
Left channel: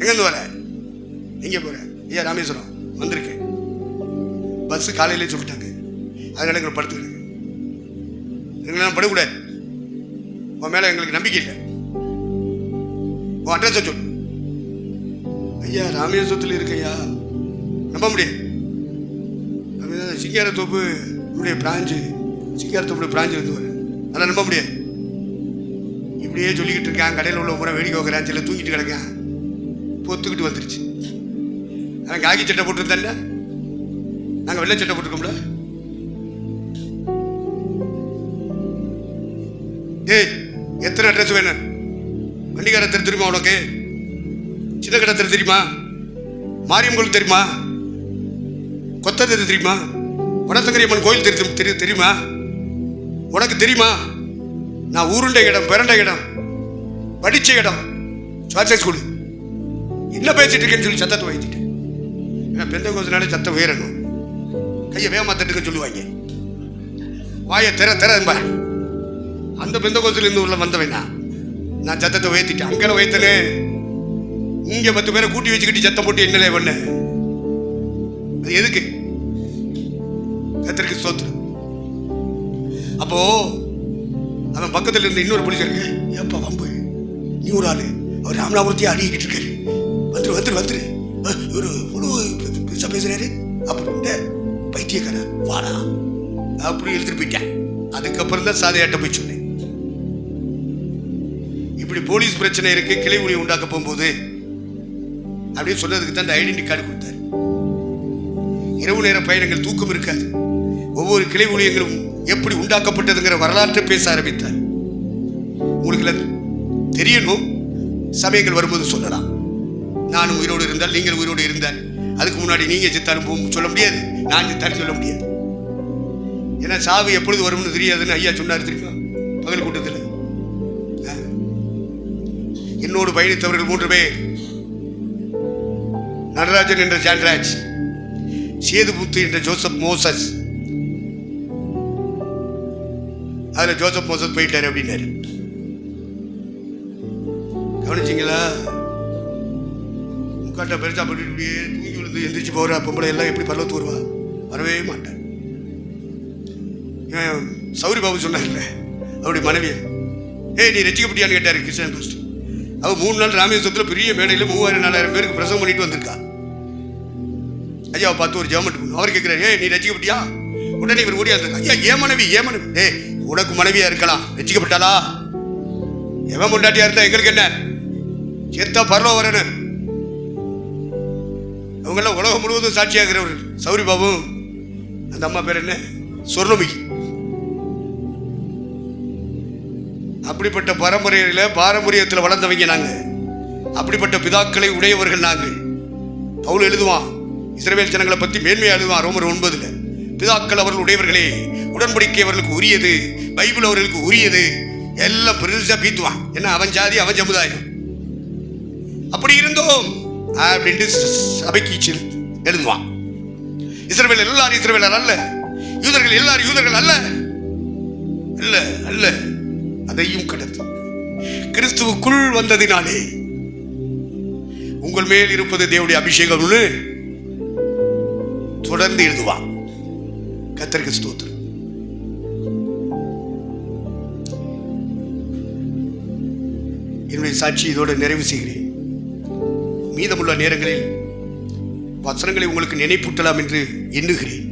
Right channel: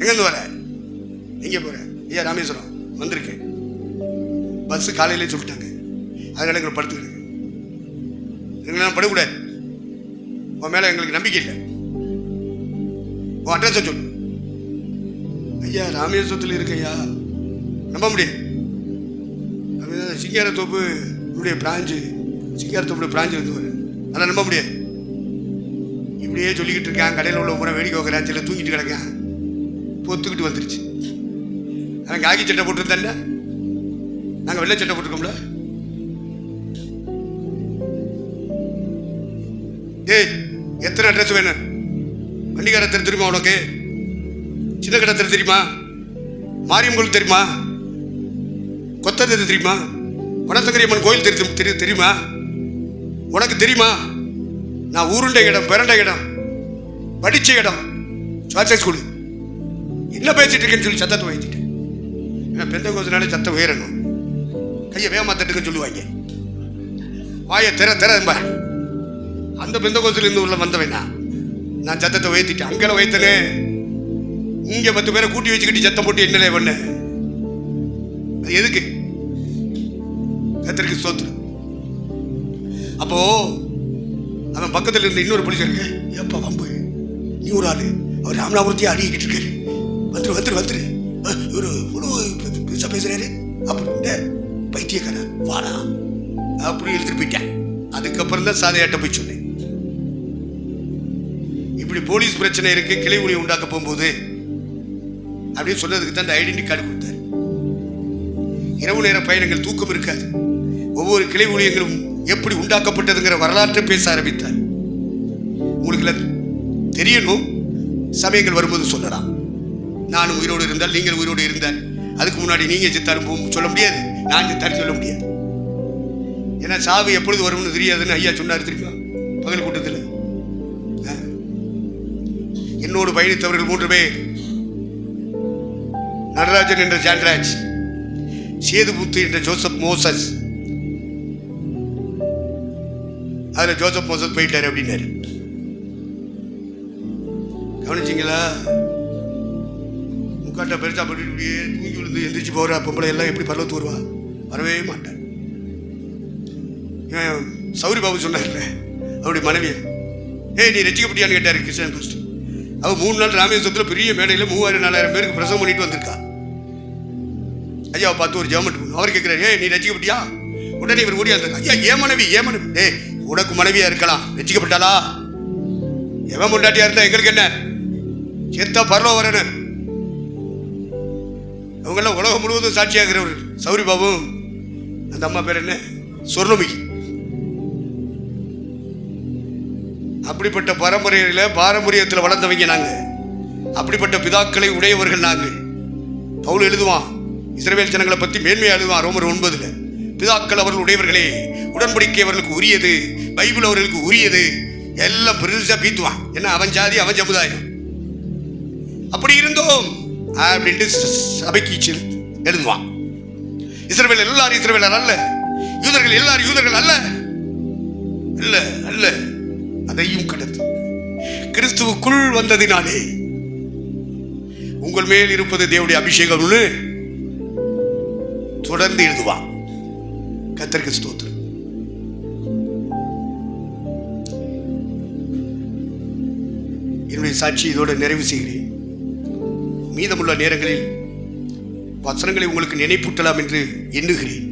எங்கேருந்து வர, எங்கே போகிறேன்? ஐயா ராமேஸ்வரம் வந்திருக்கேன். பஸ்ஸு காலையிலே சொல்லிட்டாங்க, அதனால எங்களை படுத்துக்கிடுங்க. எங்களை படக்கூடாது, உன் மேலே எங்களுக்கு நம்பிக்கை இல்லை, உன் அட்ரஸை சொல்லு. ஐயா ராமேஸ்வரத்தில் இருக்கையா, நம்ப முடியாது. சிங்காரத்தோப்பு பிராஞ்சு, சிங்காரத்தோப்புடைய பிராஞ்சு இருந்து வரேன், அதெல்லாம் நம்ப முடியாது. இப்படியே சொல்லிக்கிட்டு இருக்கேன். கடையில் உள்ள முறை வேடிக்கை வைக்கிறேன், சில தூங்கிட்டு கிடக்கேன். பொத்துக்கிட்டு வந்துருச்சு. ஆனால் காக்கி சட்டை போட்டுருந்தேன்ல, நாங்கள் வெள்ளை சட்டை போட்டிருக்கோம்ல. ஏய், எத்தனை அட்ரஸ் வேணும்? வண்டிக்கார தெரு தெரியுமா உனக்கு? சின்ன கடை தெரு தெரியுமா? மாரியம் கோயில் தெரியுமா? கொத்த தெரு தெரியுமா? வனசங்கரியம்மன் கோயில் தெரியுமா? உனக்கு தெரியுமா? நான் ஊருண்ட இடம், பிறண்ட இடம், படிச்ச இடம், சுவாச ஸ்கூலு. என்ன பேசிட்டு இருக்கேன்னு சொல்லி சத்தத்தை வைத்திட்டேன். ஏன்னா பெந்த கோசனாலே சத்தம் உயரணும். கையை வேகமா தட்டுக்குன்னு சொல்லுவாங்க. வாயை திறம்பா. அந்த பெந்த கோசிலிருந்து உள்ள வந்தவன் நான் சத்தத்தை உயர்த்திட்டேன். அங்கே வைத்தனே, இங்க 10 பேரை கூட்டி வச்சுக்கிட்டு சத்தம் போட்டு என்னலே பண்ண? அது எதுக்கு? கத்தருக்கு ஸ்தோத்திரம். அப்போ அவன் பக்கத்தில் இருந்த இன்னொரு போலீஸாருக்கு, ஏப்பா வம்பு, நீ ஒரு ஆளு, அவர் ராமநாதபுரத்தையே அடிக்கிட்டு இருக்காரு, வந்துரு இவரு பெருசா பேசுறாரு அப்படின்ட்டு பைத்தியக்கார வாடா அப்படி எழுதிட்டு போயிட்டேன். அதுக்கப்புறம் தான் சாதையாட்ட போய் சொன்னேன், இப்படி போலீஸ் பிரச்சனை இருக்கு, கிளை ஊழியம் உண்டாக்க போகும்போது அப்படின்னு சொன்னதுக்கு தான் இந்த ஐடென்டி கார்டு கொடுத்தாரு. இரவு நேர பயணங்கள் தூக்கம் இருக்காது. ஒவ்வொரு கிளை ஊழியங்களும் எப்படி உண்டாக்கப்பட்டதுங்கிற வரலாற்றை பேச ஆரம்பித்தார். உங்களுக்கு தெரியணும், சமயங்கள் வரும்போது சொல்லலாம். நானும் உயிரோடு இருந்தால், நீங்கள் உயிரோடு இருந்தால், அதுக்கு முன்னாடி நீங்க செத்தாலும் சொல்ல முடியாது, நான் செத்தாலும் சொல்ல முடியாது. ஏன்னா சாவு எப்பொழுது வரும்னு தெரியாதுன்னு ஐயா சொன்னார் தெரியுமா பகல் கூட்டத்தில். என்னோடு பயணித்தவர்கள் 3 பேர், நடராஜன் என்ற ஜான்ராஜ், சேதுபுத்து என்ற ஜோசப் மோசஸ். அதுல ஜோசப் மோசஸ் போயிட்டாரு அப்படின்னாரு. கவனிச்சிங்களா? முக்காட்ட பெருசா போட்டு இப்படியே தூங்கி விழுந்து எந்திரிச்சு போற பொம்பளை எல்லாம் எப்படி பரவத்து வருவா? வரவே மாட்டார். சௌரி பாபு சொன்னார்ல, அவருடைய மனைவியை, நீ ரசிக்கப்பட்டியான்னு கேட்டாரு கிருஷ்ணன் பாஸ்டர். அவ 3 நாள் ராமேஸ்வரத்தில் பெரிய மேடையில் 3000-4000 பேருக்கு பிரசவம் பண்ணிட்டு வந்திருக்கா. ஐயாவை பார்த்து ஒரு ஜெபம் பண்ணணும். அவர் கேட்கிறாரு, நீ ரசிக்கப்பட்டியா? உடனே இவர் ஓடியா இருந்தார். ஐயா ஏன் மனைவி? உனக்கு மனைவியா இருக்கலாம், ரசிக்கப்பட்டாளா? எவன் முண்டாட்டியா இருந்தா எங்களுக்கு என்ன? செத்தா பரவ வரணும். அவங்கெல்லாம் உலகம் முழுவதும் சாட்சியாகிறவர். சௌரி பாபு, அந்த அம்மா பேர் என்ன? சொர்ணமிகி. அப்படிப்பட்ட பாரம்பரியத்தில் வளர்ந்தவங்க நாங்கள். அப்படிப்பட்ட பிதாக்களை உடையவர்கள் நாங்கள். பவுல் எழுதுவான், இஸ்ரவேல் ஜனங்களை பற்றி மேன்மையாக எழுதுவான் ரோமர் 9. பிதாக்கள் அவர்கள் உடையவர்களே, உடன்படிக்கை அவர்களுக்கு உரியது, பைபிள் அவர்களுக்கு உரியது, எல்லாம் பெருசாக பீத்துவான். என்ன அவன் ஜாதி அவன் சமுதாயம். அப்படி இருந்தோம் அப்படின்ட்டு சபைக்கு எழுதுவான். இஸ்ரவேல் எல்லாரும் இஸ்ரவேலர் அல்ல, யூதர்கள் எல்லாரும் யூதர்கள் அல்ல அல்ல அல்ல. அதையும் கடந்து கிறிஸ்துவுக்குள் வந்ததினாலே உங்கள் மேல் இருப்பது தேவனுடைய அபிஷேகம்னு தொடர்ந்து எழுதுவான். கர்த்தருக்கு ஸ்தோத்திரம். என்னுடைய சாட்சி இதோடு நிறைவு செய்கிறேன். மீதமுள்ள நேரங்களில் வசனங்களை உங்களுக்கு நினைப்பூட்டலாம் என்று எண்ணுகிறேன்.